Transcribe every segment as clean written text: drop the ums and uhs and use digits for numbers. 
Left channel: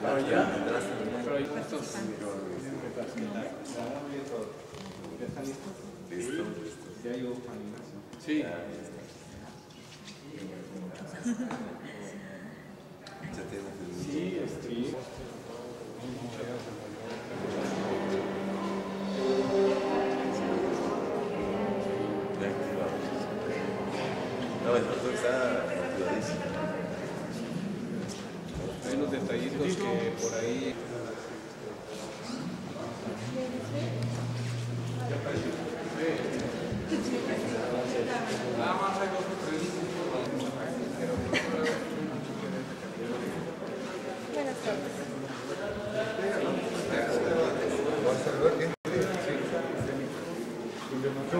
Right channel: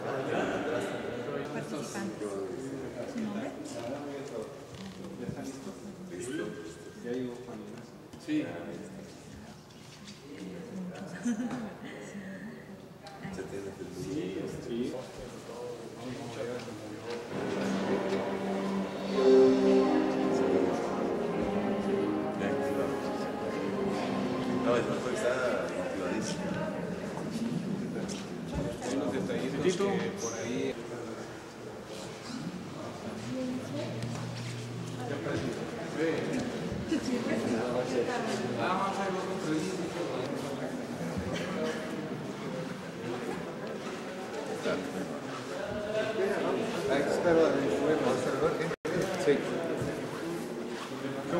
Participante. ¿Su nombre? ¿Ya está listo? Listo. ¿Ya llegó Juan Ignacio? Sí. Sí. No, el doctor está motivadísimo. Hay unos detallitos que por ahí... ¿Ya apareció? Sí. Nada más hay 2 o 3.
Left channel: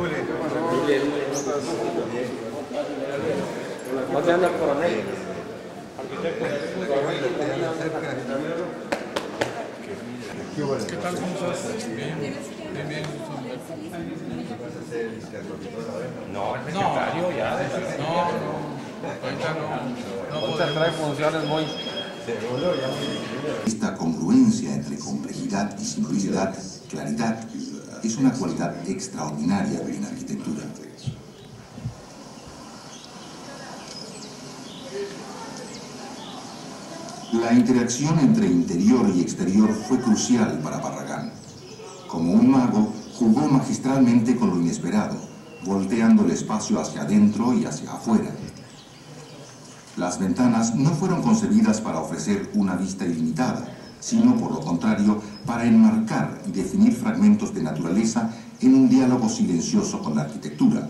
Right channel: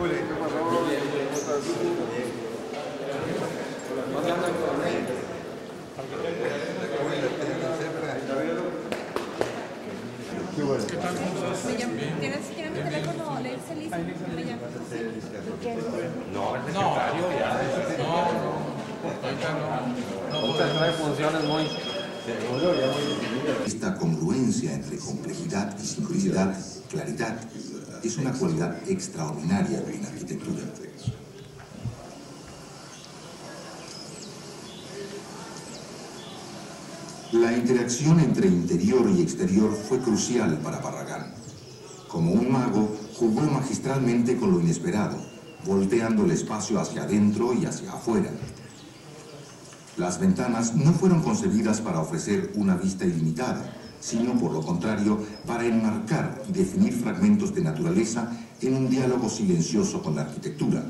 ¿Qué pasó? Bien. ¿Cómo estás? Bien. ¿No te hablas con él? A ver, la cuela te anda cerca. ¿Qué tal? ¿Cómo estás? Bien. ¿Vas a ser No, el secretario ya. No. Ahorita no. ahorita trae funciones muy... Seguro, ya muy definidas. Esta congruencia entre complejidad y simplicidad, claridad, es una cualidad extraordinaria en arquitectura. La interacción entre interior y exterior fue crucial para Barragán. Como un mago, jugó magistralmente con lo inesperado, volteando el espacio hacia adentro y hacia afuera. Las ventanas no fueron concebidas para ofrecer una vista ilimitada, sino por lo contrario, para enmarcar y definir fragmentos de naturaleza en un diálogo silencioso con la arquitectura.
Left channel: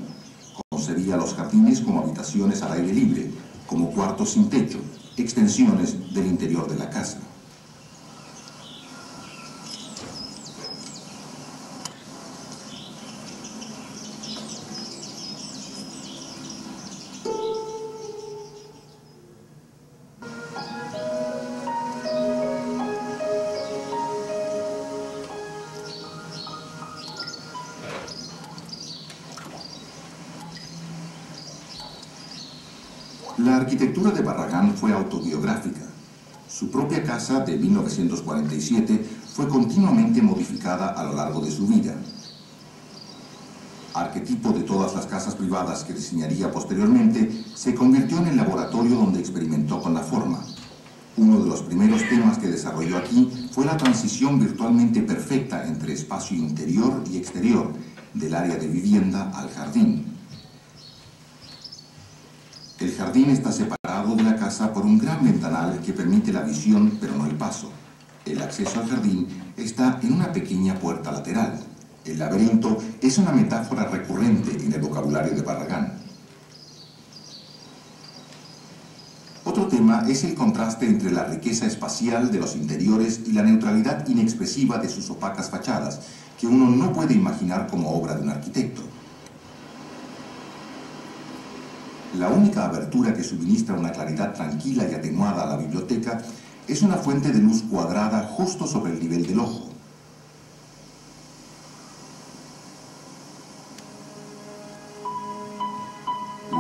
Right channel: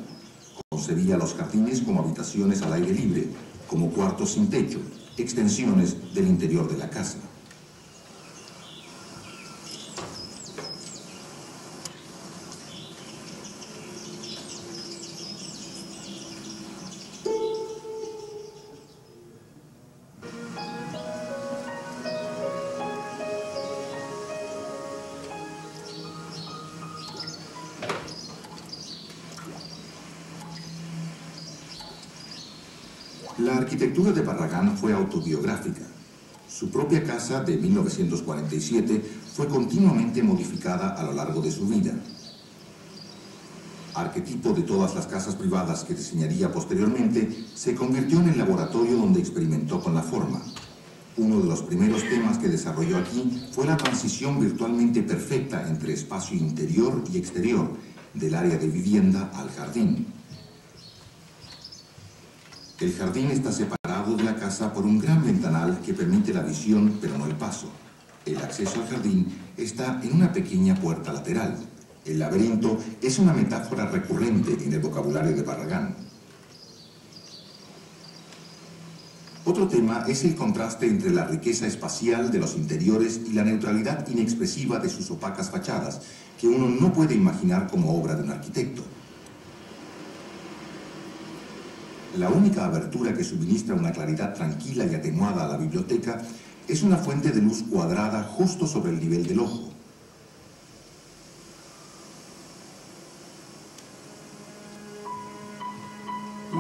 Concebía los jardines como habitaciones al aire libre, como cuartos sin techo, extensiones del interior de la casa. La arquitectura de Barragán fue autobiográfica. Su propia casa de 1947 fue continuamente modificada a lo largo de su vida. Arquetipo de todas las casas privadas que diseñaría posteriormente, se convirtió en el laboratorio donde experimentó con la forma. Uno de los primeros temas que desarrolló aquí fue la transición virtualmente perfecta entre espacio interior y exterior, del área de vivienda al jardín. El jardín está separado de la casa por un gran ventanal que permite la visión, pero no el paso. El acceso al jardín está en una pequeña puerta lateral. El laberinto es una metáfora recurrente en el vocabulario de Barragán. Otro tema es el contraste entre la riqueza espacial de los interiores y la neutralidad inexpresiva de sus opacas fachadas, que uno no puede imaginar como obra de un arquitecto. La única abertura que suministra una claridad tranquila y atenuada a la biblioteca es una fuente de luz cuadrada justo sobre el nivel del ojo.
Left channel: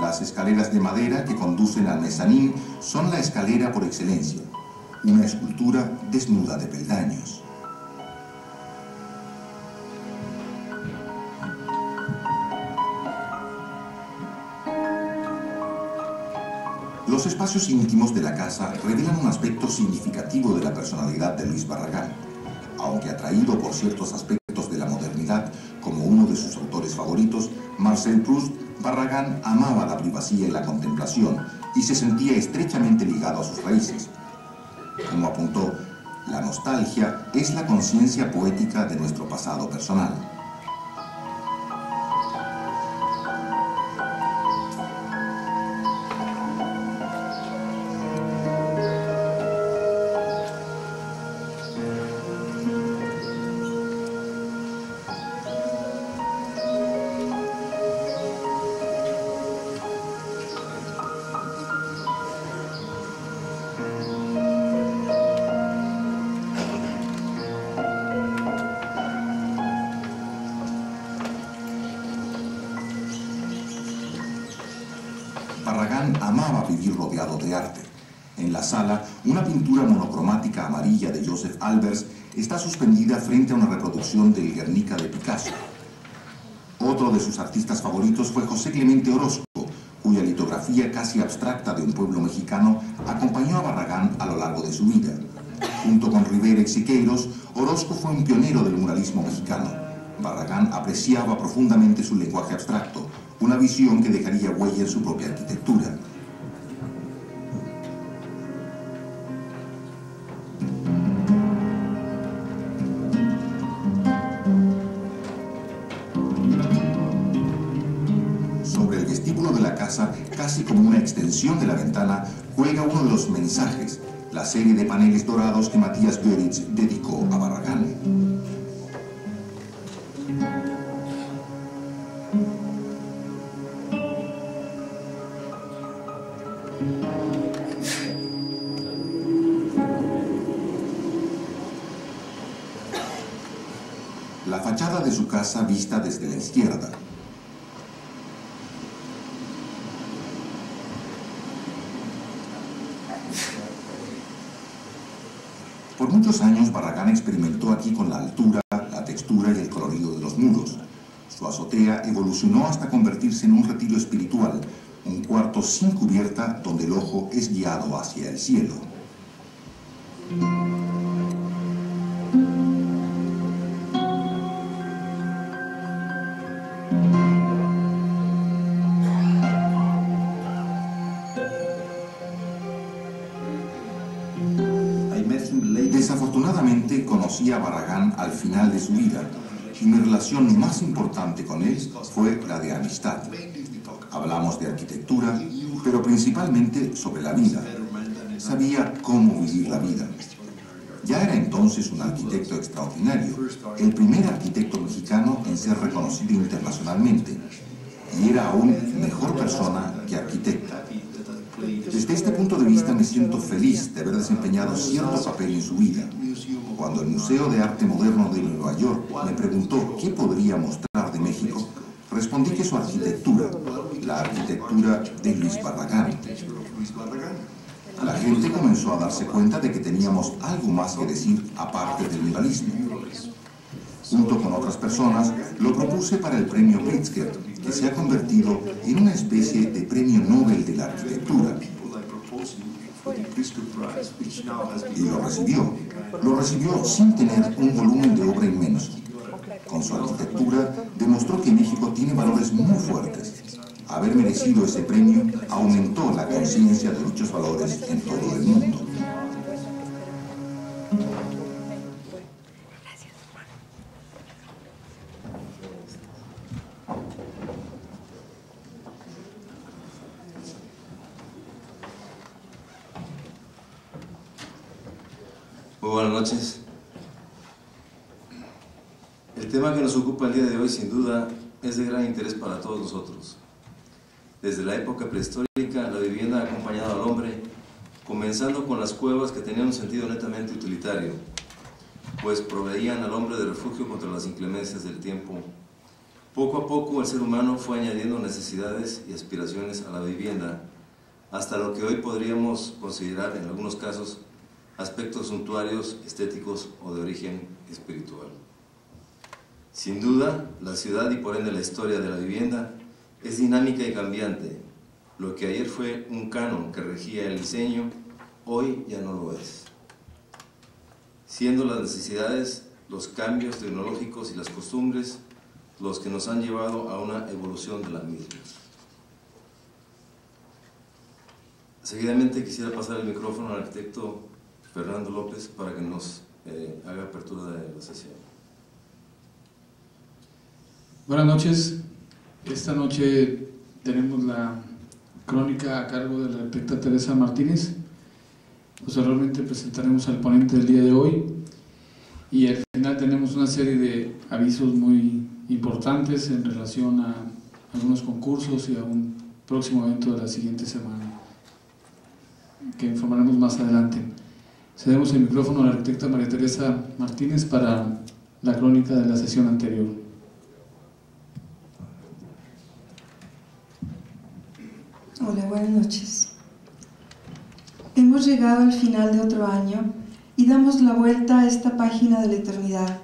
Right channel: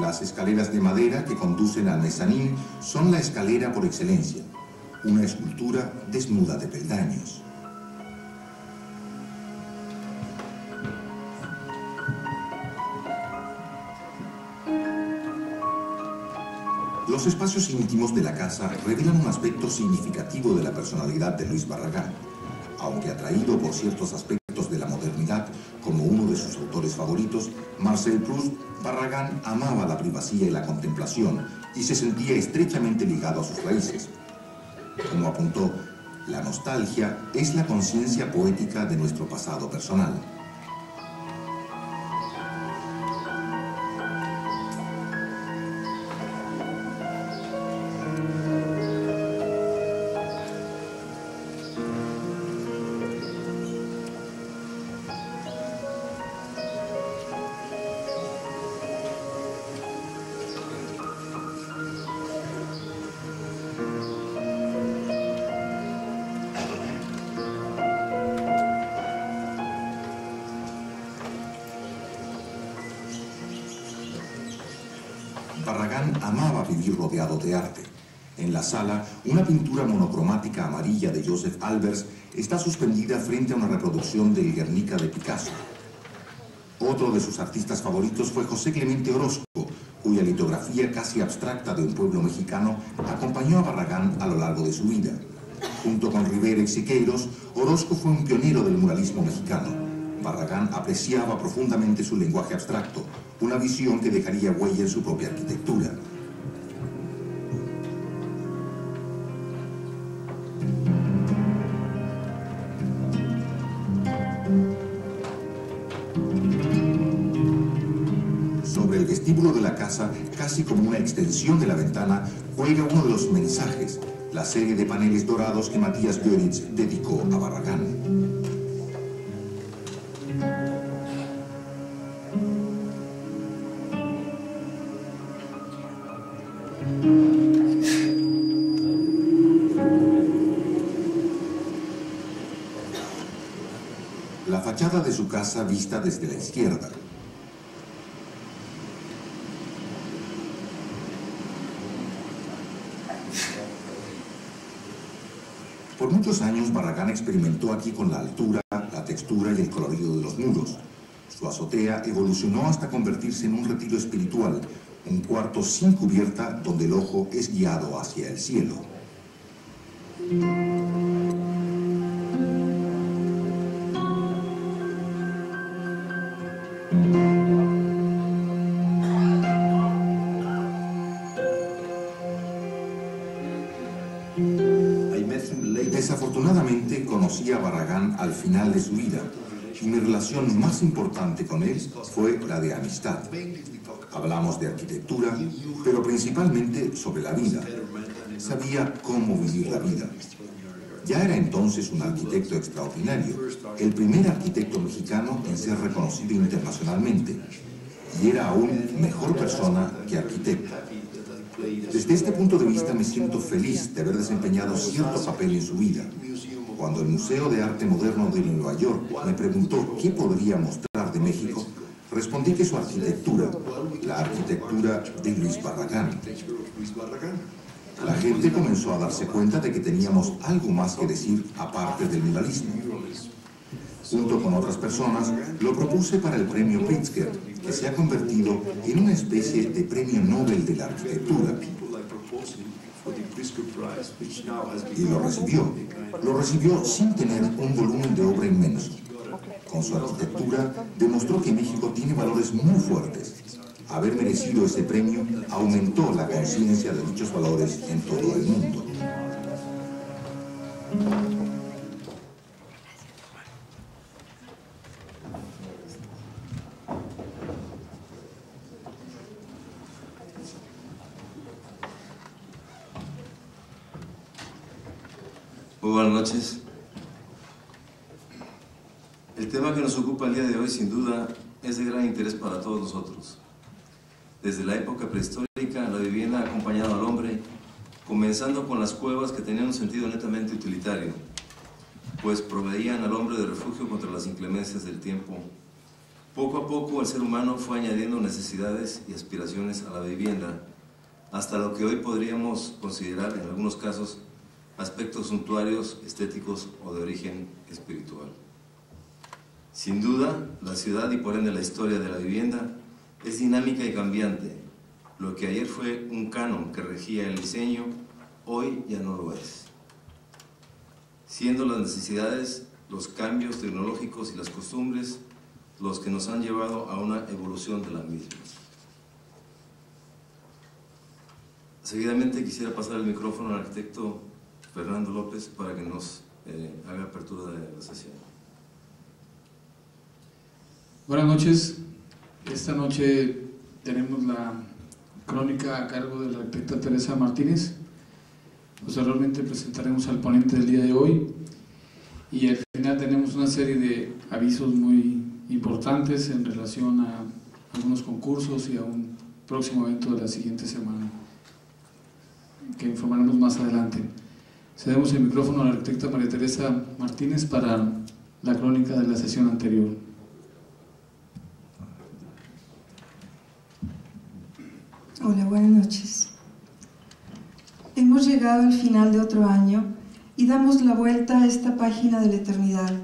Las escaleras de madera que conducen al mezanín son la escalera por excelencia, una escultura desnuda de peldaños. Los espacios íntimos de la casa revelan un aspecto significativo de la personalidad de Luis Barragán. Aunque atraído por ciertos aspectos de la modernidad, como uno de sus autores favoritos, Marcel Proust, Barragán amaba la privacidad y la contemplación y se sentía estrechamente ligado a sus raíces. Como apuntó, la nostalgia es la conciencia poética de nuestro pasado personal. Barragán amaba vivir rodeado de arte. En la sala, una pintura monocromática amarilla de Joseph Albers está suspendida frente a una reproducción del Guernica de Picasso. Otro de sus artistas favoritos fue José Clemente Orozco, cuya litografía casi abstracta de un pueblo mexicano acompañó a Barragán a lo largo de su vida. Junto con Rivera y Siqueiros, Orozco fue un pionero del muralismo mexicano. Barragán apreciaba profundamente su lenguaje abstracto, una visión que dejaría huella en su propia arquitectura. Sobre el vestíbulo de la casa, casi como una extensión de la ventana, cuelga uno de los mensajes, la serie de paneles dorados que Matías Goeritz dedicó a Barragán. La fachada de su casa vista desde la izquierda. Por muchos años, Barragán experimentó aquí con la altura, la textura y el colorido de los muros. Su azotea evolucionó hasta convertirse en un retiro espiritual, un cuarto sin cubierta donde el ojo es guiado hacia el cielo. Desafortunadamente conocí a Barragán al final de su vida y mi relación más importante con él fue la de amistad. Hablamos de arquitectura, pero principalmente sobre la vida. Sabía cómo vivir la vida. Ya era entonces un arquitecto extraordinario, el primer arquitecto mexicano en ser reconocido internacionalmente, y era aún mejor persona que arquitecto. Desde este punto de vista me siento feliz de haber desempeñado cierto papel en su vida. Cuando el Museo de Arte Moderno de Nueva York me preguntó qué podría mostrar de México, respondí que su arquitectura, la arquitectura de Luis Barragán. La gente comenzó a darse cuenta de que teníamos algo más que decir aparte del muralismo. Junto con otras personas, lo propuse para el premio Pritzker, que se ha convertido en una especie de premio Nobel de la arquitectura. Y lo recibió. Lo recibió sin tener un volumen de obra inmenso. Con su arquitectura demostró que México tiene valores muy fuertes. Haber merecido ese premio aumentó la conciencia de dichos valores en todo el mundo. Muy buenas noches. El tema que nos ocupa el día de hoy, sin duda, es de gran interés para todos nosotros. Desde la época prehistórica, la vivienda ha acompañado al hombre, comenzando con las cuevas que tenían un sentido netamente utilitario, pues proveían al hombre de refugio contra las inclemencias del tiempo. Poco a poco el ser humano fue añadiendo necesidades y aspiraciones a la vivienda, hasta lo que hoy podríamos considerar, en algunos casos, aspectos suntuarios, estéticos o de origen espiritual. Sin duda, la ciudad y por ende la historia de la vivienda es dinámica y cambiante. Lo que ayer fue un canon que regía el diseño, hoy ya no lo es. Siendo las necesidades, los cambios tecnológicos y las costumbres los que nos han llevado a una evolución de la misma. Seguidamente quisiera pasar el micrófono al arquitecto Fernando López para que nos haga apertura de la sesión. Buenas noches. Esta noche tenemos la crónica a cargo de la arquitecta Teresa Martínez. Posteriormente presentaremos al ponente del día de hoy y al final tenemos una serie de avisos muy importantes en relación a algunos concursos y a un próximo evento de la siguiente semana que informaremos más adelante. Cedemos el micrófono a la arquitecta María Teresa Martínez para la crónica de la sesión anterior. Hola, buenas noches. Hemos llegado al final de otro año y damos la vuelta a esta página de la eternidad.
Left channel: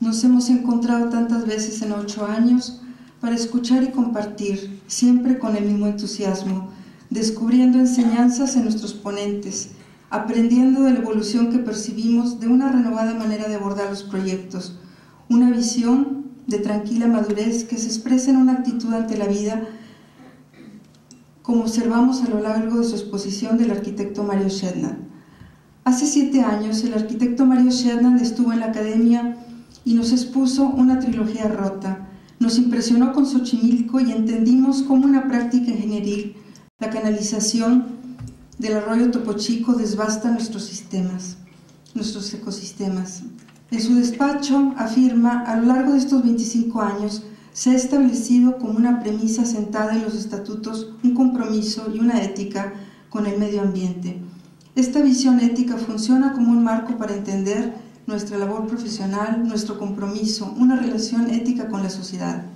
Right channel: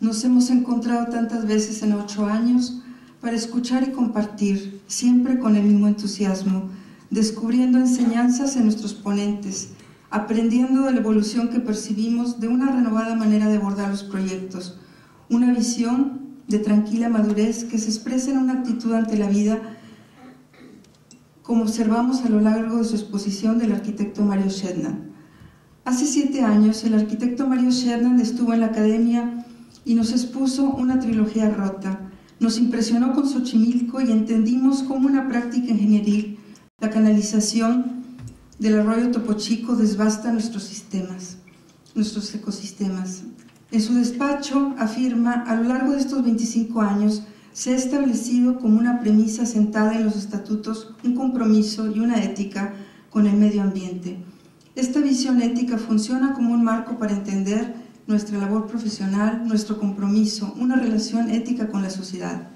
Nos hemos encontrado tantas veces en 8 años para escuchar y compartir, siempre con el mismo entusiasmo, descubriendo enseñanzas en nuestros ponentes, aprendiendo de la evolución que percibimos de una renovada manera de abordar los proyectos, una visión de tranquila madurez que se expresa en una actitud ante la vida, como observamos a lo largo de su exposición del arquitecto Mario Shednan. Hace 7 años, el arquitecto Mario Shednan estuvo en la academia y nos expuso una trilogía rota. Nos impresionó con Xochimilco y entendimos cómo una práctica ingenieril, la canalización del arroyo Topo Chico, devasta nuestros ecosistemas. En su despacho afirma: a lo largo de estos 25 años se ha establecido como una premisa sentada en los estatutos un compromiso y una ética con el medio ambiente. Esta visión ética funciona como un marco para entender nuestra labor profesional, nuestro compromiso, una relación ética con la sociedad,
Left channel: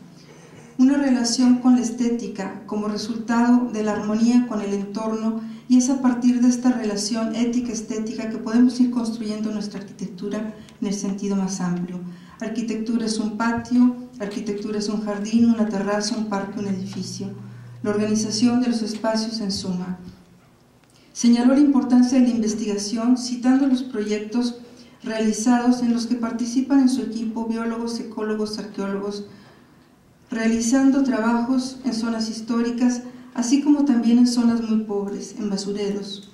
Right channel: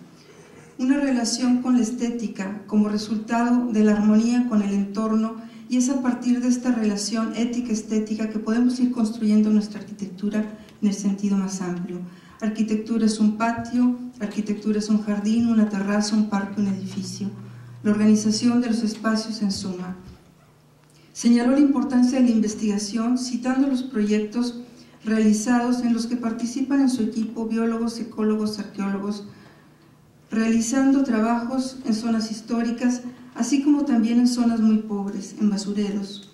una relación con la estética como resultado de la armonía con el entorno, y es a partir de esta relación ética-estética que podemos ir construyendo nuestra arquitectura en el sentido más amplio. Arquitectura es un patio, arquitectura es un jardín, una terraza, un parque, un edificio. La organización de los espacios en suma. Señaló la importancia de la investigación citando los proyectos realizados en los que participan en su equipo biólogos, ecólogos, arqueólogos, realizando trabajos en zonas históricas, así como también en zonas muy pobres, en basureros.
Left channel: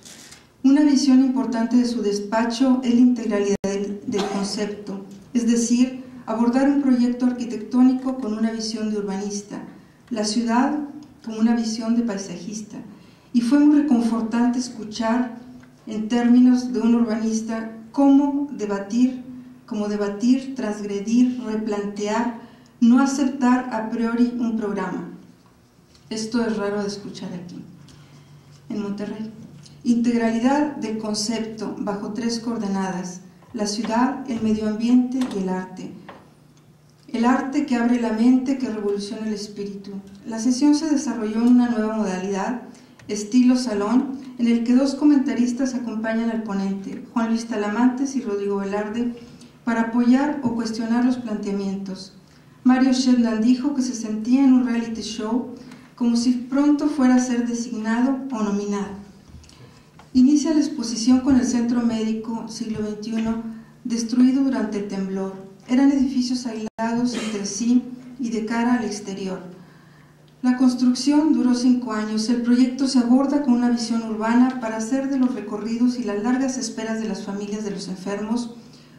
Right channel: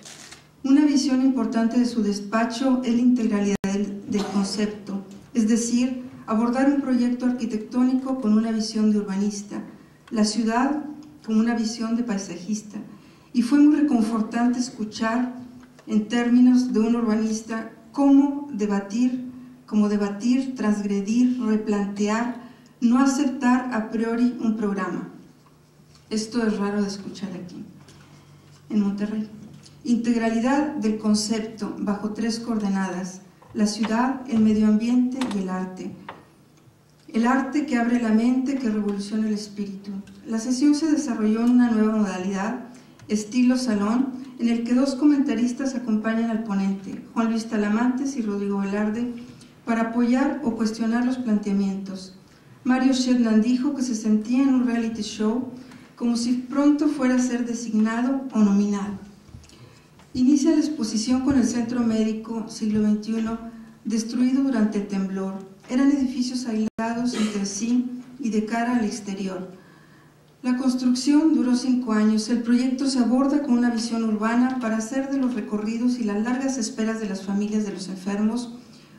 Una visión importante de su despacho es la integralidad del concepto, es decir, abordar un proyecto arquitectónico con una visión de urbanista, la ciudad con una visión de paisajista. Y fue muy reconfortante escuchar, en términos de un urbanista, cómo debatir, transgredir, replantear, no aceptar a priori un programa. Esto es raro de escuchar aquí, en Monterrey. Integralidad del concepto bajo 3 coordenadas: la ciudad, el medio ambiente y el arte. El arte que abre la mente, que revoluciona el espíritu. La sesión se desarrolló en una nueva modalidad, estilo salón, en el que 2 comentaristas acompañan al ponente, Juan Luis Talamantes y Rodrigo Velarde, para apoyar o cuestionar los planteamientos. Mario Shednan dijo que se sentía en un reality show, como si pronto fuera a ser designado o nominado. Inicia la exposición con el Centro Médico Siglo XXI, destruido durante el temblor. Eran edificios aislados entre sí y de cara al exterior. La construcción duró 5 años. El proyecto se aborda con una visión urbana para hacer de los recorridos y las largas esperas de las familias de los enfermos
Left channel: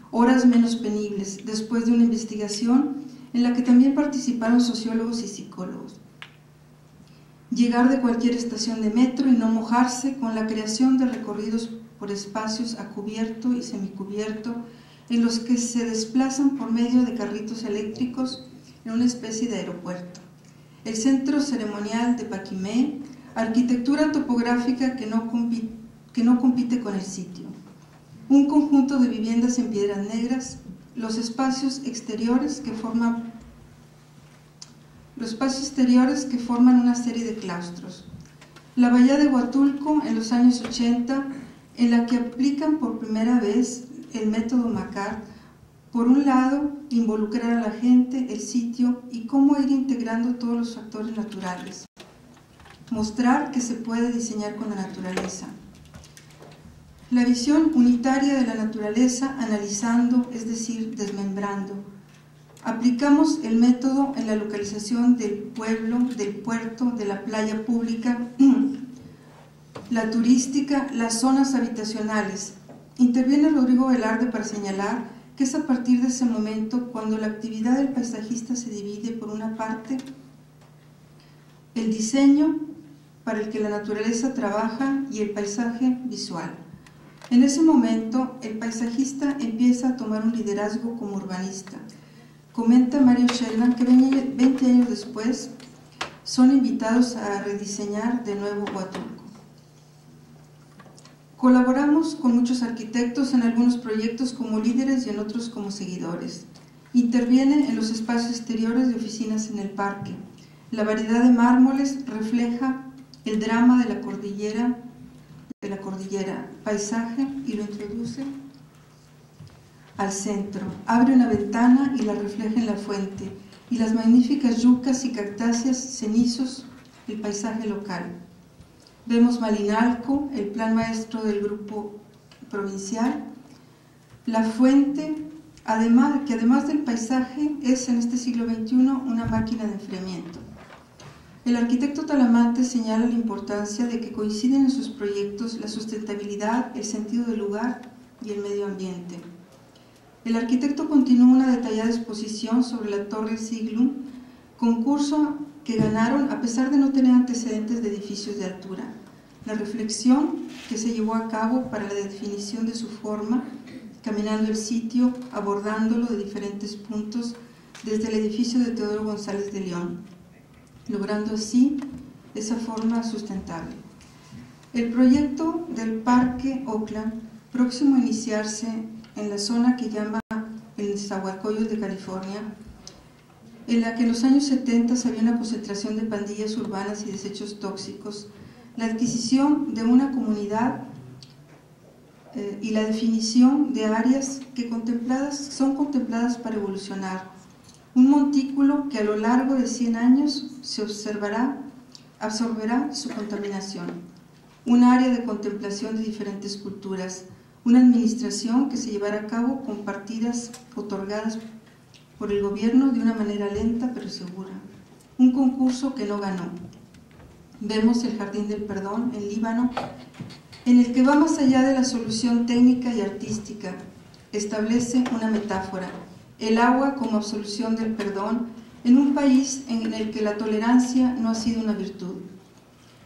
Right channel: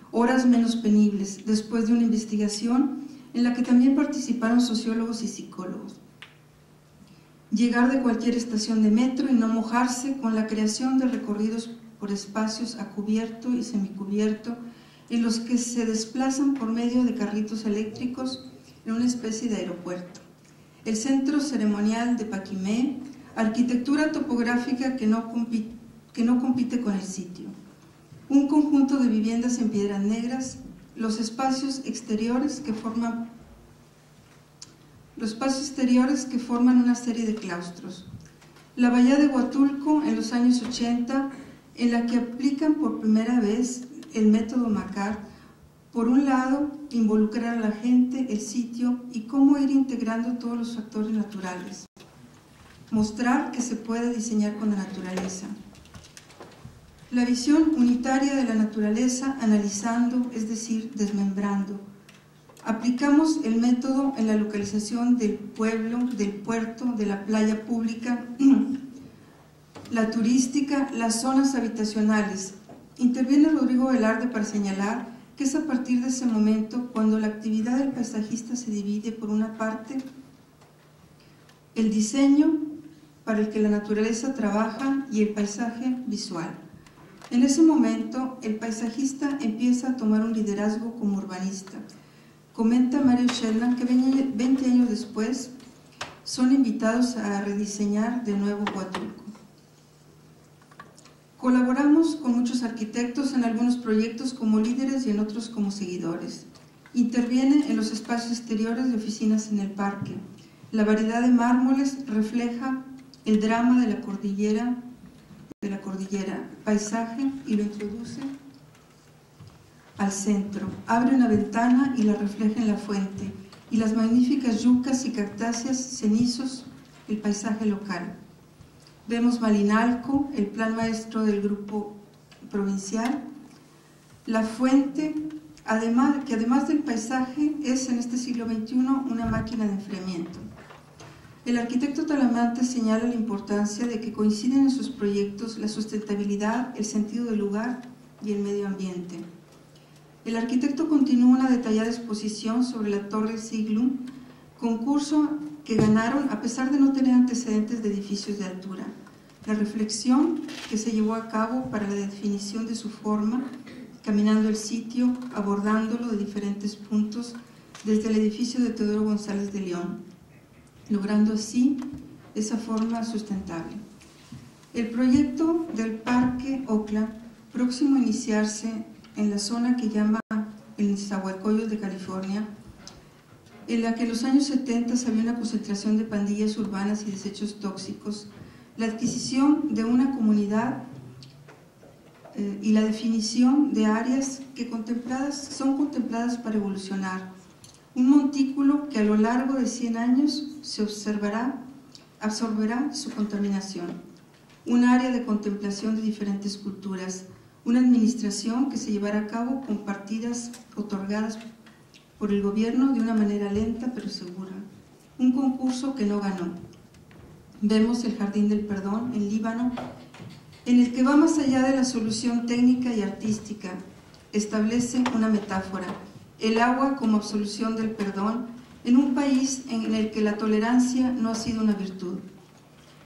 horas menos penibles, después de una investigación en la que también participaron sociólogos y psicólogos. Llegar de cualquier estación de metro y no mojarse, con la creación de recorridos por espacios a cubierto y semicubierto, en los que se desplazan por medio de carritos eléctricos en una especie de aeropuerto. El centro ceremonial de Paquimé, arquitectura topográfica que no compite con el sitio. Un conjunto de viviendas en piedras negras, los espacios exteriores que forman una serie de claustros. La bahía de Huatulco en los años 80, en la que aplican por primera vez el método Macquart. Por un lado, involucrar a la gente, el sitio y cómo ir integrando todos los factores naturales. Mostrar que se puede diseñar con la naturaleza. La visión unitaria de la naturaleza, analizando, es decir, desmembrando. Aplicamos el método en la localización del pueblo, del puerto, de la playa pública, la turística, las zonas habitacionales. Interviene Rodrigo Velarde para señalar que es a partir de ese momento cuando la actividad del paisajista se divide: por una parte, el diseño para el que la naturaleza trabaja y el paisaje visual. En ese momento, el paisajista empieza a tomar un liderazgo como urbanista. Comenta Mario Shednan que 20 años después son invitados a rediseñar de nuevo Huatulco. Colaboramos con muchos arquitectos en algunos proyectos como líderes y en otros como seguidores. Interviene en los espacios exteriores de oficinas en el parque. La variedad de mármoles refleja el drama de la cordillera, de la cordillera, paisaje, y lo introduce al centro. Abre una ventana y la refleja en la fuente, y las magníficas yucas y cactáceas, cenizos, el paisaje local. Vemos Malinalco, el plan maestro del grupo provincial, la fuente, que además del paisaje es en este siglo XXI una máquina de enfriamiento. El arquitecto Talamante señala la importancia de que coinciden en sus proyectos la sustentabilidad, el sentido del lugar y el medio ambiente. El arquitecto continúa una detallada exposición sobre la Torre Siglum, concurso que ganaron a pesar de no tener antecedentes de edificios de altura. La reflexión que se llevó a cabo para la definición de su forma, caminando el sitio, abordándolo de diferentes puntos desde el edificio de Teodoro González de León, logrando así esa forma sustentable. El proyecto del Parque Oakland, próximo a iniciarse en la zona que llama el Nezahualcóyotl de California, en la que en los años 70 había una concentración de pandillas urbanas y desechos tóxicos, la adquisición de una comunidad y la definición de áreas que son contempladas para evolucionar. Un montículo que a lo largo de 100 años absorberá su contaminación. Un área de contemplación de diferentes culturas. Una administración que se llevará a cabo con partidas otorgadas por el gobierno de una manera lenta pero segura. Un concurso que no ganó. Vemos el Jardín del Perdón en Líbano, en el que va más allá de la solución técnica y artística. Establece una metáfora, el agua como absolución del perdón en un país en el que la tolerancia no ha sido una virtud.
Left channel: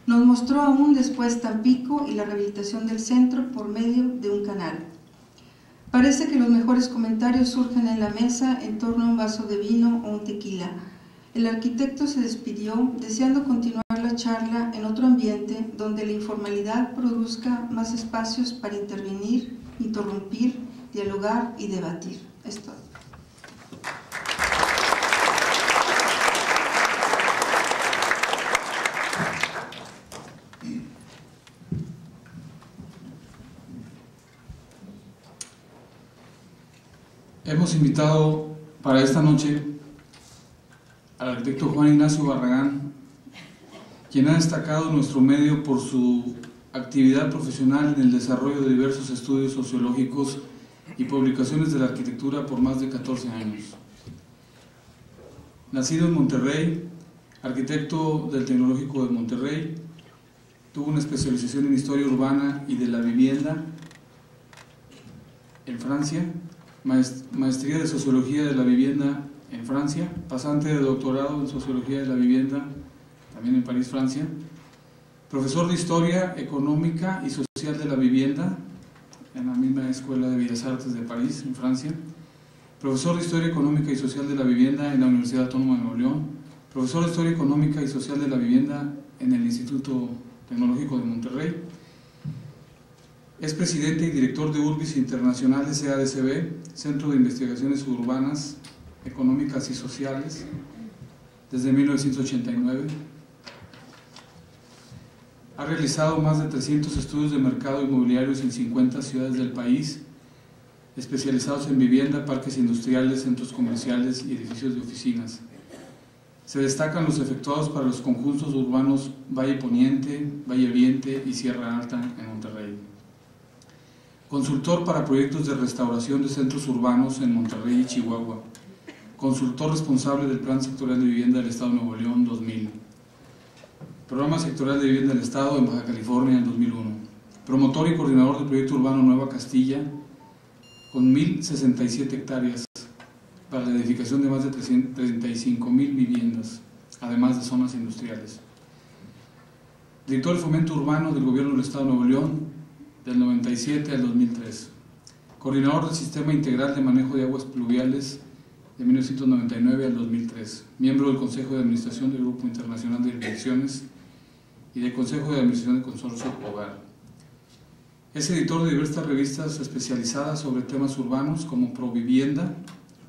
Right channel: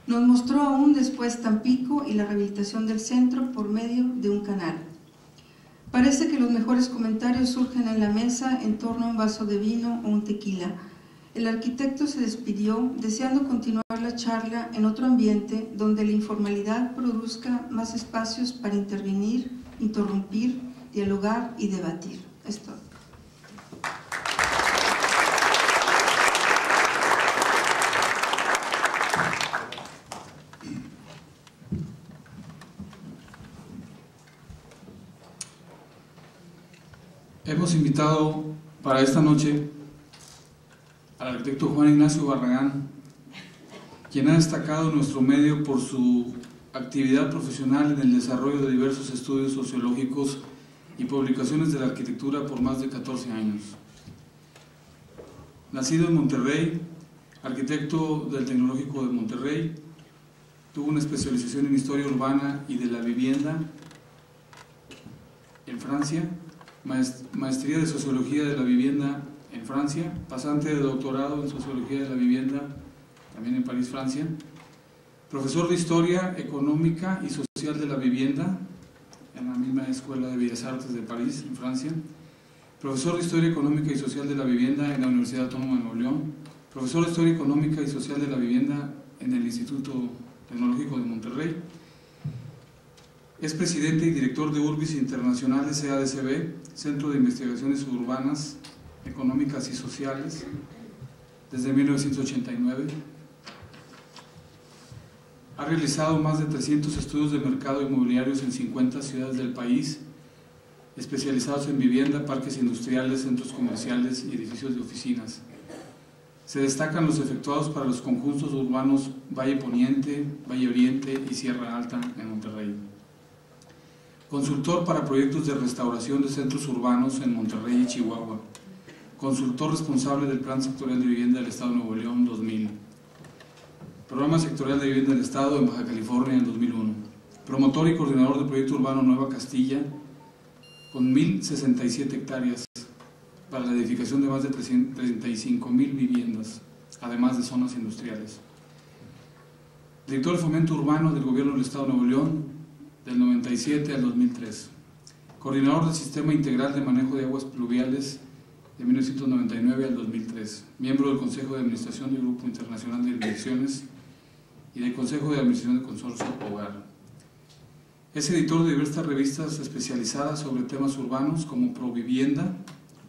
Nos mostró aún después Tampico y la rehabilitación del centro por medio de un canal. Parece que los mejores comentarios surgen en la mesa en torno a un vaso de vino o un tequila. El arquitecto se despidió deseando continuar la charla en otro ambiente donde la informalidad produzca más espacios para intervenir, interrumpir, dialogar y debatir. Es todo. Hemos invitado para esta noche al arquitecto Juan Ignacio Barragán, quien ha destacado en nuestro medio por su actividad profesional en el desarrollo de diversos estudios sociológicos y publicaciones de la arquitectura por más de 14 años. Nacido en Monterrey, arquitecto del Tecnológico de Monterrey, tuvo una especialización en Historia Urbana y de la Vivienda en Francia, maestría de Sociología de la Vivienda en Francia, pasante de doctorado en Sociología de la Vivienda también en París, Francia, profesor de Historia Económica y Social de la Vivienda en la misma Escuela de Bellas Artes de París, en Francia, profesor de Historia Económica y Social de la Vivienda en la Universidad Autónoma de Nuevo León, profesor de Historia Económica y Social de la Vivienda en el Instituto Tecnológico de Monterrey. Es presidente y director de Urbis Internacional SADCB, Centro de Investigaciones Urbanas, Económicas y Sociales, desde 1989. Ha realizado más de 300 estudios de mercado inmobiliarios en 50 ciudades del país, especializados en vivienda, parques industriales, centros comerciales y edificios de oficinas. Se destacan los efectuados para los conjuntos urbanos Valle Poniente, Valle Oriente y Sierra Alta en Monterrey. Consultor para proyectos de restauración de centros urbanos en Monterrey y Chihuahua. Consultor responsable del Plan Sectorial de Vivienda del Estado de Nuevo León 2000. Programa Sectorial de Vivienda del Estado en Baja California en 2001. Promotor y coordinador del proyecto urbano Nueva Castilla con 1.067 hectáreas para la edificación de más de 35.000 viviendas, además de zonas industriales. Director de Fomento Urbano del Gobierno del Estado de Nuevo León del 97 al 2003. Coordinador del Sistema Integral de Manejo de Aguas Pluviales de 1999 al 2003. Miembro del Consejo de Administración del Grupo Internacional de Inversiones y del Consejo de Administración del Consorcio Hogar. Es editor de diversas revistas especializadas sobre temas urbanos como Provivienda,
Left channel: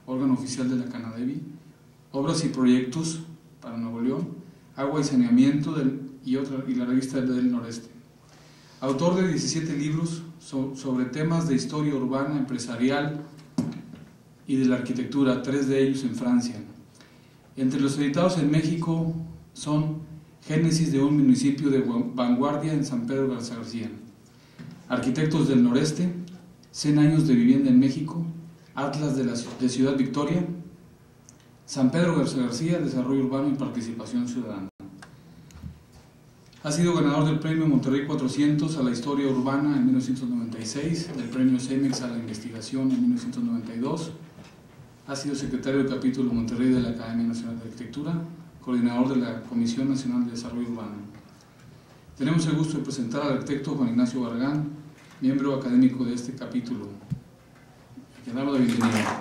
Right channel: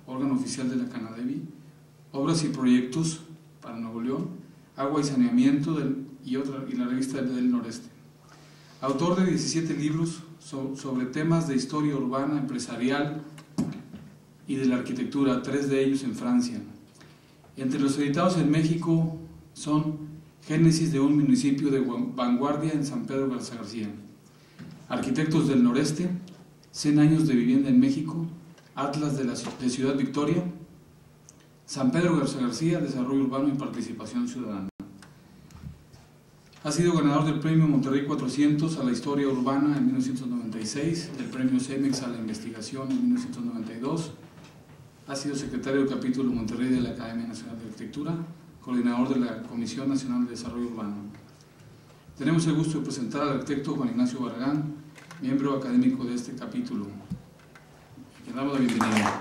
órgano oficial de la Canadevi, Obras y Proyectos para Nuevo León, Agua y Saneamiento y la revista del Noreste. autor de 17 libros sobre temas de historia urbana, empresarial y de la arquitectura, 3 de ellos en Francia. Entre los editados en México son Génesis de un municipio de vanguardia en San Pedro Garza García, Arquitectos del Noreste, 100 años de vivienda en México, Atlas de Ciudad Victoria, San Pedro Garza García, Desarrollo Urbano y Participación Ciudadana. Ha sido ganador del Premio Monterrey 400 a la Historia Urbana en 1996, del Premio CEMEX a la Investigación en 1992, ha sido secretario del capítulo Monterrey de la Academia Nacional de Arquitectura, coordinador de la Comisión Nacional de Desarrollo Urbano. Tenemos el gusto de presentar al arquitecto Juan Ignacio Barragán, miembro académico de este capítulo. Le damos la bienvenida.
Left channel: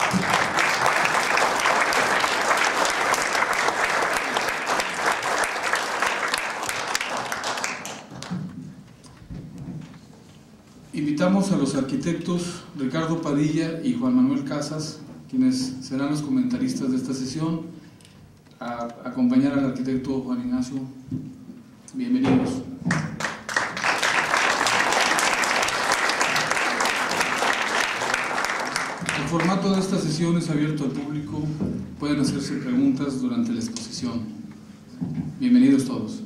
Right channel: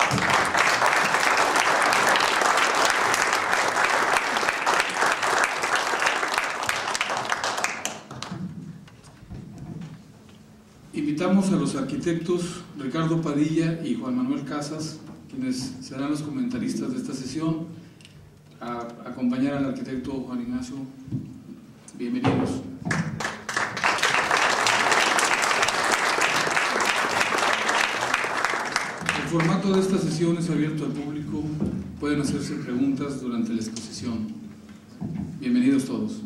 Invitamos a los arquitectos Ricardo Padilla y Juan Manuel Casas, quienes serán los comentaristas de esta sesión, a acompañar al arquitecto Juan Ignacio. Bienvenidos. El formato de esta sesión es abierto al público, pueden hacerse preguntas durante la exposición. Bienvenidos todos.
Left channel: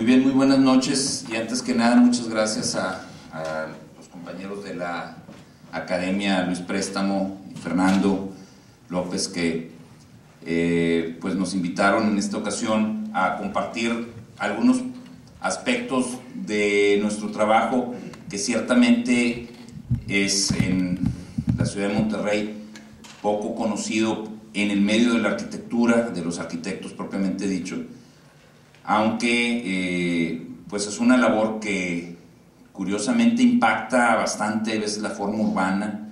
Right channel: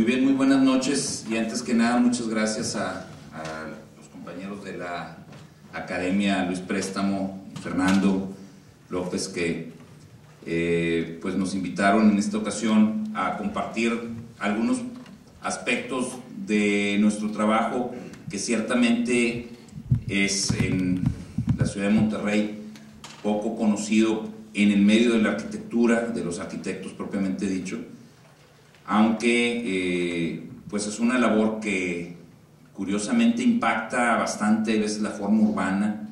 Muy buenas noches, y antes que nada muchas gracias a los compañeros de la Academia, Luis Préstamo y Fernando López, que pues nos invitaron en esta ocasión a compartir algunos aspectos de nuestro trabajo, que ciertamente es en la ciudad de Monterrey poco conocido en el medio de la arquitectura, de los arquitectos propiamente dicho, aunque pues es una labor que curiosamente impacta bastante a veces la forma urbana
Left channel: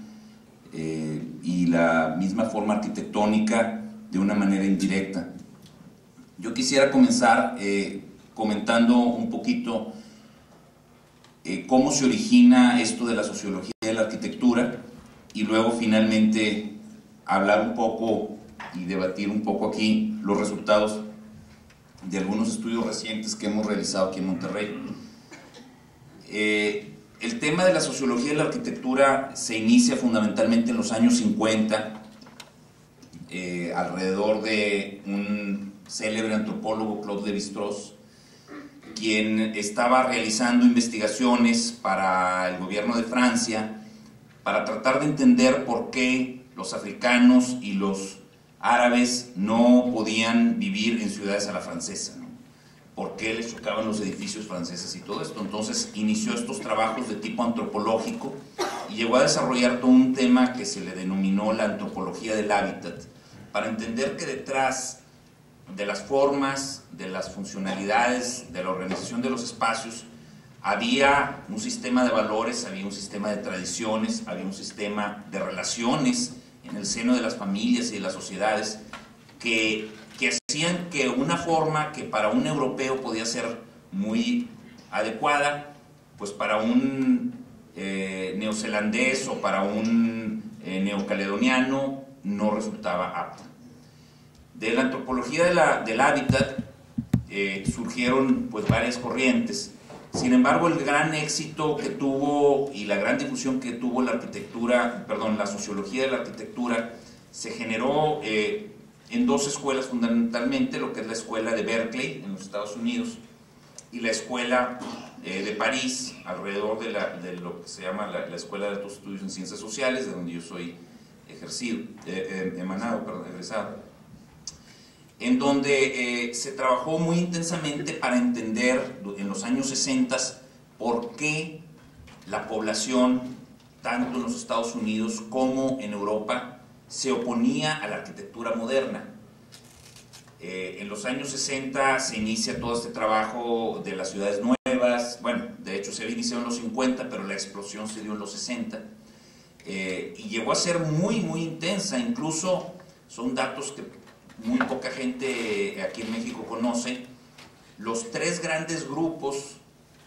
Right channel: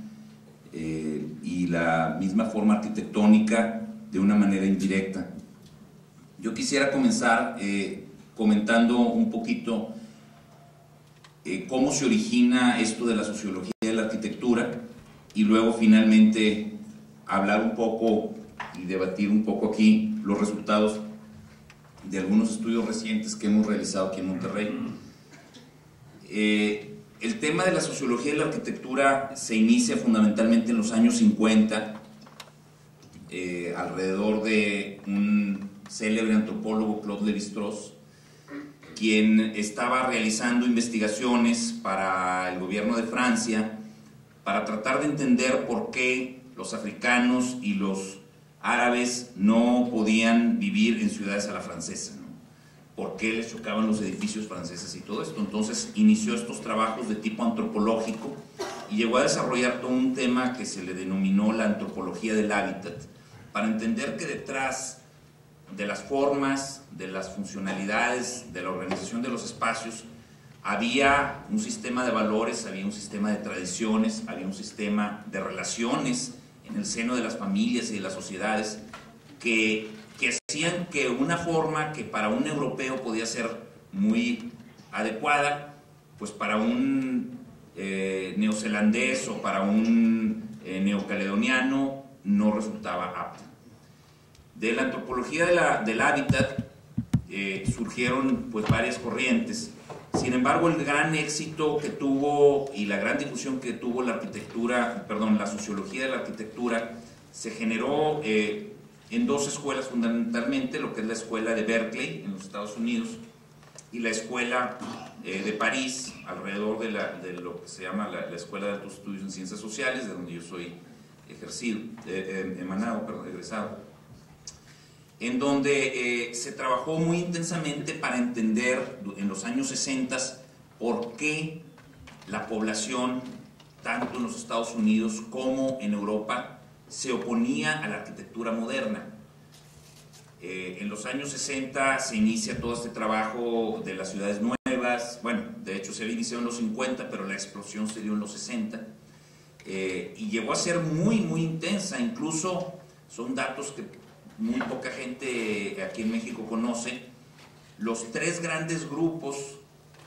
y la misma forma arquitectónica de una manera indirecta. Yo quisiera comenzar comentando un poquito cómo se origina esto de la sociología de la arquitectura, y luego finalmente hablar un poco y debatir un poco aquí los resultados de algunos estudios recientes que hemos realizado aquí en Monterrey. El tema de la sociología de la arquitectura se inicia fundamentalmente en los años 50, alrededor de un célebre antropólogo, Claude Lévi-Strauss, quien estaba realizando investigaciones para el gobierno de Francia para tratar de entender por qué los africanos y los árabes no podían vivir en ciudades a la francesa, ¿no? ¿Por qué les chocaban los edificios franceses y todo esto? Entonces inició estos trabajos de tipo antropológico y llegó a desarrollar todo un tema que se le denominó la antropología del hábitat, para entender que detrás de las formas, de las funcionalidades, de la organización de los espacios, había un sistema de valores, había un sistema de tradiciones, había un sistema de relaciones en el seno de las familias y de las sociedades que hacían que una forma que para un europeo podía ser muy adecuada, pues para un neozelandés o para un neocaledoniano no resultaba apta. De la antropología del hábitat surgieron pues varias corrientes. Sin embargo, el gran éxito que tuvo y la gran difusión que tuvo la sociología de la arquitectura se generó en dos escuelas fundamentalmente, lo que es la escuela de Berkeley en los Estados Unidos y la escuela de París, alrededor de lo que se llama la Escuela de Altos Estudios en Ciencias Sociales, de donde yo soy egresado, en donde se trabajó muy intensamente para entender en los años 60 por qué la población, tanto en los Estados Unidos como en Europa, se oponía a la arquitectura moderna. En los años 60 se inicia todo este trabajo de las ciudades nuevas. Bueno, de hecho se había iniciado en los 50, pero la explosión se dio en los 60, y llegó a ser muy intensa. Incluso son datos que muy poca gente aquí en México conoce. Los tres grandes grupos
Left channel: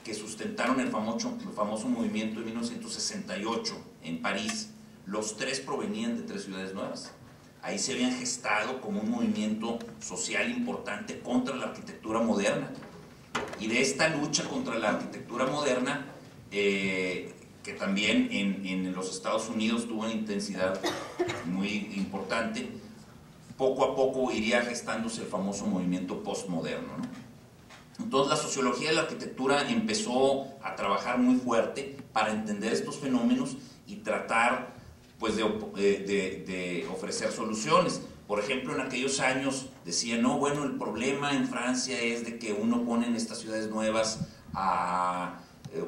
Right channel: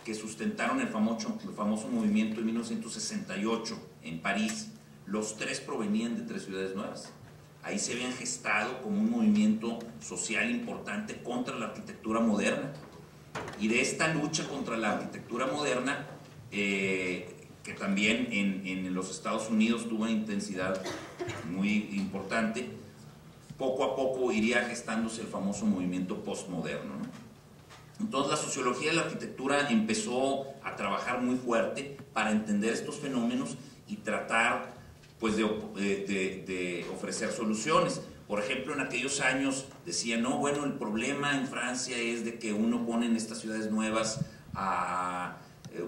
que sustentaron el famoso movimiento de 1968 en París, los tres provenían de tres ciudades nuevas. Ahí se habían gestado como un movimiento social importante contra la arquitectura moderna. Y de esta lucha contra la arquitectura moderna, que también en los Estados Unidos tuvo una intensidad muy importante, poco a poco iría gestándose el famoso movimiento postmoderno, ¿no? Entonces la sociología de la arquitectura empezó a trabajar muy fuerte para entender estos fenómenos y tratar pues de ofrecer soluciones. Por ejemplo, en aquellos años decían, no, bueno, el problema en Francia es de que uno pone en estas ciudades nuevas a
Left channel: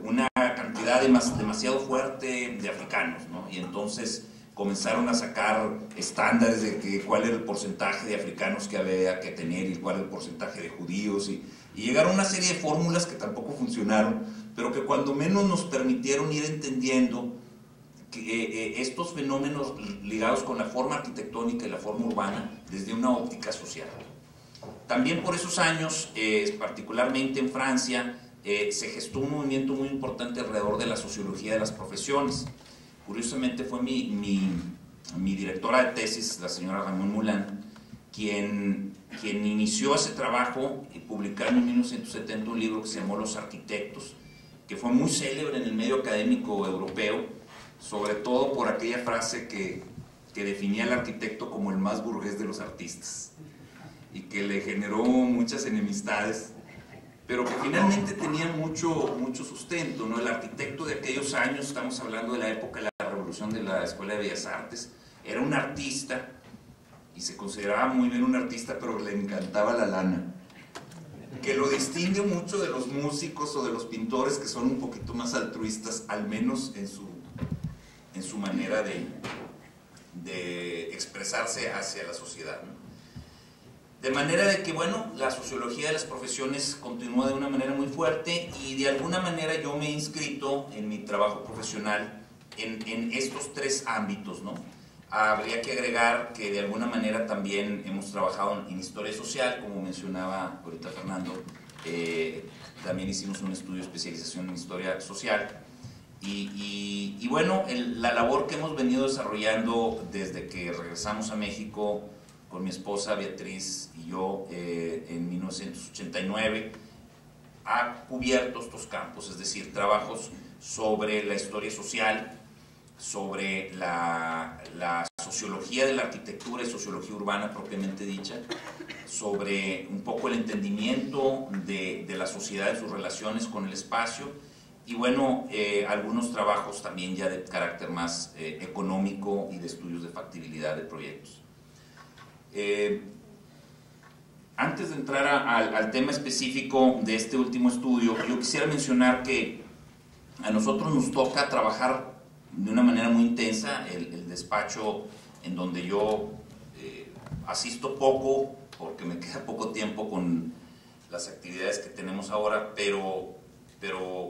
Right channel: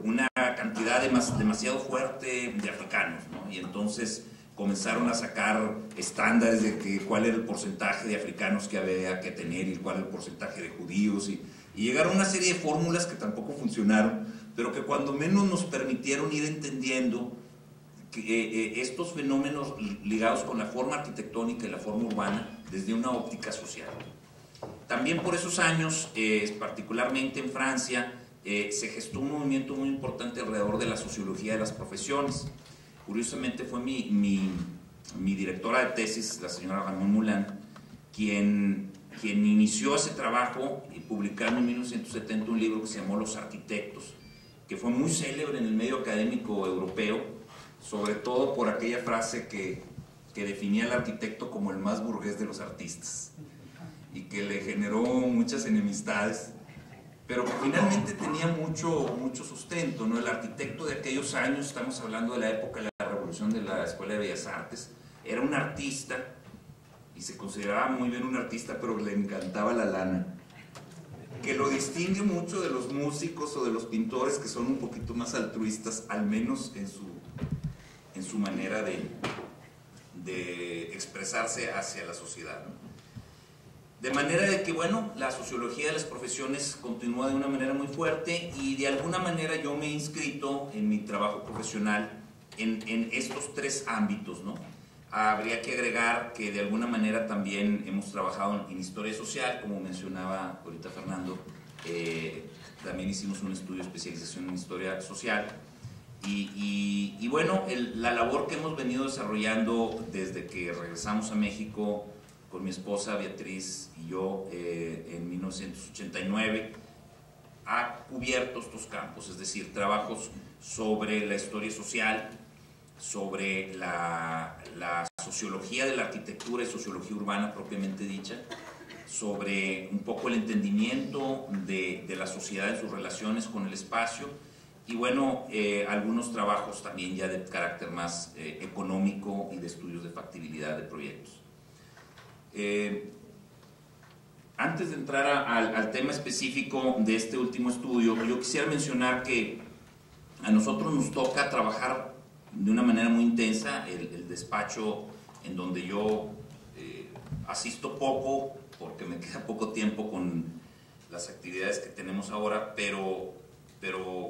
una cantidad demasiado fuerte de africanos, ¿no? Y entonces comenzaron a sacar estándares de cuál era el porcentaje de africanos que había que tener y cuál era el porcentaje de judíos, y llegaron a una serie de fórmulas que tampoco funcionaron, pero que cuando menos nos permitieron ir entendiendo que estos fenómenos ligados con la forma arquitectónica y la forma urbana desde una óptica social. También por esos años, particularmente en Francia, se gestó un movimiento muy importante alrededor de la sociología de las profesiones. Curiosamente fue mi directora de tesis, la señora Ramón Moulin, quien inició ese trabajo y publicaron en 1970 un libro que se llamó Los Arquitectos, que fue muy célebre en el medio académico europeo, sobre todo por aquella frase que definía al arquitecto como el más burgués de los artistas y que le generó muchas enemistades, pero que finalmente tenía mucho sustento, ¿no? El arquitecto de aquellos años, estamos hablando de la época de la revolución de la Escuela de Bellas Artes, era un artista y se consideraba muy bien un artista, pero le encantaba la lana, que lo distingue mucho de los músicos o de los pintores que son un poquito más altruistas, al menos en su manera de expresarse hacia la sociedad, ¿no? De manera de que, bueno, la sociología de las profesiones continúa de una manera muy fuerte y de alguna manera yo me he inscrito en mi trabajo profesional en estos tres ámbitos, ¿no? Habría que agregar que de alguna manera también hemos trabajado en historia social, como mencionaba ahorita Fernando, también hicimos un estudio de especialización en historia social y bueno, la labor que hemos venido desarrollando desde que regresamos a México con mi esposa Beatriz y yo en 1989 ha cubierto estos campos, es decir, trabajos sobre la historia social, sobre la sociología de la arquitectura y sociología urbana propiamente dicha, sobre un poco el entendimiento de la sociedad en sus relaciones con el espacio y bueno, algunos trabajos también ya de carácter más económico y de estudios de factibilidad de proyectos. Antes de entrar al tema específico de este último estudio, yo quisiera mencionar que a nosotros nos toca trabajar de una manera muy intensa el despacho en donde yo asisto poco porque me queda poco tiempo con las actividades que tenemos ahora, pero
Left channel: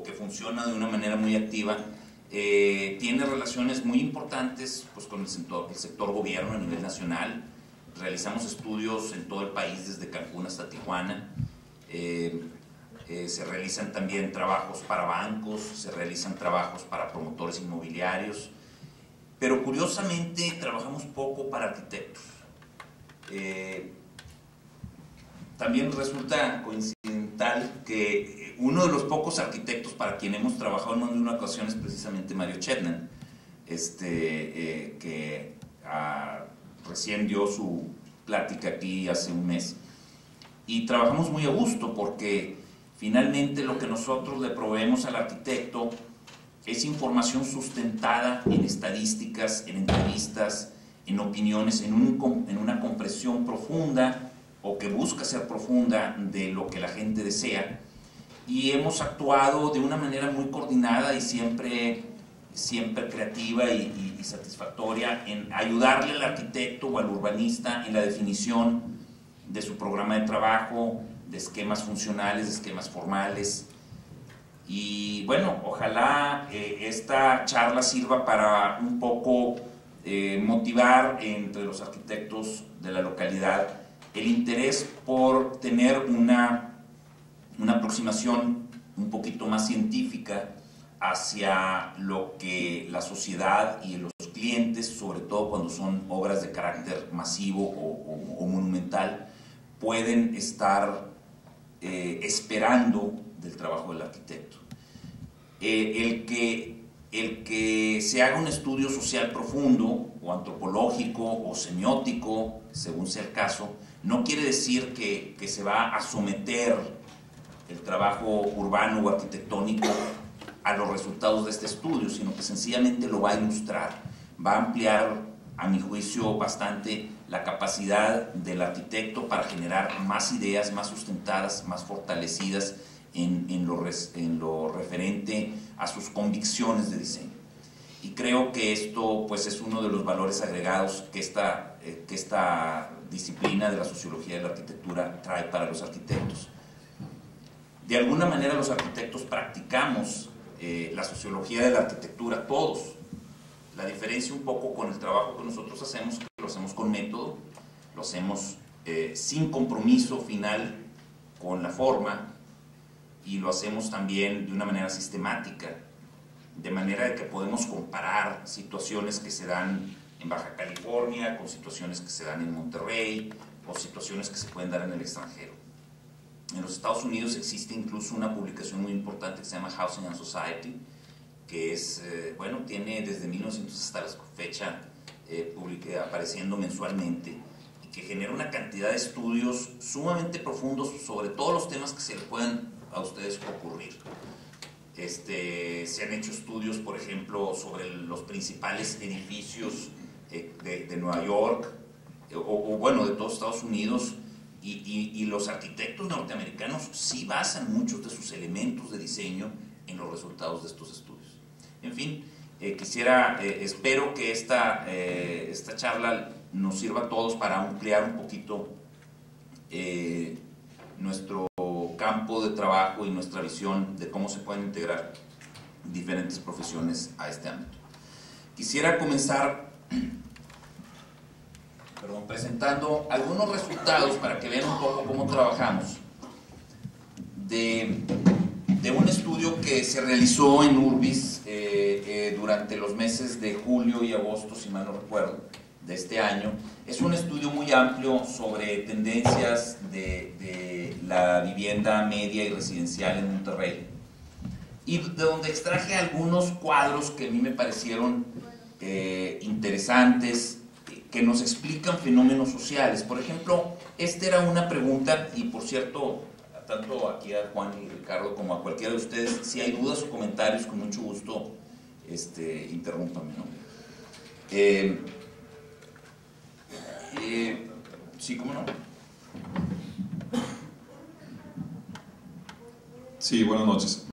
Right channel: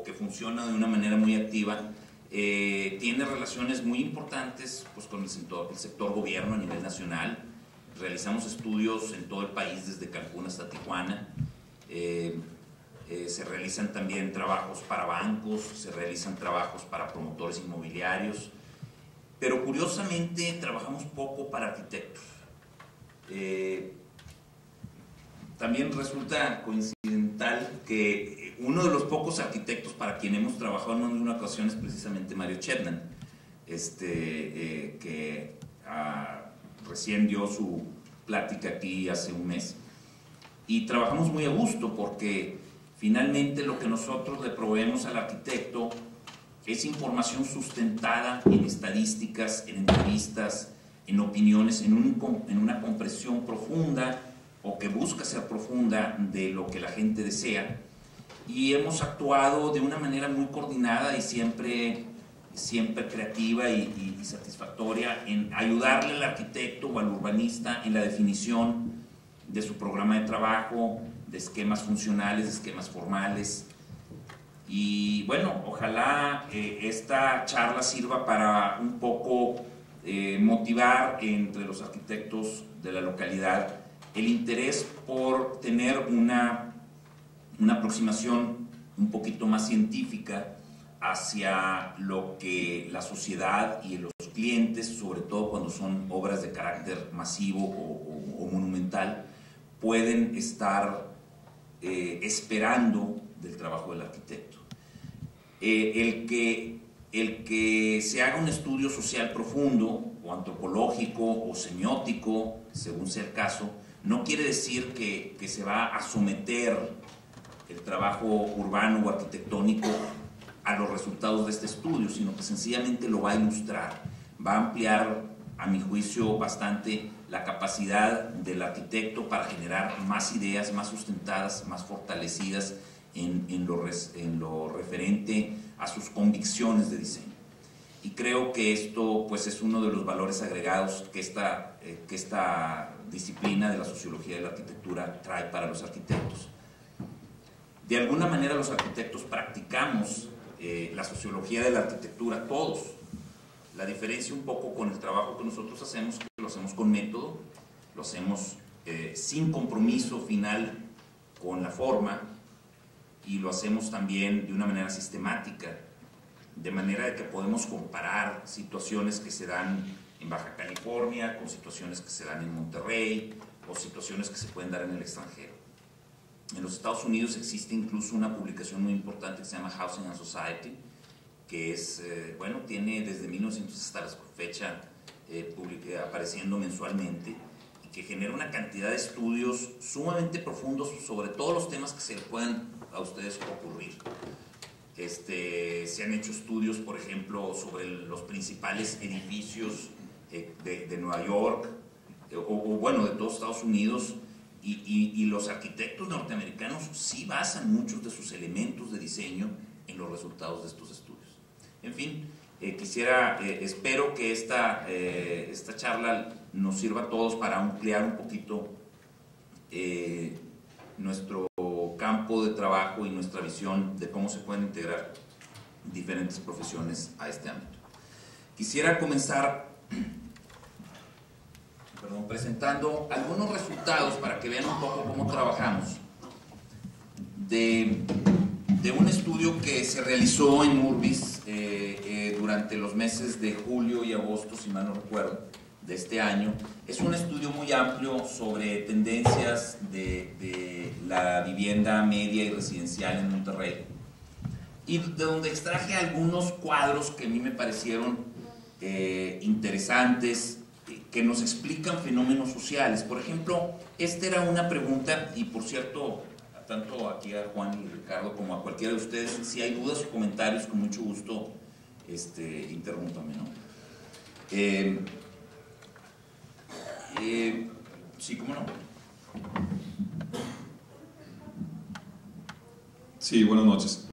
que funciona de una manera muy activa. Tiene relaciones muy importantes pues, con el sector gobierno a nivel nacional. Realizamos estudios en todo el país, desde Cancún hasta Tijuana. Se realizan también trabajos para bancos, se realizan trabajos para promotores inmobiliarios, pero curiosamente trabajamos poco para arquitectos. También resulta coincidental que uno de los pocos arquitectos para quien hemos trabajado en una ocasión es precisamente Mario Chetnan, que recién dio su plática aquí hace un mes, y trabajamos muy a gusto porque finalmente lo que nosotros le proveemos al arquitecto es información sustentada en estadísticas, en entrevistas, en opiniones, en una comprensión profunda o que busca ser profunda de lo que la gente desea, y hemos actuado de una manera muy coordinada y siempre creativa y satisfactoria en ayudarle al arquitecto o al urbanista en la definición de su programa de trabajo, de esquemas funcionales, de esquemas formales. Y bueno, ojalá esta charla sirva para un poco motivar entre los arquitectos de la localidad el interés por tener una una aproximación un poquito más científica hacia lo que la sociedad y los clientes, sobre todo cuando son obras de carácter masivo o monumental, pueden estar esperando del trabajo del arquitecto. El que se haga un estudio social profundo o antropológico o semiótico, según sea el caso, no quiere decir que se va a someter el trabajo urbano o arquitectónico a los resultados de este estudio, sino que sencillamente lo va a ilustrar, va a ampliar, a mi juicio, bastante la capacidad del arquitecto para generar más ideas, más sustentadas, más fortalecidas en lo referente a sus convicciones de diseño. Y creo que esto pues, es uno de los valores agregados que esta disciplina de la sociología de la arquitectura trae para los arquitectos. De alguna manera los arquitectos practicamos la sociología de la arquitectura, todos. La diferencia un poco con el trabajo que nosotros hacemos, que lo hacemos con método, lo hacemos sin compromiso final con la forma, y lo hacemos también de una manera sistemática, de manera de que podemos comparar situaciones que se dan en Baja California con situaciones que se dan en Monterrey o situaciones que se pueden dar en el extranjero. En los Estados Unidos existe incluso una publicación muy importante que se llama Housing and Society, que es, bueno, tiene desde 1900 hasta la fecha apareciendo mensualmente, y que genera una cantidad de estudios sumamente profundos sobre todos los temas que se le puedan a ustedes ocurrir. Se han hecho estudios, por ejemplo, sobre los principales edificios de Nueva York, o bueno, de todos Estados Unidos, y los arquitectos norteamericanos sí basan muchos de sus elementos de diseño en los resultados de estos estudios. En fin, espero que esta charla nos sirva a todos para ampliar un poquito nuestro campo de trabajo y nuestra visión de cómo se pueden integrar diferentes profesiones a este ámbito. Quisiera comenzar presentando algunos resultados para que vean un poco cómo trabajamos de un estudio que se realizó en Urbis durante los meses de julio y agosto, si mal no recuerdo, de este año. Es un estudio muy amplio sobre tendencias de la vivienda media y residencial en Monterrey, y de donde extraje algunos cuadros que a mí me parecieron interesantes, que nos explican fenómenos sociales. Por ejemplo, esta era una pregunta, y por cierto, tanto aquí a Juan y Ricardo como a cualquiera de ustedes, si hay dudas o comentarios, con mucho gusto interrúmpame, ¿no? Sí, ¿cómo no? Sí, buenas noches.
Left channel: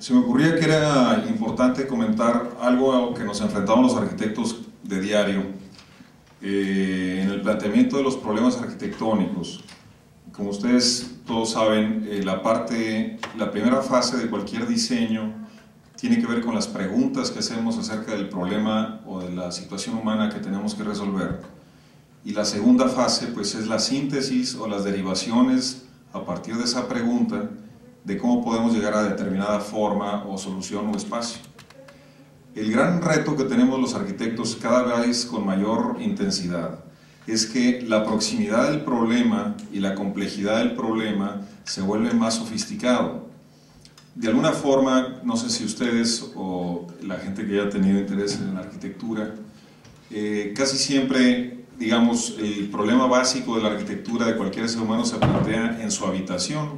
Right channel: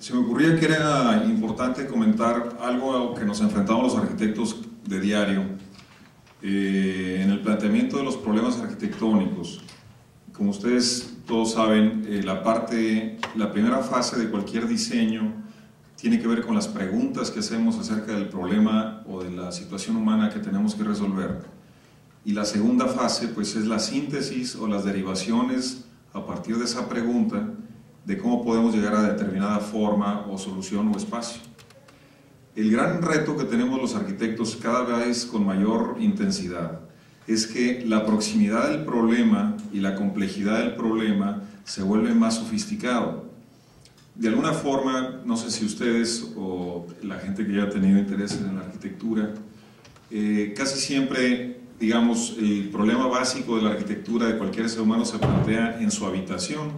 Se me ocurría que era importante comentar algo a lo que nos enfrentamos los arquitectos de diario en el planteamiento de los problemas arquitectónicos. Como ustedes todos saben, la primera fase de cualquier diseño tiene que ver con las preguntas que hacemos acerca del problema o de la situación humana que tenemos que resolver. Y la segunda fase, pues, es la síntesis o las derivaciones a partir de esa pregunta de cómo podemos llegar a determinada forma o solución o espacio. El gran reto que tenemos los arquitectos cada vez con mayor intensidad es que la proximidad del problema y la complejidad del problema se vuelve más sofisticado. De alguna forma, no sé si ustedes o la gente que haya tenido interés en la arquitectura, casi siempre, digamos, el problema básico de la arquitectura de cualquier ser humano se plantea en su habitación,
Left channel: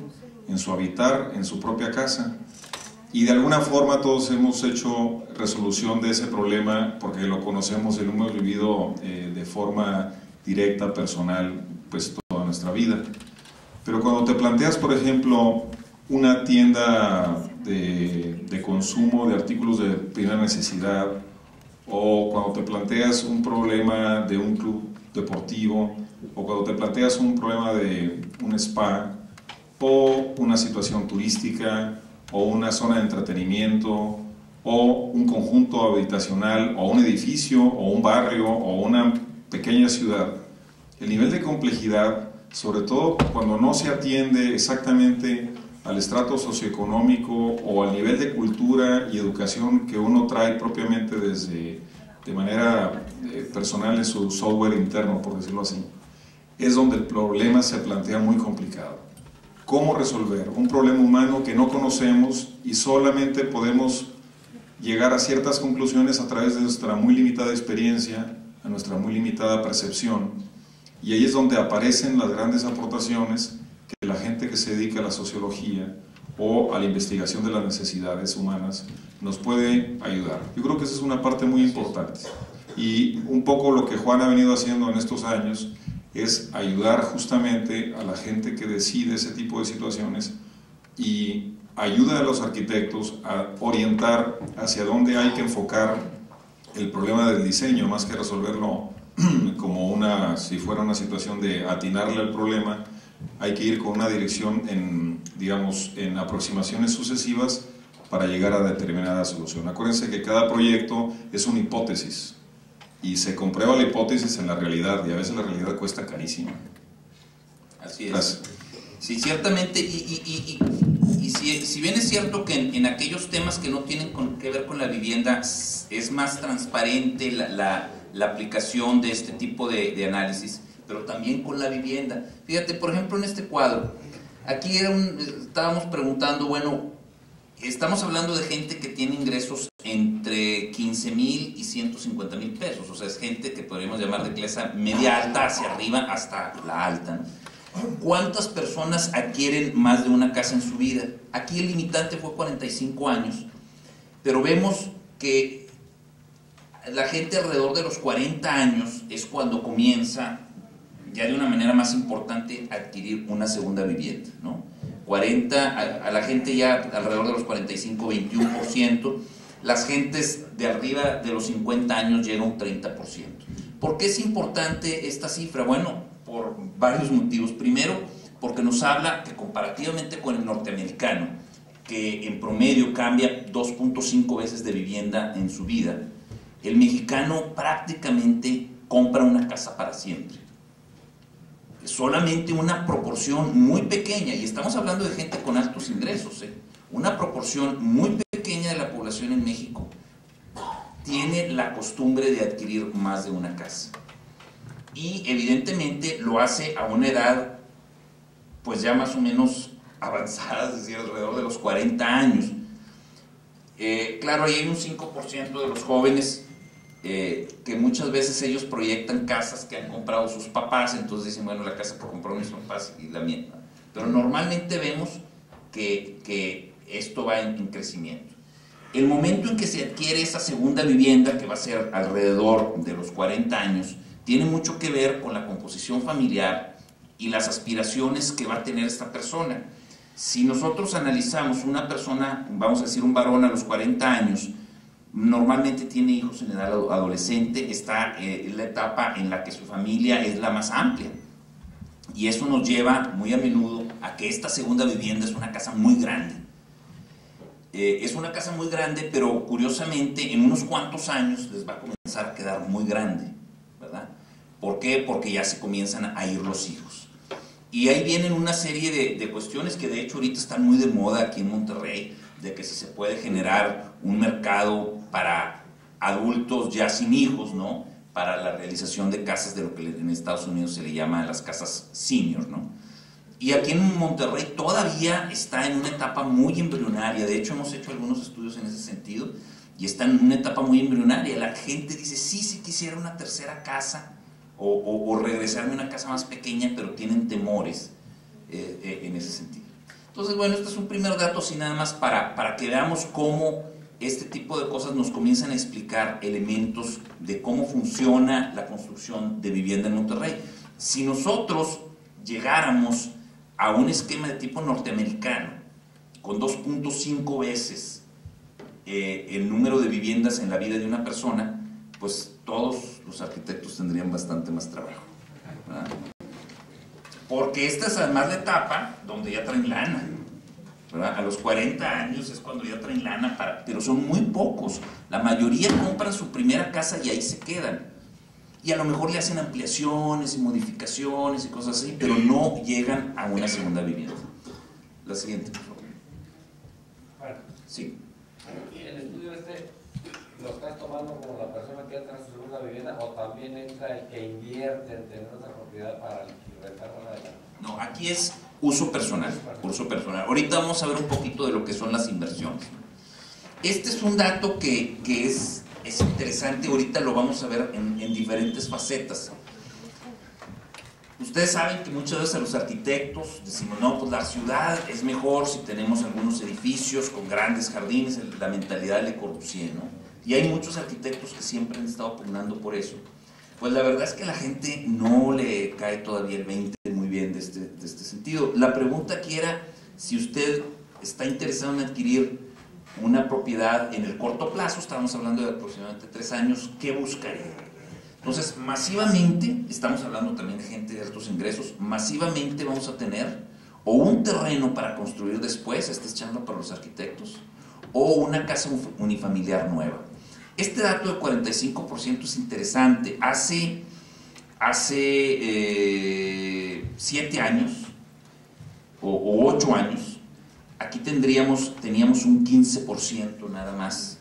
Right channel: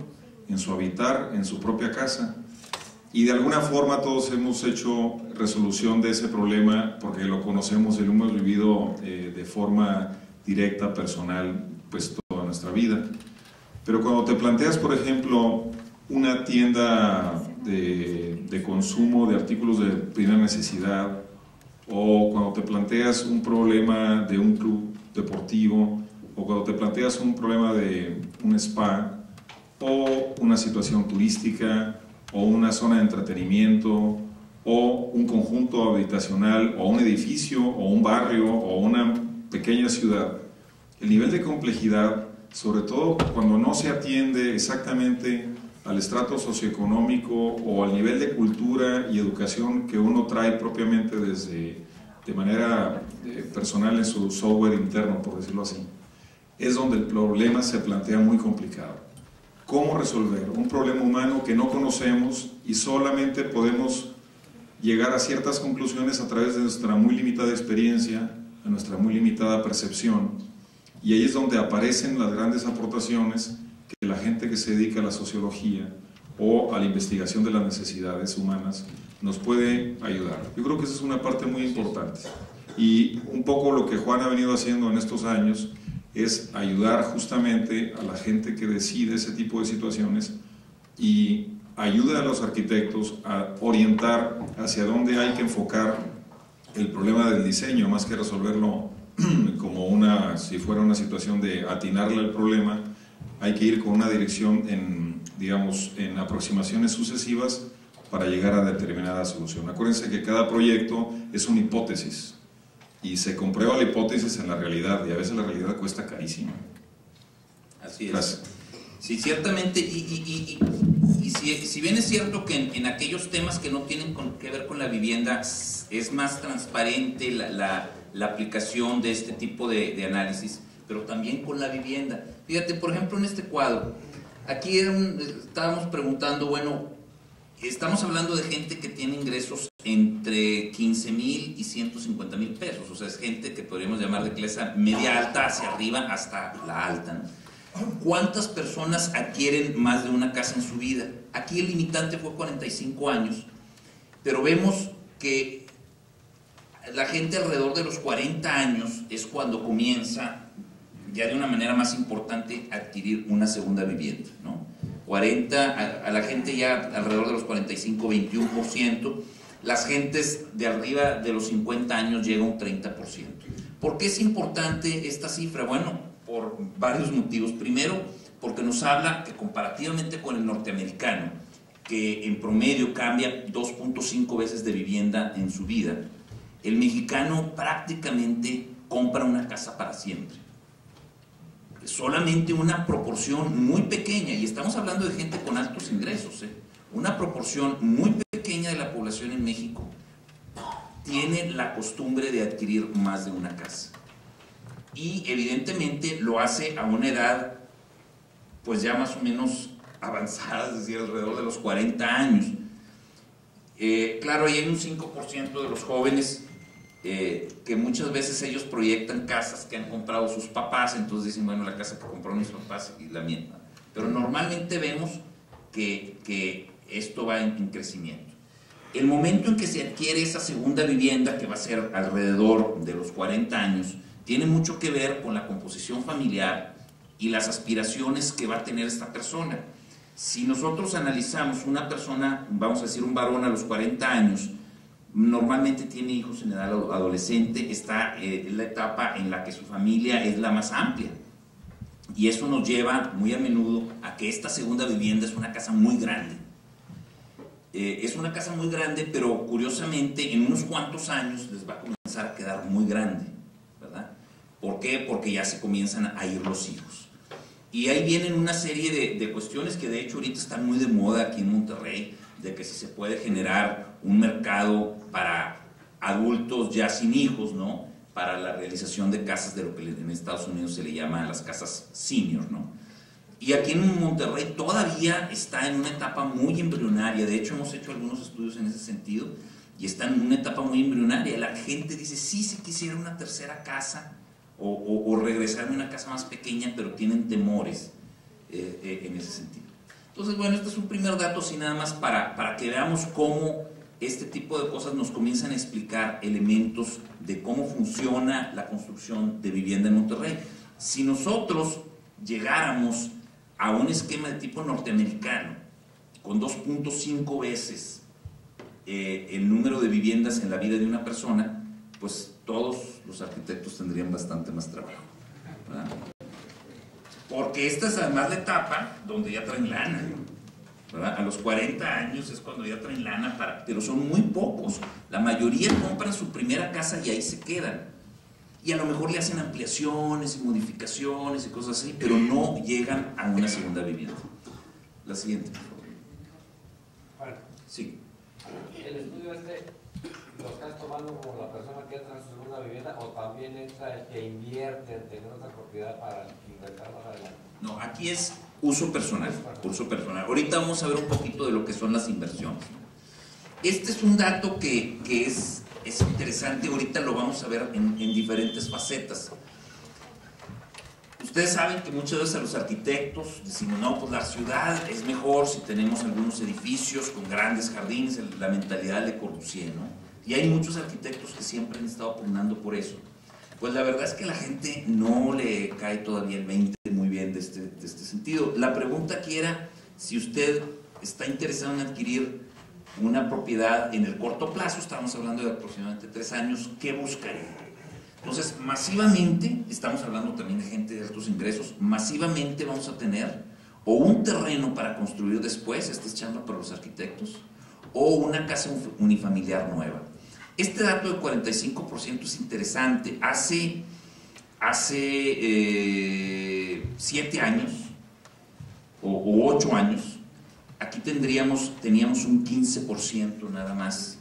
en su habitar, en su propia casa. Y de alguna forma todos hemos hecho resolución de ese problema porque lo conocemos y lo hemos vivido de forma directa, personal, pues toda nuestra vida. Pero cuando te planteas, por ejemplo, una tienda de consumo de artículos de primera necesidad, o cuando te planteas un problema de un club deportivo, o cuando te planteas un problema de un spa, o una situación turística, o una zona de entretenimiento, o un conjunto habitacional, o un edificio, o un barrio, o una pequeña ciudad, el nivel de complejidad sobre todo cuando no se atiende exactamente al estrato socioeconómico o al nivel de cultura y educación que uno trae propiamente de manera personal en su software interno, por decirlo así, es donde el problema se plantea muy complicado. ¿Cómo resolver un problema humano que no conocemos y solamente podemos llegar a ciertas conclusiones a través de nuestra muy limitada experiencia, a nuestra muy limitada percepción? Y ahí es donde aparecen las grandes aportaciones que la gente que se dedica a la sociología o a la investigación de las necesidades humanas nos puede ayudar. Yo creo que esa es una parte muy importante. Y un poco lo que Juan ha venido haciendo en estos años es ayudar justamente a la gente que decide ese tipo de situaciones y ayuda a los arquitectos a orientar hacia dónde hay que enfocar el problema del diseño, más que resolverlo como si fuera una situación de atinarle al problema. Hay que ir con una dirección en aproximaciones sucesivas para llegar a determinada solución. Acuérdense que cada proyecto es una hipótesis y se comprueba la hipótesis en la realidad, y a veces la realidad cuesta carísimo. Así es. Gracias. Sí, ciertamente, y si bien es cierto que en aquellos temas que no tienen que ver con la vivienda es más transparente la aplicación de este tipo de análisis, pero también con la vivienda. Fíjate, por ejemplo, en este cuadro, aquí estábamos preguntando, bueno, estamos hablando de gente que tiene ingresos entre 15,000 y 150,000 pesos, o sea, es gente que podríamos llamar de clase media alta hacia arriba hasta la alta, ¿no? ¿Cuántas personas adquieren más de una casa en su vida? Aquí el limitante fue 45 años, pero vemos que la gente alrededor de los 40 años es cuando comienza ya de una manera más importante a adquirir una segunda vivienda, ¿no? A la gente ya alrededor de los 45, 21%, las gentes de arriba de los 50 años llega a un 30%. ¿Por qué es importante esta cifra? Bueno, por varios motivos. Primero, porque nos habla que comparativamente con el norteamericano, que en promedio cambia 2.5 veces de vivienda en su vida, el mexicano prácticamente compra una casa para siempre. Solamente una proporción muy pequeña, y estamos hablando de gente con altos ingresos, una proporción muy pequeña de la población en México tiene la costumbre de adquirir más de una casa. Y evidentemente lo hace a una edad pues ya más o menos avanzada, es decir, alrededor de los 40 años. Claro, ahí hay un 5% de los jóvenes que muchas veces ellos proyectan casas que han comprado sus papás, entonces dicen, bueno, la casa que compraron mis papás y la mía. Pero normalmente vemos que esto va en crecimiento. El momento en que se adquiere esa segunda vivienda, que va a ser alrededor de los 40 años, tiene mucho que ver con la composición familiar y las aspiraciones que va a tener esta persona. Si nosotros analizamos una persona, vamos a decir un varón a los 40 años, normalmente tiene hijos en edad adolescente, está en la etapa en la que su familia es la más amplia. Y eso nos lleva muy a menudo a que esta segunda vivienda es una casa muy grande. Es una casa muy grande, pero curiosamente en unos cuantos años les va a comenzar a quedar muy grande, ¿verdad? ¿Por qué? Porque ya se comienzan a ir los hijos. Y ahí vienen una serie de cuestiones que de hecho ahorita están muy de moda aquí en Monterrey, de que si se puede generar un mercado para adultos ya sin hijos, ¿no? Para la realización de casas de lo que en Estados Unidos se le llama las casas senior, ¿no? Y aquí en Monterrey todavía está en una etapa muy embrionaria. De hecho hemos hecho algunos estudios en ese sentido y está en una etapa muy embrionaria. La gente dice, sí, si quisiera una tercera casa o regresarme a una casa más pequeña, pero tienen temores en ese sentido. Entonces, bueno, este es un primer dato así nada más para que veamos cómo este tipo de cosas nos comienzan a explicar elementos de cómo funciona la construcción de vivienda en Monterrey. Si nosotros llegáramos a un esquema de tipo norteamericano, con 2.5 veces el número de viviendas en la vida de una persona, pues todos los arquitectos tendrían bastante más trabajo, ¿verdad? Porque esta es además la etapa donde ya traen lana, ¿verdad? A los 40 años es cuando ya traen lana, pero son muy pocos. La mayoría compran su primera casa y ahí se quedan. y a lo mejor le hacen ampliaciones y modificaciones y cosas así, pero no llegan a una segunda vivienda. La siguiente, por favor. Bueno, sí. El estudio lo estás tomando como la persona que entra en su segunda vivienda, o también entra el que invierte en tener otra propiedad para rentar más adelante. No, aquí es uso personal, Ahorita vamos a ver un poquito de lo que son las inversiones. Este es un dato que es interesante, ahorita lo vamos a ver en diferentes facetas. Ustedes saben que muchas veces a los arquitectos decimos, no, pues la ciudad es mejor si tenemos algunos edificios con grandes jardines, la mentalidad de Le Corbusier, ¿no? Y hay muchos arquitectos que siempre han estado pugnando por eso. Pues la verdad es que a la gente no le cae todavía el 20 muy bien de este sentido. La pregunta aquí era si usted está interesado en adquirir una propiedad en el corto plazo, estamos hablando de aproximadamente 3 años, ¿qué buscaría? Entonces, masivamente, estamos hablando también de gente de altos ingresos, masivamente vamos a tener o un terreno para construir después, esta es chamba para los arquitectos, o una casa unifamiliar nueva. Este dato del 45% es interesante. Hace 7 años o 8 años, aquí teníamos un 15% nada más,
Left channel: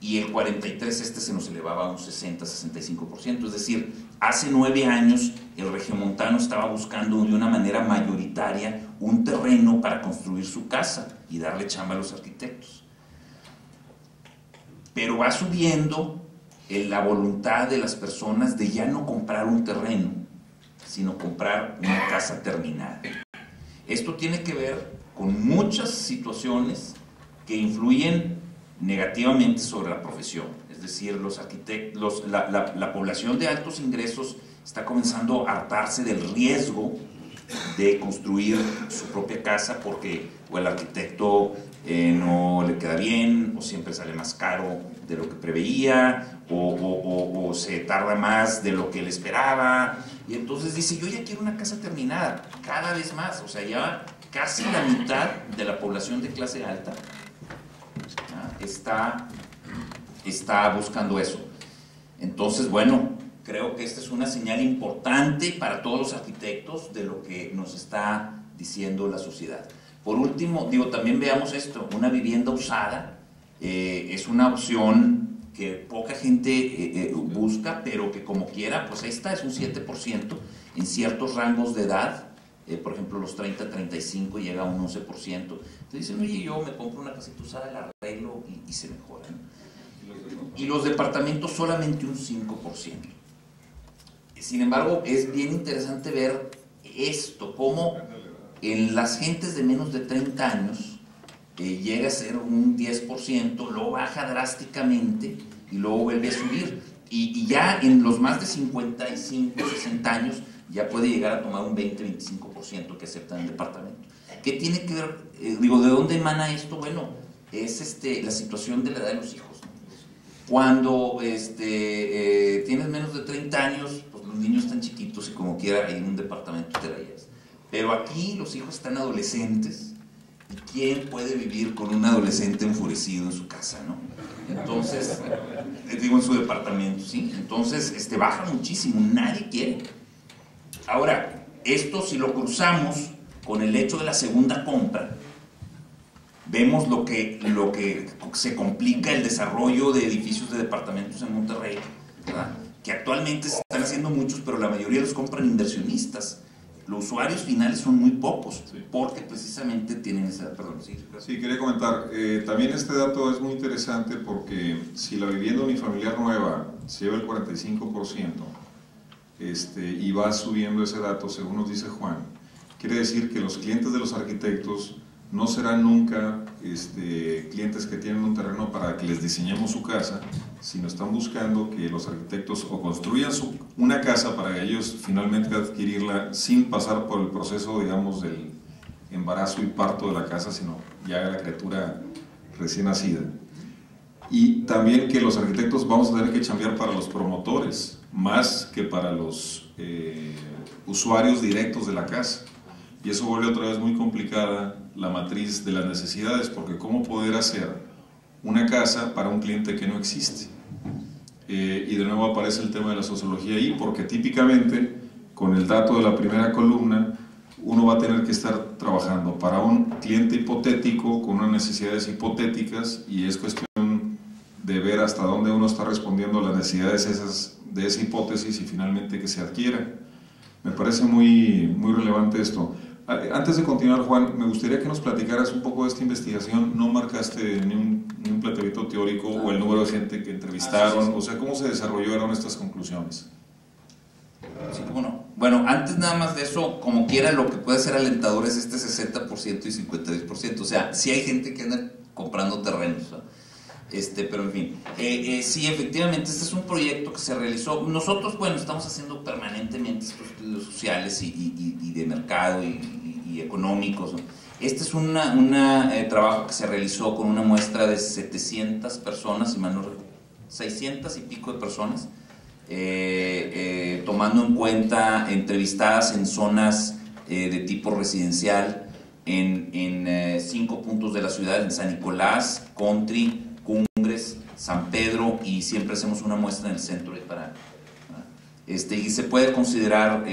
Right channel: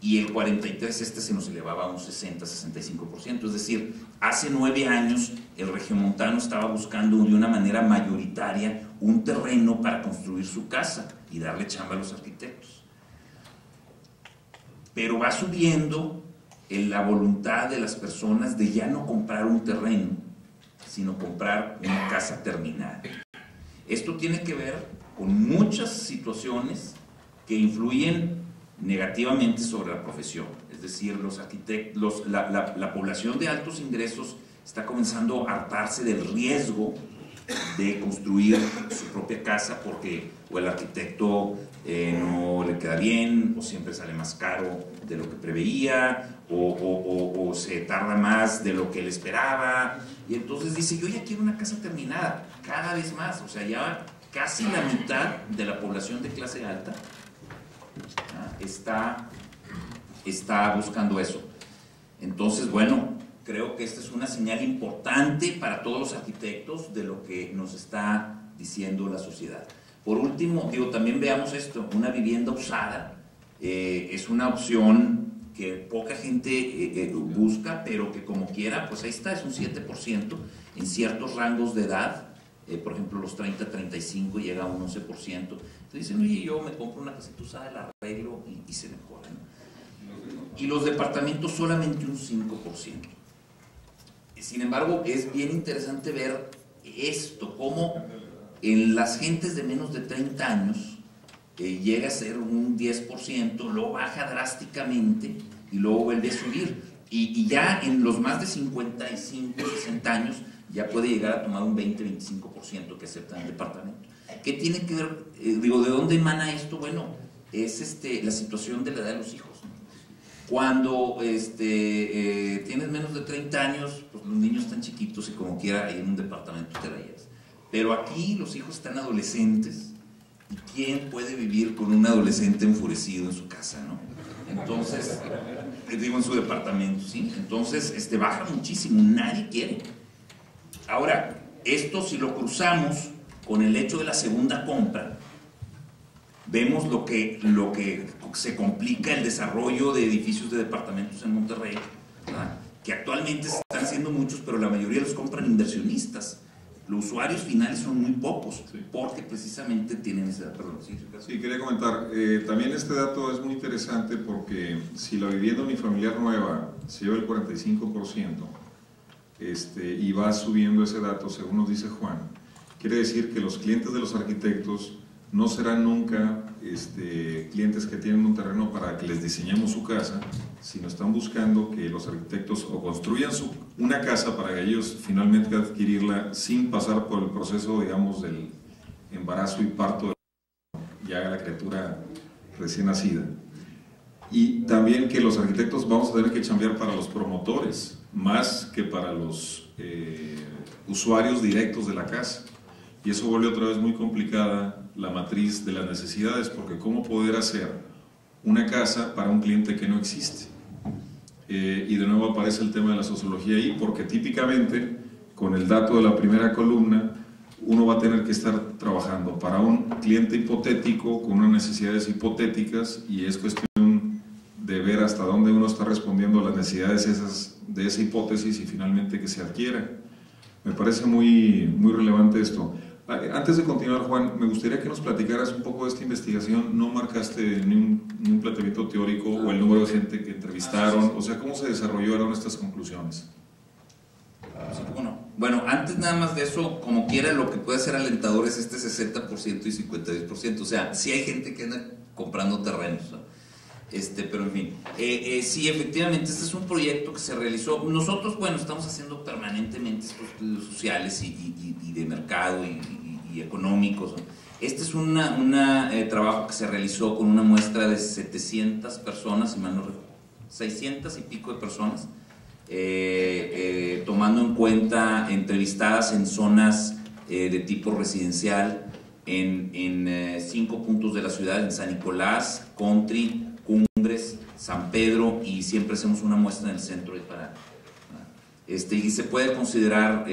y el 43% se nos elevaba a un 60-65%. Es decir, hace 9 años el regiomontano estaba buscando de una manera mayoritaria un terreno para construir su casa y darle chamba a los arquitectos. Pero va subiendo la voluntad de las personas de ya no comprar un terreno, sino comprar una casa terminada. Esto tiene que ver con muchas situaciones que influyen negativamente sobre la profesión. Es decir, los arquitectos, la población de altos ingresos está comenzando a hartarse del riesgo de construir su propia casa porque o el arquitecto no le queda bien, o siempre sale más caro de lo que preveía, o se tarda más de lo que él esperaba, y entonces dice, yo ya quiero una casa terminada, cada vez más. O sea, ya casi la mitad de la población de clase alta está buscando eso. Entonces, bueno, creo que esta es una señal importante para todos los arquitectos de lo que nos está diciendo la sociedad. Por último, también veamos esto, una vivienda usada es una opción que poca gente busca, pero que como quiera, pues ahí está, es un 7% en ciertos rangos de edad, por ejemplo los 30-35 llega a un 11%. Entonces dicen, oye, yo me compro una casita usada, la arreglo y se mejora, ¿no? Y los departamentos solamente un 5%. Sin embargo, es bien interesante ver esto, cómo en las gentes de menos de 30 años llega a ser un 10%, luego baja drásticamente y luego vuelve a subir. Y ya en los más de 55, 60 años ya puede llegar a tomar un 20-25% que aceptan el departamento. ¿Qué tiene que ver? ¿de dónde emana esto? Bueno, es la situación de la edad de los hijos, ¿no? Cuando tienes menos de 30 años, pues los niños están chiquitos y como quiera en un departamento te la llevas. Pero aquí los hijos están adolescentes, y ¿quién puede vivir con un adolescente enfurecido en su casa, no? Entonces, en su departamento, ¿sí? Entonces, baja muchísimo, nadie quiere. Ahora, esto si lo cruzamos con el hecho de la segunda compra, vemos lo que se complica el desarrollo de edificios de departamentos en Monterrey, ¿verdad? Que actualmente se están haciendo muchos, pero la mayoría los compran inversionistas. Los usuarios finales son muy pocos, porque precisamente tienen esa... Perdón, sí. Sí, quería comentar, también este dato es muy interesante porque si la vivienda unifamiliar nueva se lleva el 45% y va subiendo ese dato, según nos dice Juan, quiere decir que los clientes de los arquitectos no serán nunca clientes que tienen un terreno para que les diseñemos su casa, sino están buscando que los arquitectos o construyan una casa para ellos finalmente adquirirla sin pasar por el proceso, digamos, del embarazo y parto de la casa, sino ya la criatura recién nacida. Y también que los arquitectos vamos a tener que chambear para los promotores, más que para los usuarios directos de la casa. Y eso vuelve otra vez muy complicada la matriz de las necesidades, porque ¿cómo poder hacer una casa para un cliente que no existe? y de nuevo aparece el tema de la sociología ahí, porque típicamente con el dato de la primera columna uno va a tener que estar trabajando para un cliente hipotético con unas necesidades hipotéticas, y es cuestión de ver hasta dónde uno está respondiendo a las necesidades de esa hipótesis y finalmente que se adquiera. Me parece muy relevante esto. Antes de continuar, Juan, me gustaría que nos platicaras un poco de esta investigación. No marcaste ni un planteamiento teórico o el número de gente que entrevistaron, o sea, ¿cómo se desarrollaron estas conclusiones? Sí, ¿cómo no? Bueno, antes nada más de eso, como quiera, lo que puede ser alentador es este 60% y 52%. O sea, sí hay gente que anda comprando terrenos, ¿no? Pero en fin, sí, efectivamente, este es un proyecto que se realizó. Nosotros, bueno, estamos haciendo permanentemente estos estudios sociales y de mercado y económicos, ¿no? Este es un trabajo que se realizó con una muestra de 700 personas, 600 y pico de personas, tomando en cuenta entrevistadas en zonas de tipo residencial en 5 puntos de la ciudad: en San Nicolás, Country, Cumbres, San Pedro, y siempre hacemos una muestra en el centro de Pará. Y se puede considerar,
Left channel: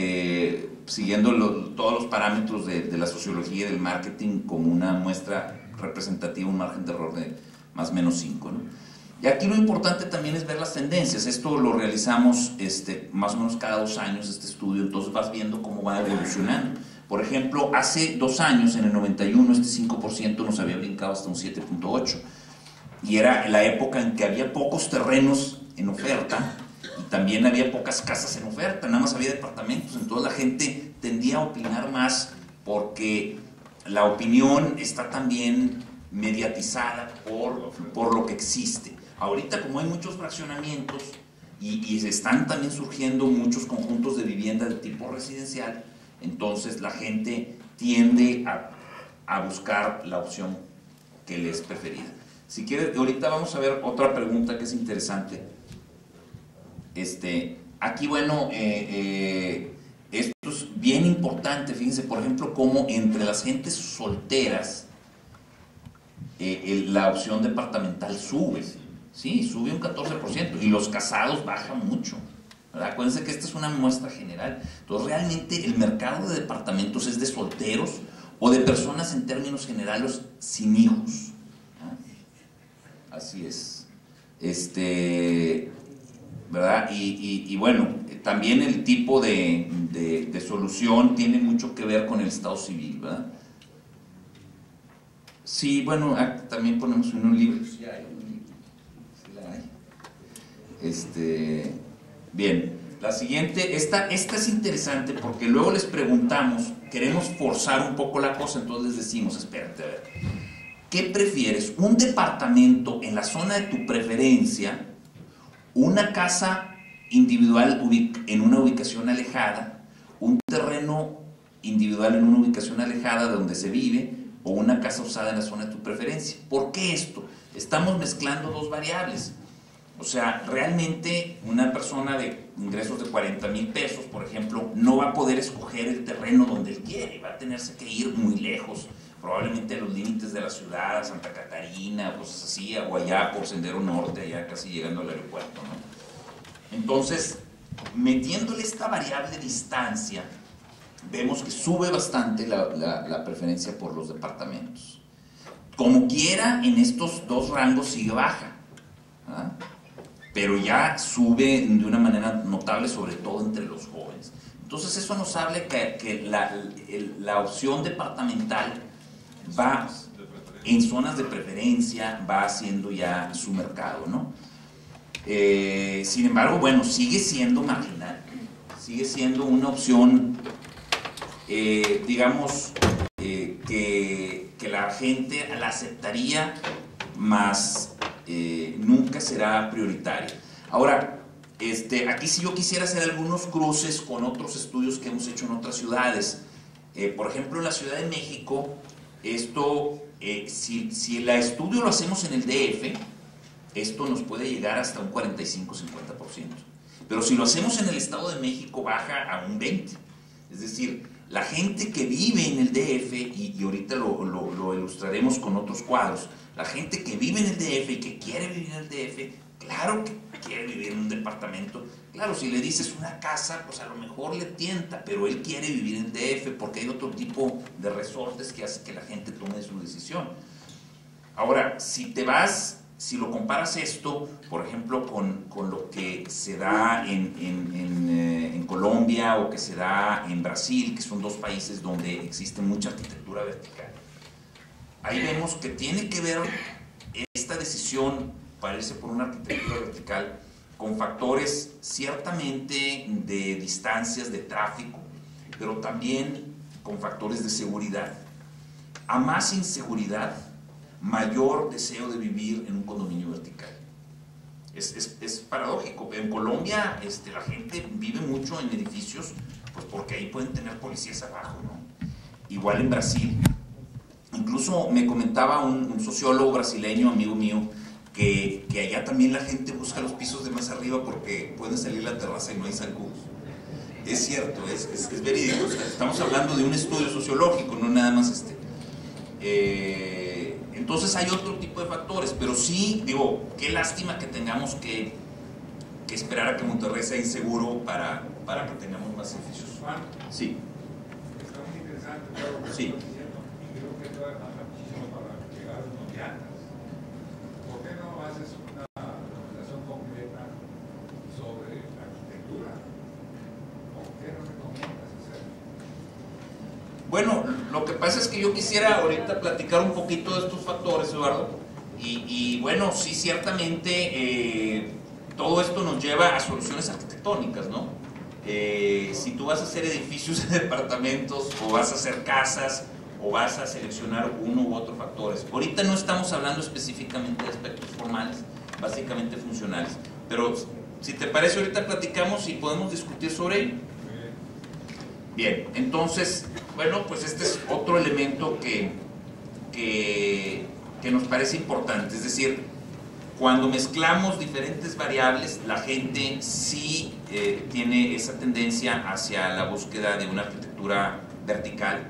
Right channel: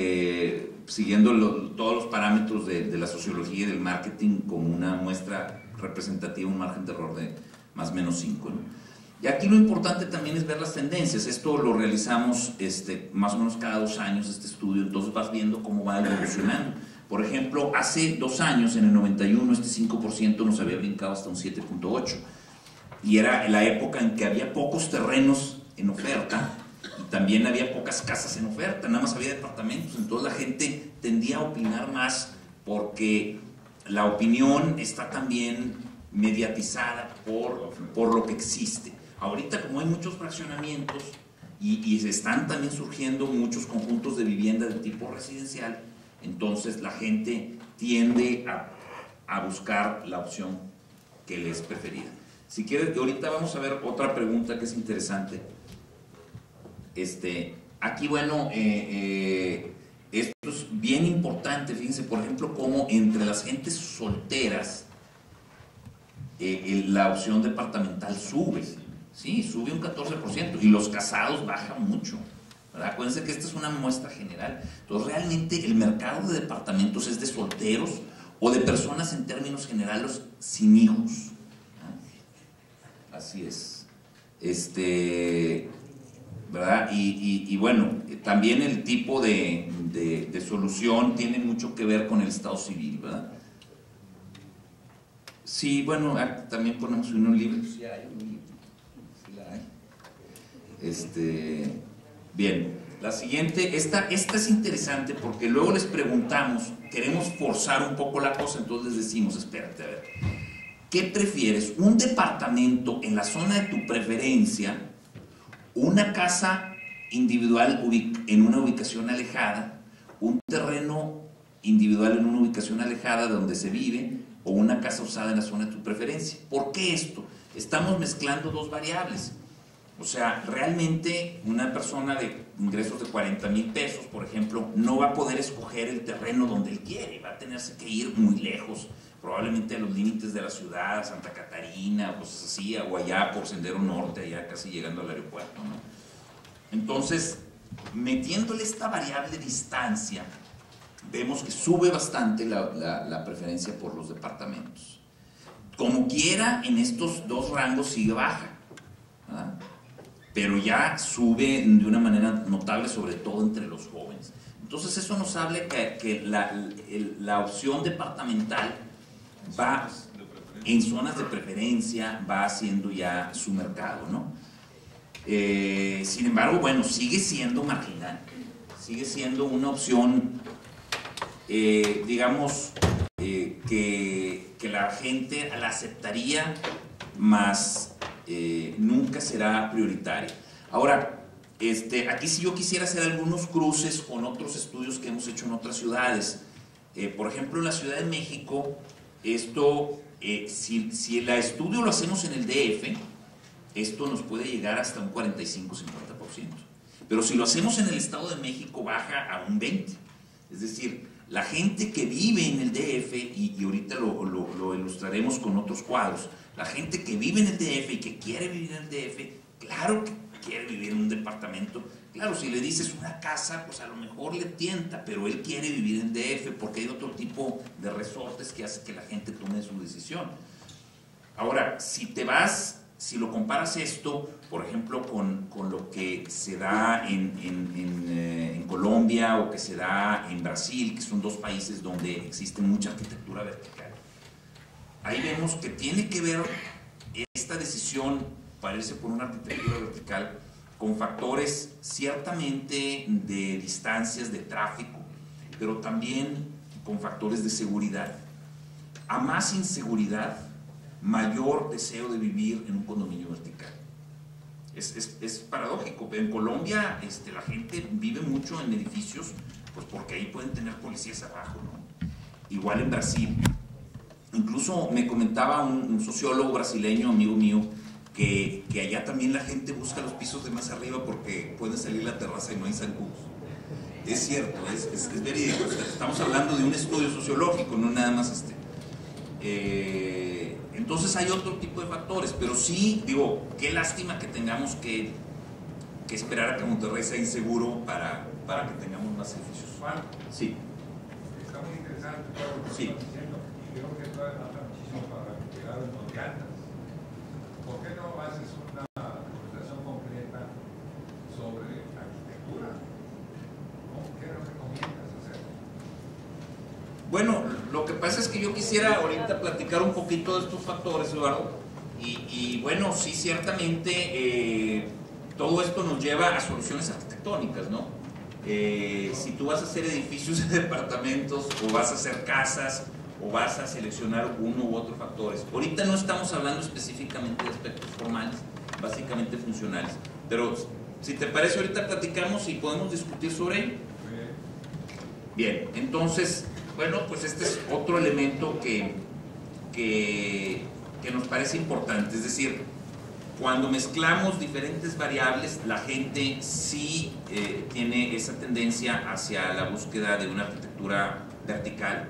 siguiendo todos los parámetros de la sociología y del marketing, como una muestra representativa, un margen de error de más o menos 5, ¿no? Y aquí lo importante también es ver las tendencias. Esto lo realizamos más o menos cada 2 años, este estudio, entonces vas viendo cómo va evolucionando. Por ejemplo, hace 2 años, en el 91, este 5% nos había brincado hasta un 7.8%. Y era la época en que había pocos terrenos en oferta y también había pocas casas en oferta, nada más había departamentos. Entonces la gente tendía a opinar más, porque la opinión está también mediatizada por lo que existe. Ahorita, como hay muchos fraccionamientos y están también surgiendo muchos conjuntos de vivienda de tipo residencial, entonces la gente tiende a buscar la opción que les es preferida. Si quieres, ahorita vamos a ver otra pregunta que es interesante. Aquí, bueno, esto es bien importante. Fíjense, por ejemplo, cómo entre las gentes solteras la opción departamental sube. Sí, sube un 14%, y los casados baja mucho, ¿verdad? Acuérdense que esta es una muestra general. Entonces, realmente el mercado de departamentos es de solteros o de personas en términos generales sin hijos. Así es. ¿Verdad? Y bueno, también el tipo de solución tiene mucho que ver con el estado civil, ¿verdad? Sí, bueno, también ponemos un libro. Sí hay un libro. Sí la hay. Bien, la siguiente, esta es interesante, porque luego les preguntamos, queremos forzar un poco la cosa, entonces les decimos, espérate, a ver, ¿qué prefieres? ¿Un departamento en la zona de tu preferencia? ¿Una casa individual en una ubicación alejada? ¿Un terreno individual en una ubicación alejada de donde se vive? ¿O una casa usada en la zona de tu preferencia? ¿Por qué esto? Estamos mezclando 2 variables. O sea, realmente una persona de ingresos de 40,000 pesos, por ejemplo, no va a poder escoger el terreno donde él quiere, va a tenerse que ir muy lejos, probablemente a los límites de la ciudad, a Santa Catarina, cosas así, o allá por Sendero Norte, allá casi llegando al aeropuerto, ¿no? Entonces, metiéndole esta variable distancia, vemos que sube bastante la preferencia por los departamentos. Como quiera, en estos 2 rangos sigue baja, ¿verdad? Pero ya sube de una manera notable, sobre todo entre los jóvenes. Entonces eso nos habla que la opción departamental va en zonas de preferencia, va haciendo ya su mercado, ¿no? Sin embargo, bueno, sigue siendo marginal, sigue siendo una opción, digamos, que la gente la aceptaría, más nunca será prioritaria. Ahora, aquí sí yo quisiera hacer algunos cruces con otros estudios que hemos hecho en otras ciudades. Por ejemplo, en la Ciudad de México, si el estudio lo hacemos en el DF, esto nos puede llegar hasta un 45-50%. Pero si lo hacemos en el Estado de México, baja a un 20%. Es decir, la gente que vive en el DF, y ahorita lo ilustraremos con otros cuadros, la gente que vive en el DF y que quiere vivir en el DF, claro que quiere vivir en un departamento. Claro, si le dices una casa, pues a lo mejor le tienta, pero él quiere vivir en DF porque hay otro tipo de resortes que hace que la gente tome su decisión. Ahora, si lo comparas esto, por ejemplo, con lo que se da en Colombia o que se da en Brasil, que son dos países donde existe mucha arquitectura vertical, ahí vemos que tiene que ver esta decisión para irse por una arquitectura vertical con factores ciertamente de distancias, de tráfico, pero también con factores de seguridad. A más inseguridad, mayor deseo de vivir en un condominio vertical. Es paradójico. En Colombia la gente vive mucho en edificios, pues porque ahí pueden tener policías abajo, ¿no? Igual en Brasil. Incluso me comentaba un sociólogo brasileño, amigo mío, que allá también la gente busca los pisos de más arriba porque puede salir a la terraza y no hay zancudos. Es cierto, es verídico. Estamos hablando de un estudio sociológico, no nada más entonces hay otro tipo de factores, pero sí, digo, qué lástima que tengamos que esperar a que Monterrey sea inseguro para que tengamos más edificios. Juan, sí. Está muy interesante todo lo que sí. estás diciendo y creo que todavía falta muchísimo para llegar a unos llantas. ¿Por qué no haces una conversación completa sobre arquitectura? ¿Qué nos recomiendas hacer? Bueno, lo que pasa es que yo quisiera ahorita platicar un poquito de estos factores, Eduardo, y bueno, sí, ciertamente todo esto nos lleva a soluciones arquitectónicas, ¿no? Si tú vas a hacer edificios de departamentos, o vas a hacer casas, o vas a seleccionar uno u otro factores. Ahorita no estamos hablando específicamente de aspectos formales, básicamente funcionales, pero si te parece ahorita platicamos y podemos discutir sobre ello. Bien, entonces, bueno, pues este es otro elemento que nos parece importante, es decir, cuando mezclamos diferentes variables, la gente sí tiene esa tendencia hacia la búsqueda de una arquitectura vertical,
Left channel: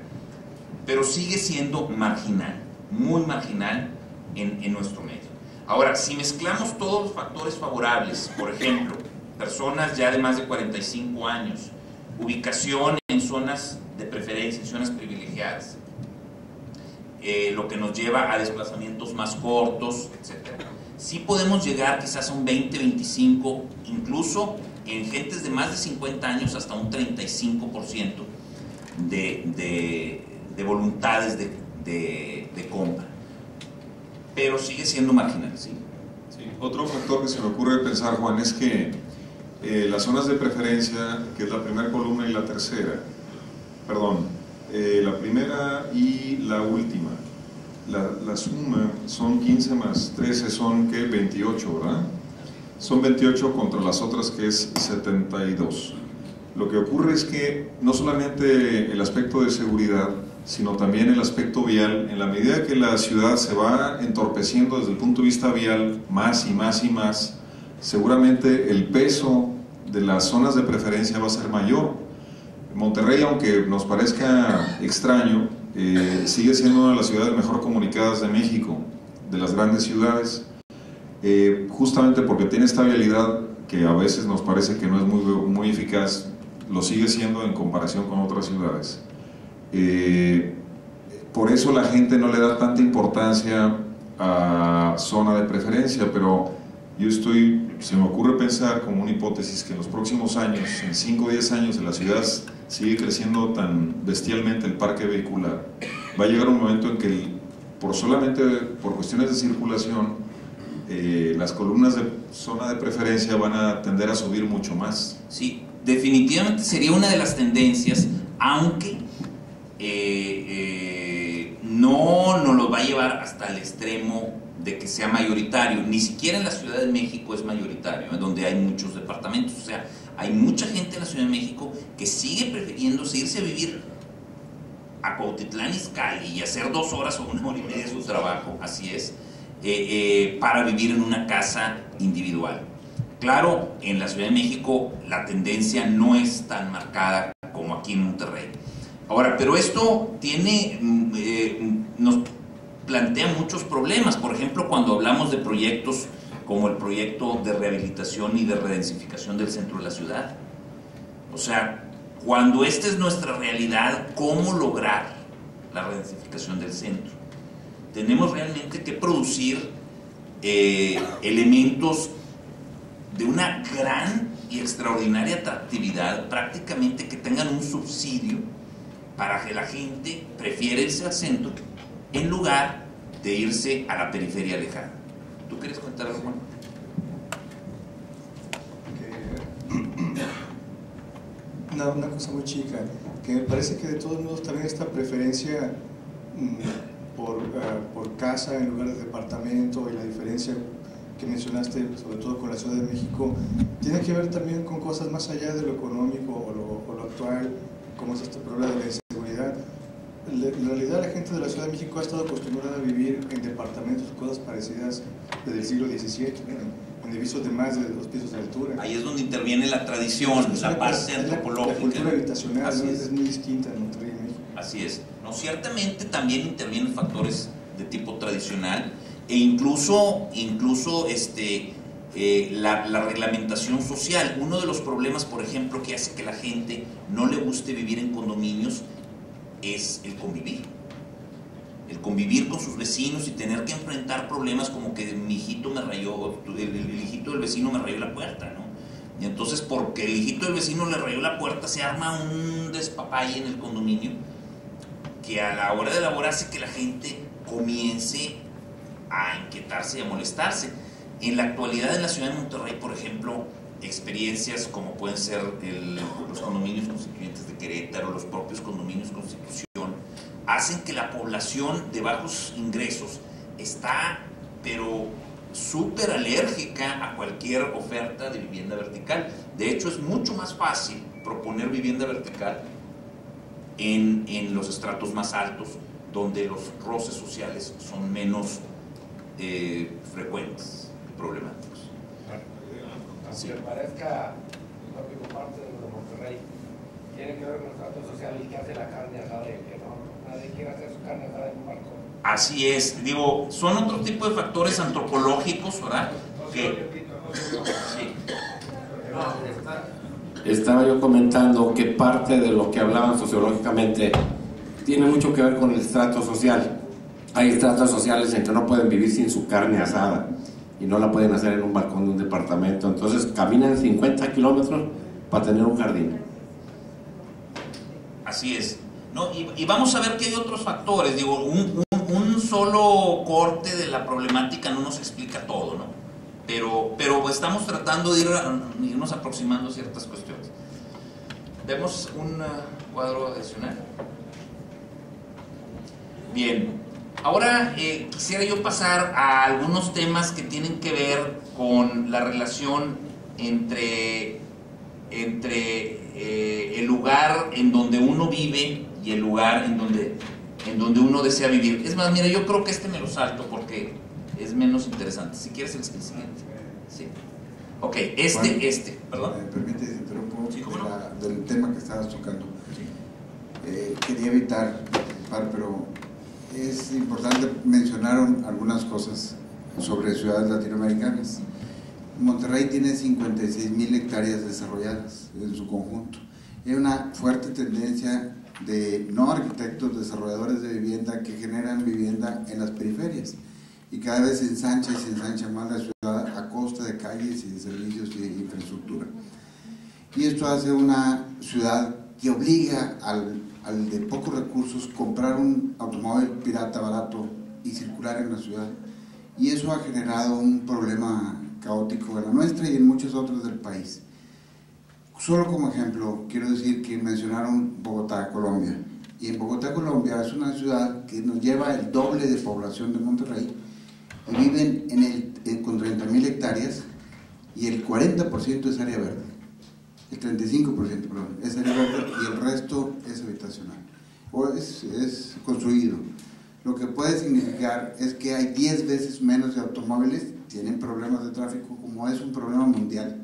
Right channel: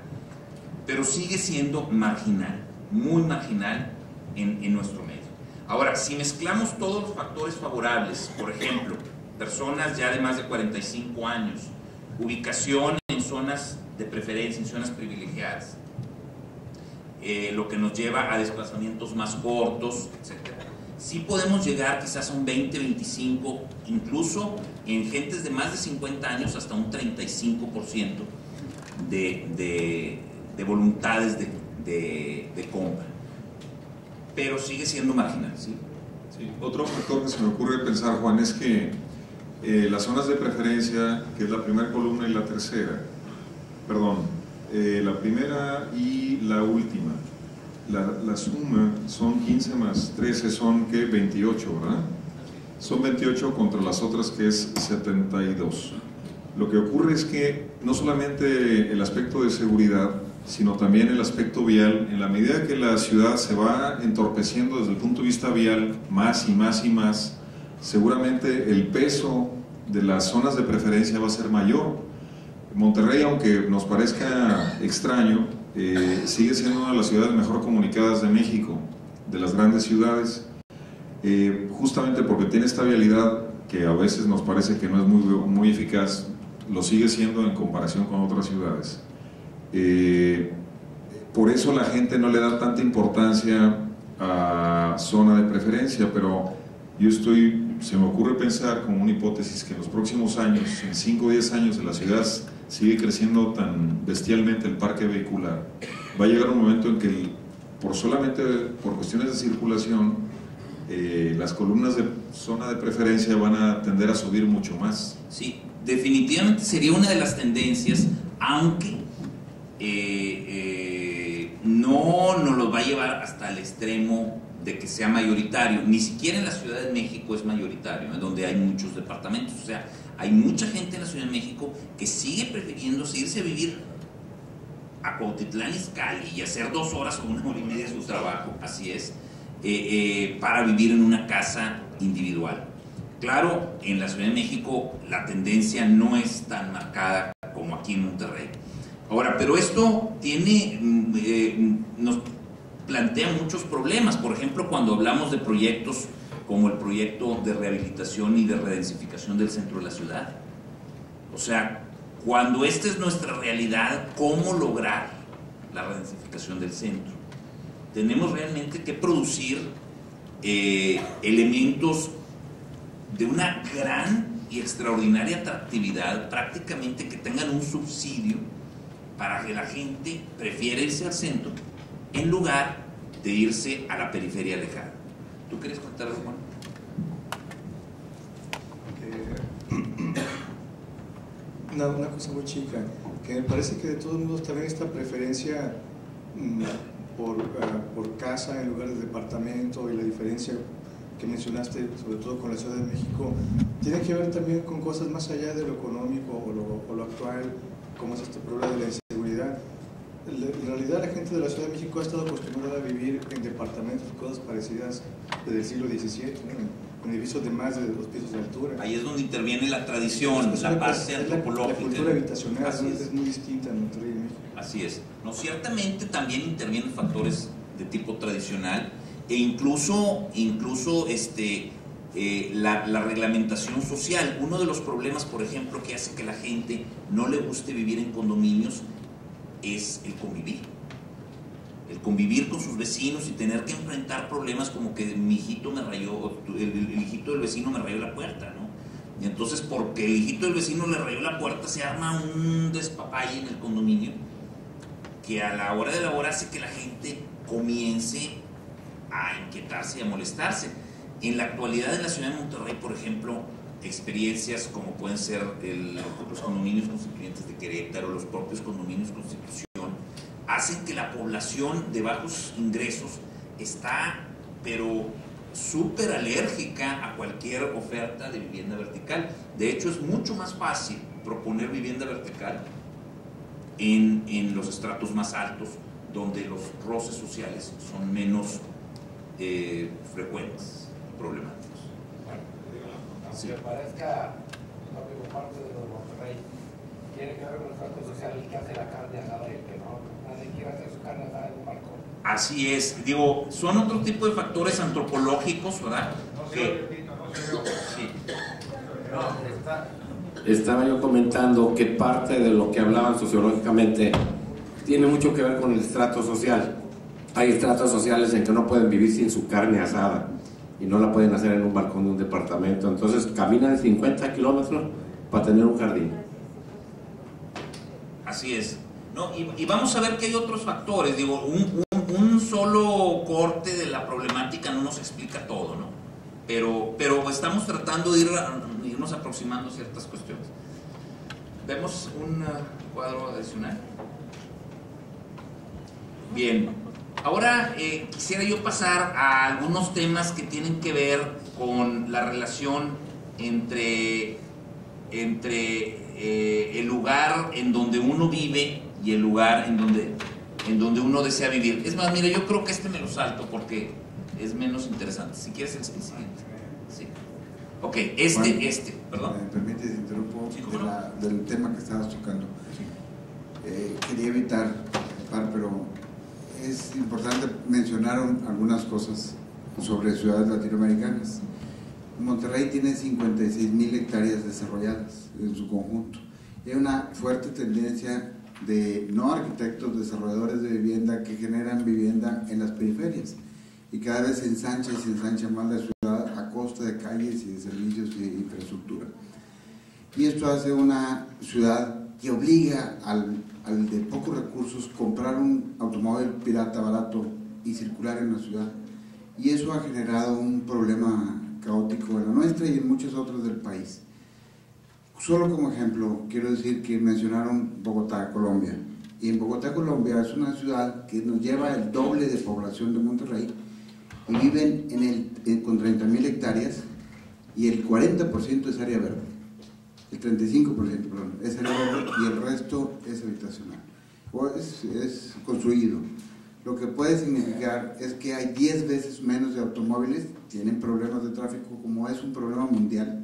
pero sigue siendo marginal, muy marginal en nuestro medio. Ahora, si mezclamos todos los factores favorables, por ejemplo, personas ya de más de 45 años, ubicación en zonas de preferencia, en zonas privilegiadas, lo que nos lleva a desplazamientos más cortos, etc. Sí podemos llegar quizás a un 20, 25, incluso en gentes de más de 50 años hasta un 35% de voluntades de compra, pero sigue siendo marginal, ¿sí? Sí. Otro factor que se me ocurre pensar, Juan, es que las zonas de preferencia, que es la primera columna y la tercera, la primera y la última, la suma son 15 más 13, son ¿qué? 28, ¿verdad? Son 28 contra las otras, que es 72. Lo que ocurre es que no solamente el aspecto de seguridad, sino también el aspecto vial, en la medida que la ciudad se va entorpeciendo desde el punto de vista vial más y más y más, seguramente el peso de las zonas de preferencia va a ser mayor. Monterrey, aunque nos parezca extraño, sigue siendo una de las ciudades mejor comunicadas de México, de las grandes ciudades, justamente porque tiene esta vialidad que a veces nos parece que no es muy eficaz, lo sigue siendo en comparación con otras ciudades. Por eso la gente no le da tanta importancia a zona de preferencia, pero se me ocurre pensar como una hipótesis que en los próximos años, en 5 o 10 años, la ciudad sigue creciendo tan bestialmente el parque vehicular, va a llegar un momento en que solamente por cuestiones de circulación, las columnas de zona de preferencia van a tender a subir mucho más. Sí, definitivamente sería una de las tendencias, aunque no nos lo va a llevar hasta el extremo de que sea mayoritario. Ni siquiera en la Ciudad de México es mayoritario, en donde hay muchos departamentos. O sea, hay mucha gente en la Ciudad de México que sigue prefiriendo irse a vivir a Cuautitlán Izcalli y hacer 2 horas o 1 hora y media de su trabajo, así es, para vivir en una casa individual. Claro, en la Ciudad de México la tendencia no es tan marcada como aquí en Monterrey. Ahora, pero esto nos plantea muchos problemas. Por ejemplo, cuando hablamos de proyectos como el proyecto de rehabilitación y de redensificación del centro de la ciudad. O sea, cuando esta es nuestra realidad, ¿cómo lograr la redensificación del centro? Tenemos realmente que producir elementos de una gran y extraordinaria atractividad, prácticamente que tengan un subsidio para que la gente prefiera irse al centro en lugar de irse a la periferia lejana. ¿Tú quieres contar algo, Juan? Una cosa muy chica, que me parece que de todos modos también esta preferencia por casa en lugar de departamento y la diferencia que mencionaste, sobre todo con la Ciudad de México, tiene que ver también con cosas más allá de lo económico o lo actual, como es este problema de la inseguridad. En realidad la gente de la Ciudad de México ha estado acostumbrada a vivir en departamentos y cosas parecidas desde el siglo XVII, ¿no? En edificios de más de 2 pisos de altura. Ahí es donde interviene la tradición, la base antropológica. La cultura habitacional es muy distinta en Monterrey y en México. Así es. No, ciertamente también intervienen factores de tipo tradicional e incluso la reglamentación social. Uno de los problemas, por ejemplo, que hace que la gente no le guste vivir en condominios es el convivir. El convivir con sus vecinos y tener que enfrentar problemas como que mi hijito me rayó, el hijito del vecino me rayó la puerta, ¿no? Y entonces, porque el hijito del vecino le rayó la puerta, se arma un despapalle en el condominio que a la hora de elaborar hace que la gente comience a inquietarse y a molestarse. En la actualidad en la ciudad de Monterrey, por ejemplo, experiencias como pueden ser los condominios constituyentes de Querétaro, los propios condominios Constitución, hacen que la población de bajos ingresos está, pero súper alérgica a cualquier oferta de vivienda vertical. De hecho, es mucho más fácil proponer vivienda vertical en los estratos más altos, donde los roces sociales son menos frecuentes, problemáticos. Aunque parezca no parte de lo de Monterrey, tiene que ver con el trato social y que hace la carne asada y que no, nadie quiere hacer su carne asada en un balcón. Así es, digo, son otro tipo de factores antropológicos, ¿verdad? Estaba yo comentando que parte de lo que hablaban sociológicamente tiene mucho que ver con el estrato social. Hay estratos sociales en que no pueden vivir sin su carne asada y no la pueden hacer en un balcón de un departamento, entonces caminan 50 kilómetros para tener un jardín. Así es. ¿No? Y vamos a ver que hay otros factores. Digo, un solo corte de la problemática no nos explica todo, ¿no? Pero estamos tratando de irnos aproximando a ciertas cuestiones. ¿Vemos un cuadro adicional? Bien. Ahora quisiera yo pasar a algunos temas que tienen que ver con la relación entre el lugar en donde uno vive y el lugar en donde uno desea vivir. Es más, mira, yo creo que me lo salto porque es menos interesante. Si quieres el siguiente. Sí. Ok, perdón. ¿Me permites interrumpo? Sí, ¿cómo no? Del tema que estabas tocando. Sí. Quería evitar participar, pero es importante, mencionaron algunas cosas sobre ciudades latinoamericanas. Monterrey tiene 56,000 hectáreas desarrolladas en su conjunto. Hay una fuerte tendencia de no arquitectos, desarrolladores de vivienda que generan vivienda en las periferias y cada vez se ensancha y se ensancha más la ciudad a costa de calles y de servicios y de infraestructura. Y esto hace una ciudad que obliga al de pocos recursos comprar un automóvil pirata barato y circular en la ciudad, y eso ha generado un problema caótico en la nuestra y en muchos otros del país. Solo como ejemplo, quiero decir que mencionaron Bogotá, Colombia, y en Bogotá, Colombia es una ciudad que nos lleva el doble de población de Monterrey y viven con 30,000 hectáreas y el 40% es área verde. El 35%, perdón, es área verde y el resto es habitacional o es construido. Lo que puede significar es que hay 10 veces menos de automóviles, tienen problemas de tráfico, como es un problema mundial,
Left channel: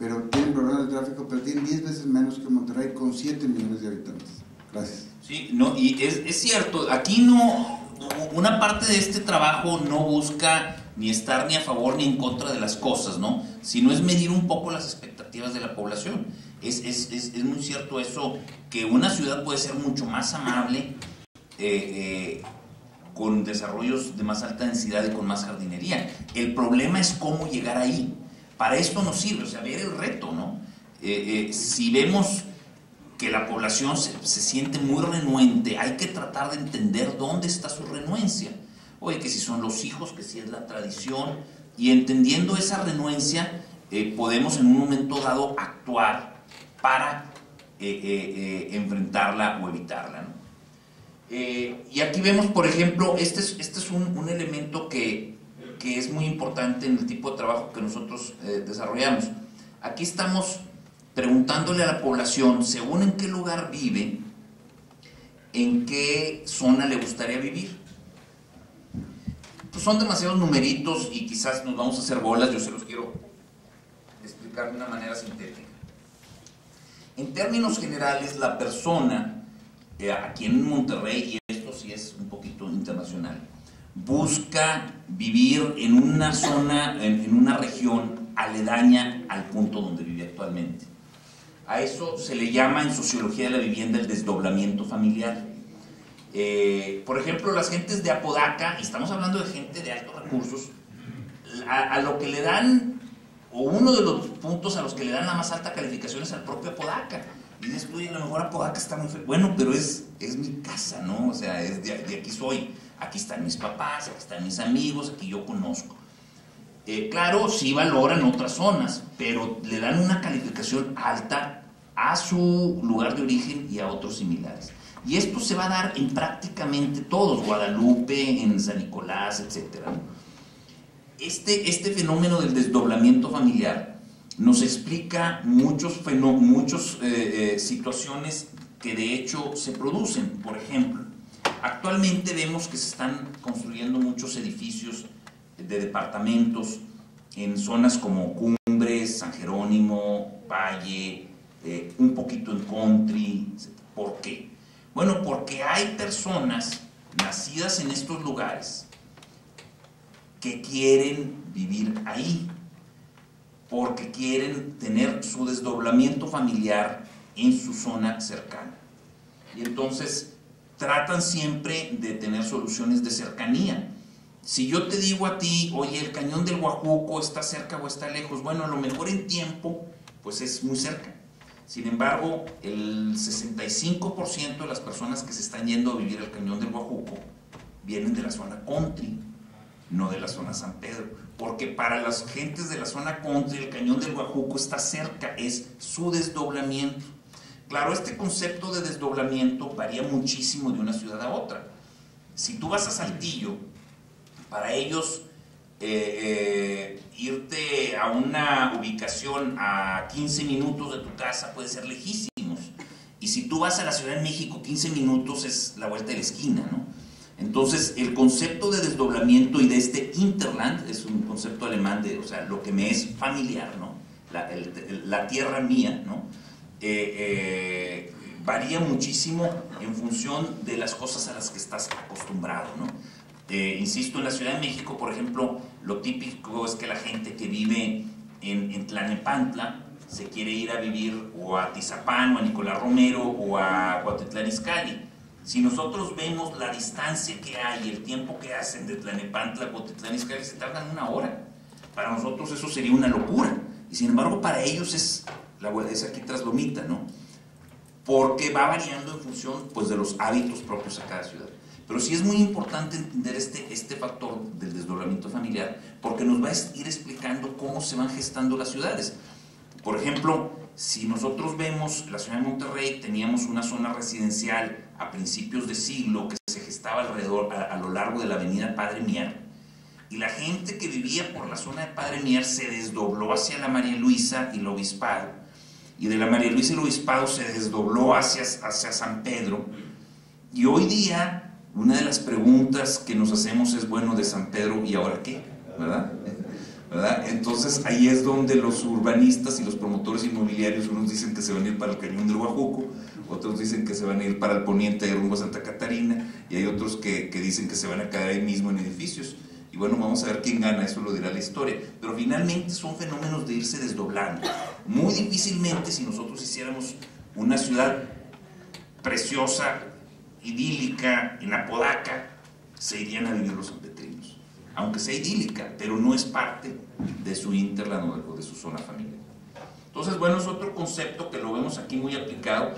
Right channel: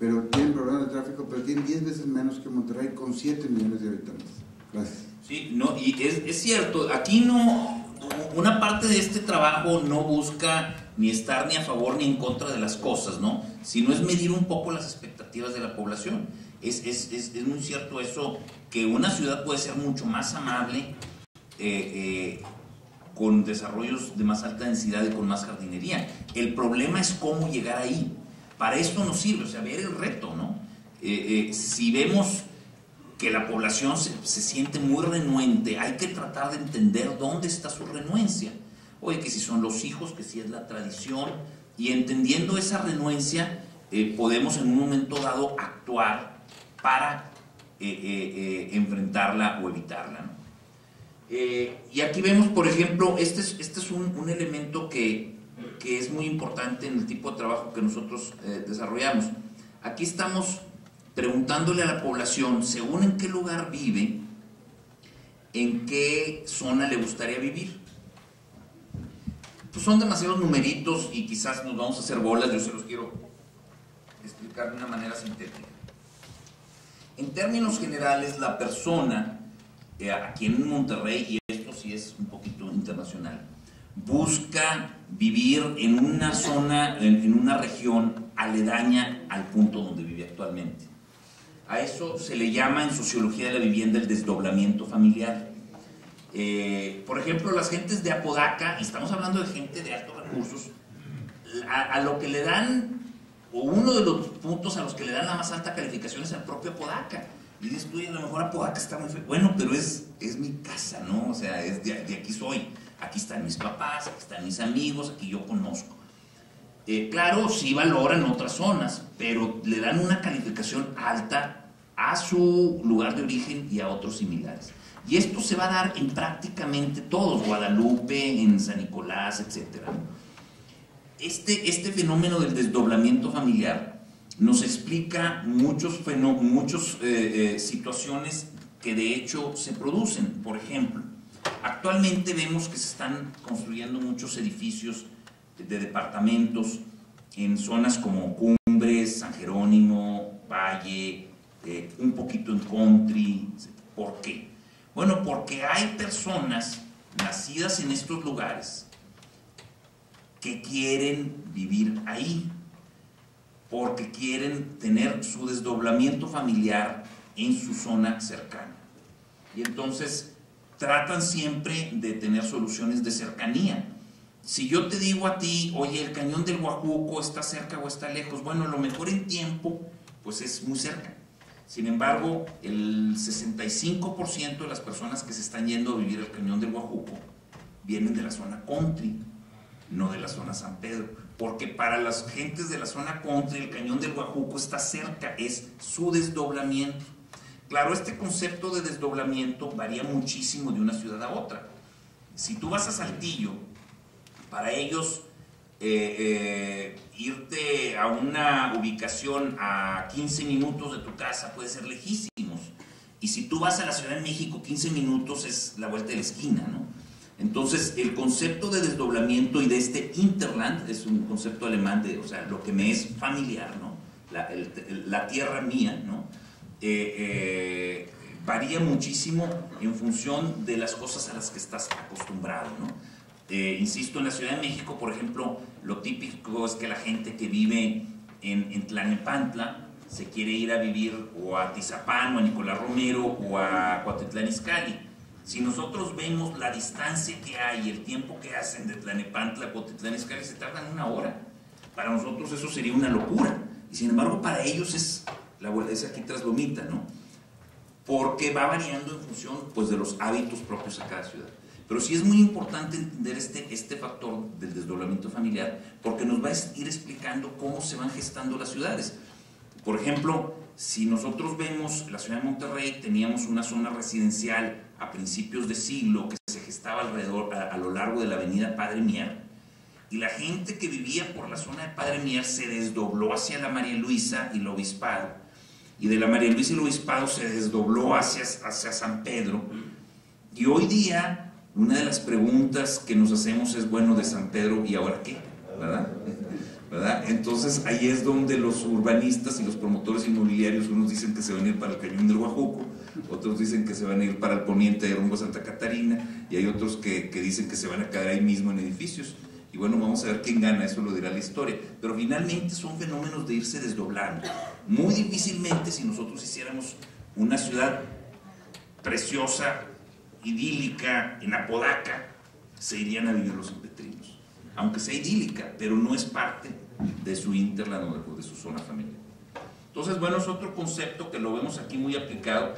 pero tienen problemas de tráfico, pero tienen 10 veces menos que Monterrey con 7 millones de habitantes. Gracias. Sí, no, y es cierto, aquí no, una parte de este trabajo no busca ni estar ni a favor ni en contra de las cosas, ¿no? Sino es medir un poco las expectativas de la población. Es muy cierto eso, que una ciudad puede ser mucho más amable, con desarrollos de más alta densidad y con más jardinería. El problema es cómo llegar ahí. Para esto nos sirve, o sea, ver el reto, ¿no? Si vemos que la población se siente muy renuente, hay que tratar de entender dónde está su renuencia. Oye, que si son los hijos, que si es la tradición, y entendiendo esa renuencia, podemos en un momento dado actuar para enfrentarla o evitarla, ¿no? Y aquí vemos, por ejemplo, este es un elemento que es muy importante en el tipo de trabajo que nosotros desarrollamos. Aquí estamos preguntándole a la población, según en qué lugar vive, en qué zona le gustaría vivir. Pues son demasiados numeritos y quizás nos vamos a hacer bolas, yo se los quiero explicar de una manera sintética. En términos generales, la persona, aquí en Monterrey, y esto sí es un poquito internacional, busca vivir en una zona, en una región aledaña al punto donde vive actualmente. A eso se le llama en sociología de la vivienda el desdoblamiento familiar. Por ejemplo, las gentes de Apodaca, y estamos hablando de gente de altos recursos, a lo que le dan, o uno de los puntos a los que le dan la más alta calificación es al propio Apodaca. Y dices, a lo mejor Apodaca está muy feo. Bueno, pero es mi casa, ¿no? O sea, de aquí soy. Aquí están mis papás, aquí están mis amigos, aquí yo conozco. Claro, sí valoran otras zonas, pero le dan una calificación alta a su lugar de origen y a otros similares. Y esto se va a dar en prácticamente todos, Guadalupe, en San Nicolás, etc. Este fenómeno del desdoblamiento familiar nos explica muchas situaciones que de hecho se producen. Por ejemplo, actualmente vemos que se están construyendo muchos edificios de departamentos en zonas como Cumbres, San Jerónimo, Valle, un poquito en Country, etc. ¿Por qué? Bueno, porque hay personas nacidas en estos lugares que quieren vivir ahí, porque quieren tener su desdoblamiento familiar en su zona cercana. Y entonces tratan siempre de tener soluciones de cercanía. Si yo te digo a ti, oye, el cañón del Guajuco está cerca o está lejos, bueno, a lo mejor en tiempo, pues es muy cerca. Sin embargo, el 65% de las personas que se están yendo a vivir al cañón del Guajuco vienen de la zona country, no de la zona San Pedro, porque para las gentes de la zona country el cañón del Guajuco está cerca, es su desdoblamiento. Claro, este concepto de desdoblamiento varía muchísimo de una ciudad a otra. Si tú vas a Saltillo, para ellos irte a una ubicación a 15 minutos de tu casa puede ser lejísimos. Y si tú vas a la Ciudad de México, 15 minutos es la vuelta de la esquina, ¿no? Entonces, el concepto de desdoblamiento y de este Interland es un concepto alemán de, o sea, lo que me es familiar, ¿no? La tierra mía, ¿no? Varía muchísimo en función de las cosas a las que estás acostumbrado, ¿no? Insisto, en la Ciudad de México, por ejemplo, lo típico es que la gente que vive en Tlalnepantla se quiere ir a vivir o a Tizapán, o a Nicolás Romero, o a Cuautitlán Izcalli. Si nosotros vemos la distancia que hay, el tiempo que hacen de Tlalnepantla a Cuautitlán Izcalli, se tardan 1 hora. Para nosotros eso sería una locura. Y sin embargo, para ellos es aquí tras Lomita, ¿no? Porque va variando en función, pues, de los hábitos propios a cada ciudad. Pero sí es muy importante entender este factor del desdoblamiento familiar, porque nos va a ir explicando cómo se van gestando las ciudades. Por ejemplo, si nosotros vemos la ciudad de Monterrey, teníamos una zona residencial a principios de siglo que se gestaba alrededor, a lo largo de la avenida Padre Mier, y la gente que vivía por la zona de Padre Mier se desdobló hacia la María Luisa y el Obispado, y de la María Luisa y el Obispado se desdobló hacia San Pedro, y hoy día una de las preguntas que nos hacemos es, bueno, de San Pedro, ¿y ahora qué? ¿Verdad? Entonces ahí es donde los urbanistas y los promotores inmobiliarios, unos dicen que se van a ir para el cañón del Guajuco, otros dicen que se van a ir para el poniente de rumbo a Santa Catarina, y hay otros que dicen que se van a quedar ahí mismo en edificios. Y bueno, vamos a ver quién gana, eso lo dirá la historia. Pero finalmente son fenómenos de irse desdoblando. Muy difícilmente, si nosotros hiciéramos una ciudad preciosa, idílica, en Apodaca, se irían a vivir los sanpetrinos. Aunque sea idílica, pero no es parte de su hinterland o de su zona familiar. Entonces, bueno, es otro concepto que lo vemos aquí muy aplicado.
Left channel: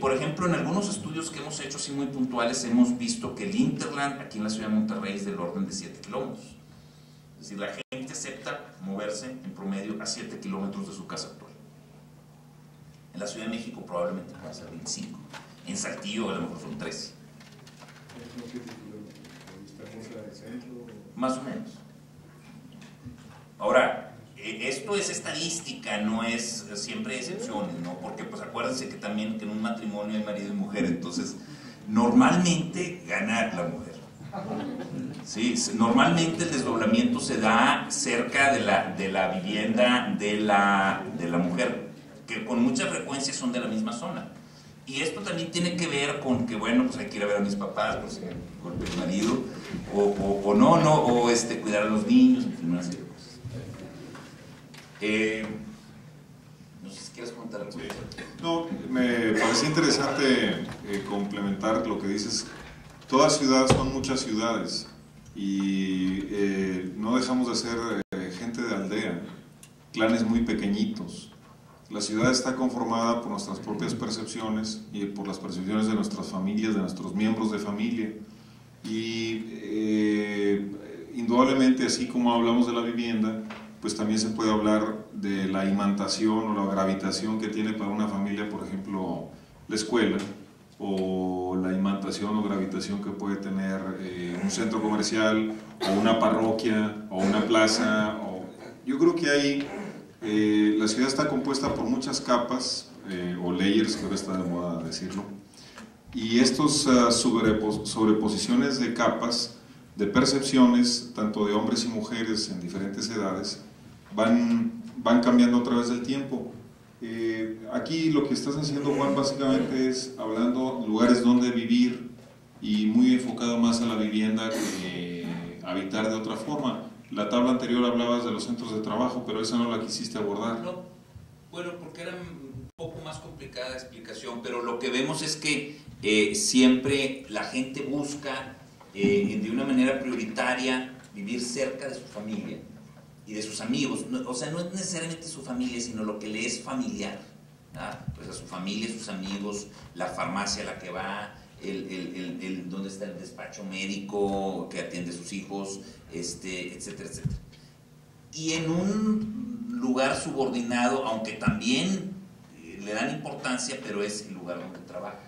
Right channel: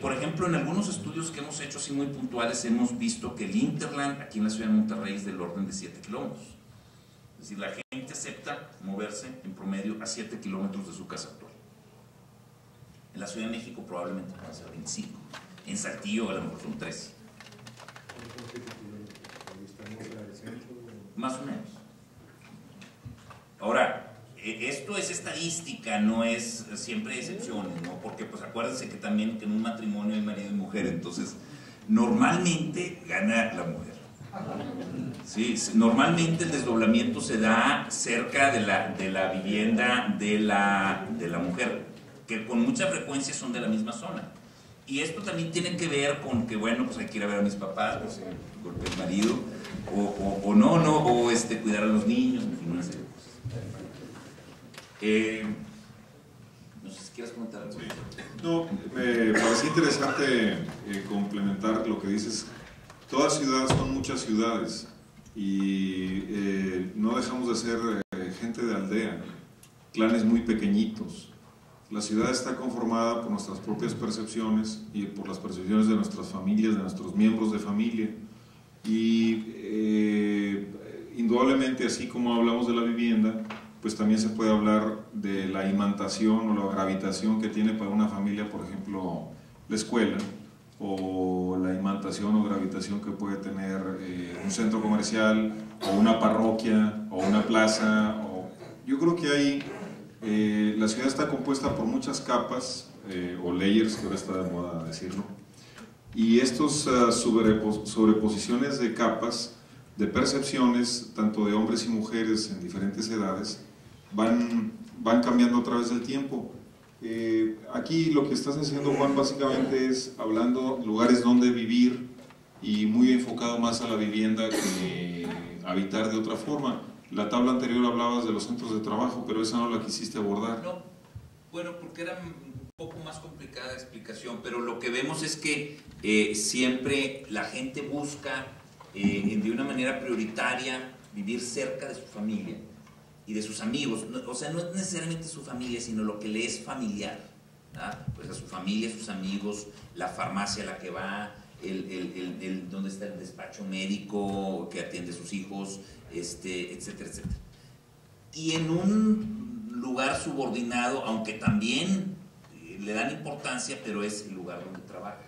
Por ejemplo, en algunos estudios que hemos hecho así muy puntuales, hemos visto que el hinterland aquí en la ciudad de Monterrey es del orden de 7 kilómetros. Es decir, la gente acepta moverse en promedio a 7 kilómetros de su casa actual. En la Ciudad de México probablemente va a ser 25. En Saltillo a lo mejor son 13. Más o menos. Ahora, esto es estadística, no es siempre excepciones, ¿no? Porque pues acuérdense que también que en un matrimonio hay marido y mujer, entonces normalmente gana la mujer. Sí, normalmente el desdoblamiento se da cerca de la vivienda de la mujer, que con mucha frecuencia son de la misma zona. Y esto también tiene que ver con que, bueno, pues hay que ir a ver a mis papás, pues golpe el marido, o cuidar a los niños, en fin, una serie de cosas. No sé si quieres comentar algo. No, me parece interesante complementar lo que dices. Todas ciudades son muchas ciudades y no dejamos de ser gente de aldea, clanes muy pequeñitos. La ciudad está conformada por nuestras propias percepciones y por las percepciones de nuestras familias, de nuestros miembros de familia. Y indudablemente, así como hablamos de la vivienda, pues también se puede hablar de la imantación o la gravitación que tiene para una familia, por ejemplo, la escuela, o la imantación o gravitación que puede tener un centro comercial, o una parroquia, o una plaza. Yo creo que hay, la ciudad está compuesta por muchas capas, o layers, que ahora está de moda decirlo, y estos sobreposiciones de capas, de percepciones, tanto de hombres y mujeres en diferentes edades, van cambiando a través del tiempo. Aquí lo que estás diciendo, Juan, básicamente es hablando lugares donde vivir y muy enfocado más a la vivienda que habitar de otra forma. La tabla anterior hablabas de los centros de trabajo, pero esa no la quisiste abordar. No, bueno, porque era un poco más complicada la explicación, pero lo que vemos es que siempre la gente busca de una manera prioritaria vivir cerca de su familia y de sus amigos, o sea, no es necesariamente su familia, sino lo que le es familiar, ¿verdad? Pues a su familia, sus amigos, la farmacia a la que va, donde está el despacho médico que atiende a sus hijos, etcétera, etcétera. Y en un lugar subordinado, aunque también le dan importancia, pero es el lugar donde trabaja.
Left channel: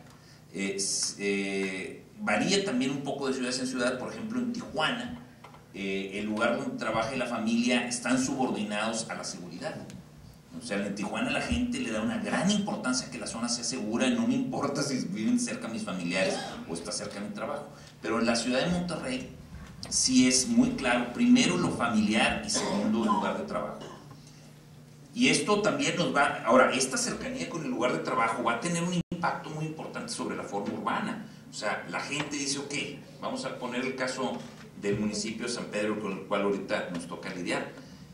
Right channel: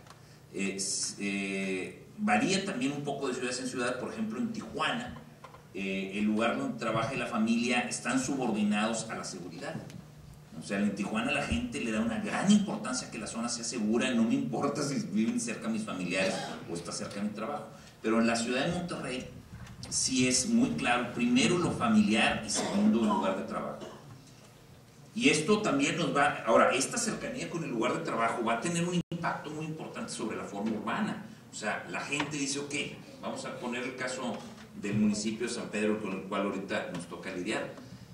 Varía también un poco de ciudad en ciudad. Por ejemplo, en Tijuana, el lugar donde trabaja y la familia están subordinados a la seguridad. O sea, en Tijuana la gente le da una gran importancia a que la zona sea segura. No me importa si viven cerca mis familiares o está cerca de mi trabajo. Pero en la ciudad de Monterrey sí es muy claro, primero lo familiar y segundo el lugar de trabajo. Y esto también nos va, ahora, esta cercanía con el lugar de trabajo va a tener un impacto muy importante sobre la forma urbana. O sea, la gente dice, ok, vamos a poner el caso del municipio de San Pedro, con el cual ahorita nos toca lidiar.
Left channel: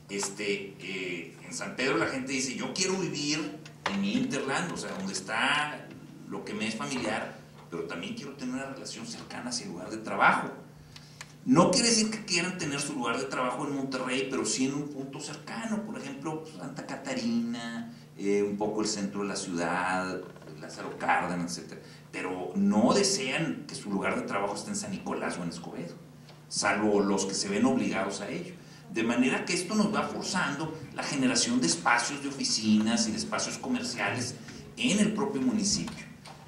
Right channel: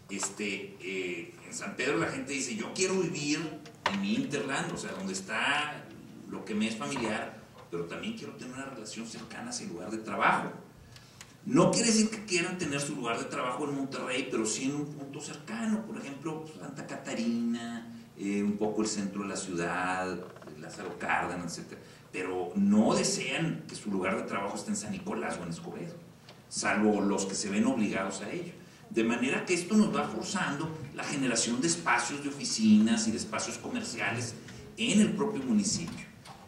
En San Pedro la gente dice, yo quiero vivir en mi hinterland, o sea, donde está lo que me es familiar, pero también quiero tener una relación cercana hacia el lugar de trabajo. No quiere decir que quieran tener su lugar de trabajo en Monterrey, pero sí en un punto cercano, por ejemplo, Santa Catarina, un poco el centro de la ciudad, Lázaro Cárdenas, etc. Pero no desean que su lugar de trabajo esté en San Nicolás o en Escobedo, salvo los que se ven obligados a ello. De manera que esto nos va forzando la generación de espacios de oficinas y de espacios comerciales en el propio municipio,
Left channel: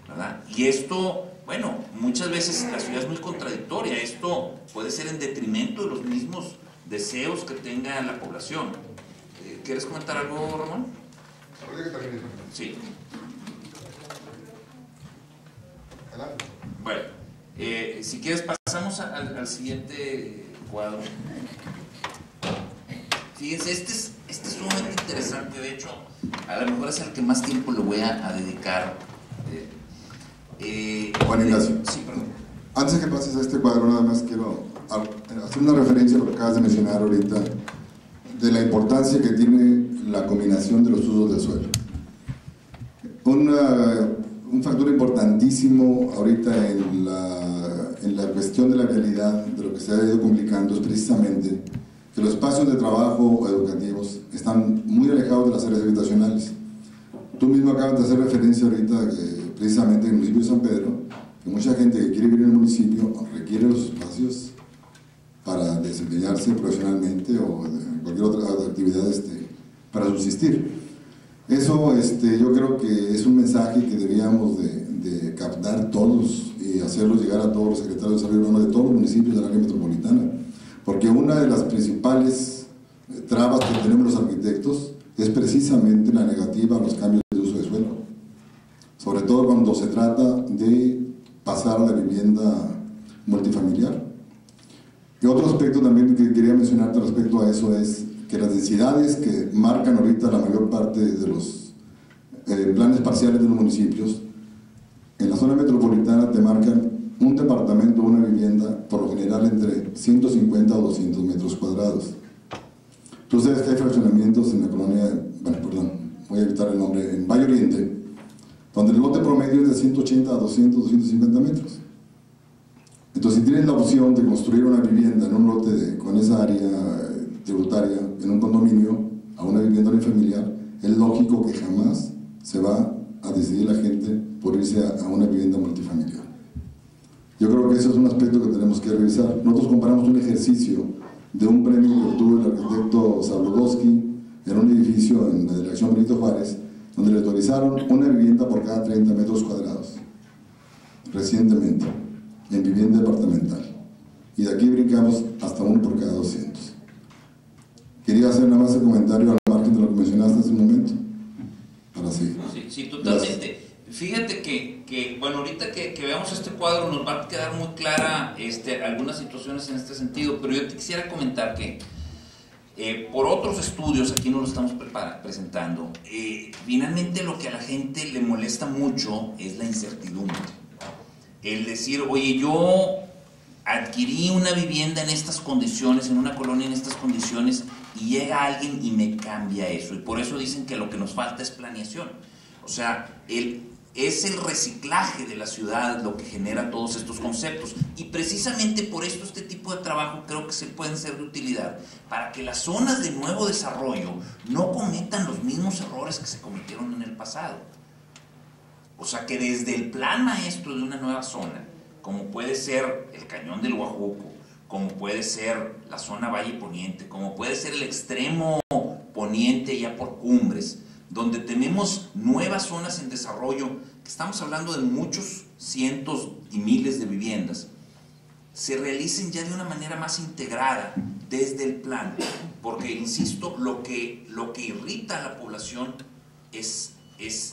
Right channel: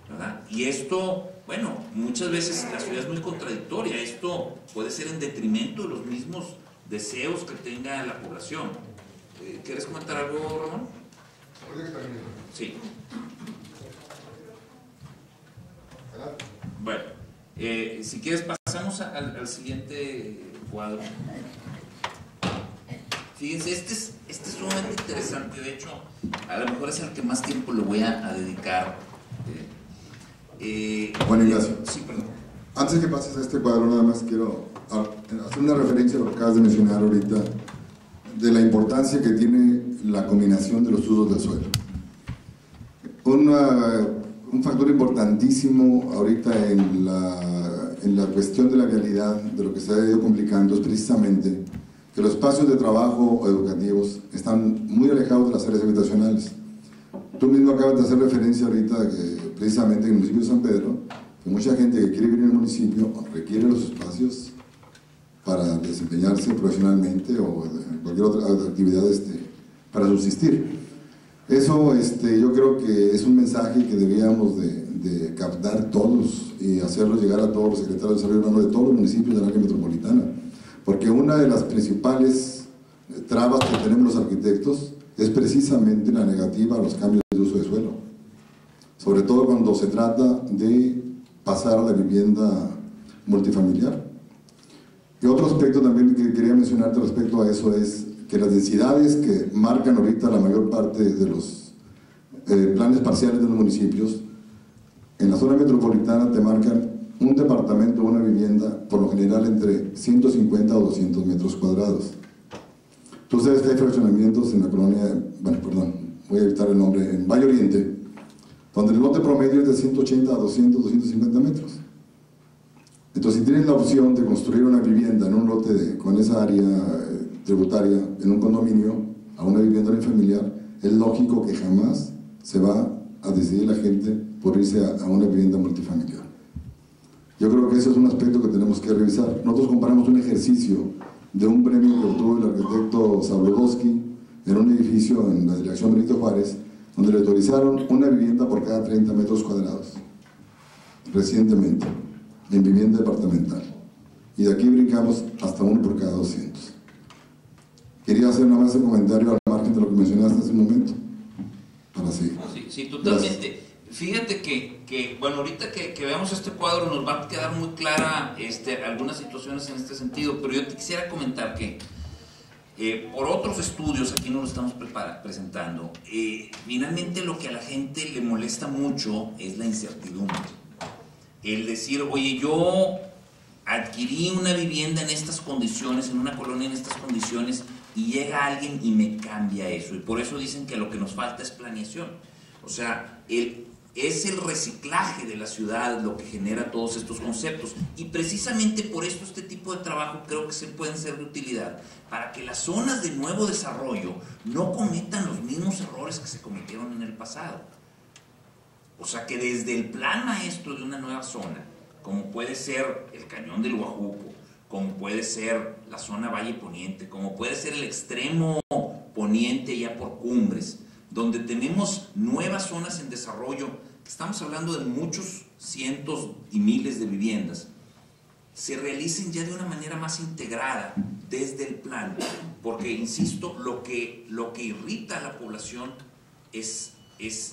¿verdad? Y esto, bueno, muchas veces la ciudad es muy contradictoria. Esto puede ser en detrimento de los mismos deseos que tenga la población. ¿Quieres comentar algo, Ramón? Sí. Bueno, si quieres pasamos al siguiente cuadro. Fíjense, este es sumamente interesante. De hecho, a lo mejor es el que más tiempo le voy a dedicar. Juan Ignacio. Sí, perdón. Antes que pases a este cuadro, nada más quiero hacer una referencia a lo que acabas de mencionar ahorita, de la importancia que tiene la combinación de los usos del suelo. Un factor importantísimo ahorita en la cuestión de la vialidad, de lo que se ha ido complicando, es precisamente que los espacios de trabajo o educativos están muy alejados de las áreas habitacionales. Tú mismo acabas de hacer referencia ahorita que precisamente en el municipio de San Pedro, que mucha gente que quiere vivir en el municipio requiere los espacios para desempeñarse profesionalmente o en cualquier otra actividad para subsistir. Eso yo creo que es un mensaje que deberíamos de captar todos y hacerlo llegar a todos los secretarios de desarrollo urbano de todos los municipios del área metropolitana, porque una de las principales trabas que tenemos los arquitectos es precisamente la negativa a los cambios de uso de suelo, sobre todo cuando se trata de pasar a la vivienda multifamiliar. Y otro aspecto también que quería mencionarte respecto a eso es que las densidades que marcan ahorita la mayor parte de los planes parciales de los municipios, en la zona metropolitana te marcan un departamento o una vivienda, por lo general entre 150 o 200 metros cuadrados. Tú sabes que hay fraccionamientos en la colonia, voy a evitar el nombre, en Valle Oriente, donde el lote promedio es de 180 a 200, 250 metros. Entonces, si tienes la opción de construir una vivienda en un lote con esa área tributaria, en un condominio, a una vivienda unifamiliar, es lógico que jamás se va a decidir la gente por irse a una vivienda multifamiliar. Yo creo que eso es un aspecto que tenemos que revisar. Nosotros comparamos un ejercicio de un premio que obtuvo el arquitecto Sabludowski en un edificio en la dirección Benito Juárez, donde le autorizaron una vivienda por cada 30 metros cuadrados, recientemente, en vivienda departamental. Y de aquí brincamos hasta uno por cada 200. Quería hacer nada más el comentario al margen de lo que mencionaste hace un momento, para seguir. Sí, totalmente. Gracias. Fíjate que bueno, ahorita que veamos este cuadro nos va a quedar muy clara algunas situaciones en este sentido, pero yo te quisiera comentar que por otros estudios, aquí nos lo estamos presentando, finalmente lo que a la gente le molesta mucho es la incertidumbre. El decir, oye, yo adquirí una vivienda en estas condiciones, en una colonia en estas condiciones, y llega alguien y me cambia eso. Y por eso dicen que lo que nos falta es planeación. O sea, es el reciclaje de la ciudad lo que genera todos estos conceptos. Y precisamente por esto este tipo de trabajo creo que se pueden ser de utilidad para que las zonas de nuevo desarrollo no cometan los mismos errores que se cometieron en el pasado. O sea, que desde el plan maestro de una nueva zona, como puede ser el Cañón del Guajuco, como puede ser la zona Valle Poniente, como puede ser el extremo poniente ya por Cumbres, donde tenemos nuevas zonas en desarrollo, que estamos hablando de muchos cientos y miles de viviendas, se realicen ya de una manera más integrada desde el plan, porque, insisto, lo que irrita a la población es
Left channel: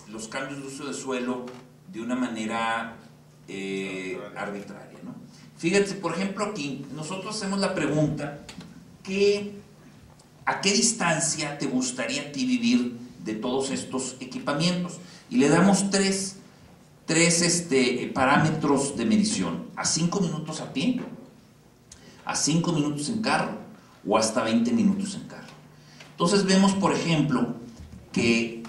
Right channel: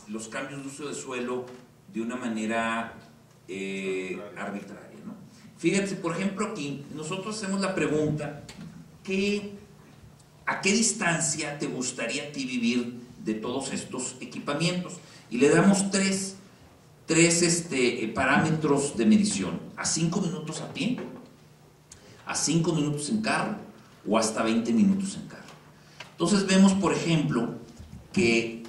los cambios de uso de suelo de una manera arbitraria, ¿no? Fíjate, por ejemplo, aquí nosotros hacemos la pregunta, ¿a qué distancia te gustaría a ti vivir de todos estos equipamientos? Y le damos tres parámetros de medición: a 5 minutos a pie, a 5 minutos en carro o hasta 20 minutos en carro. Entonces vemos, por ejemplo, que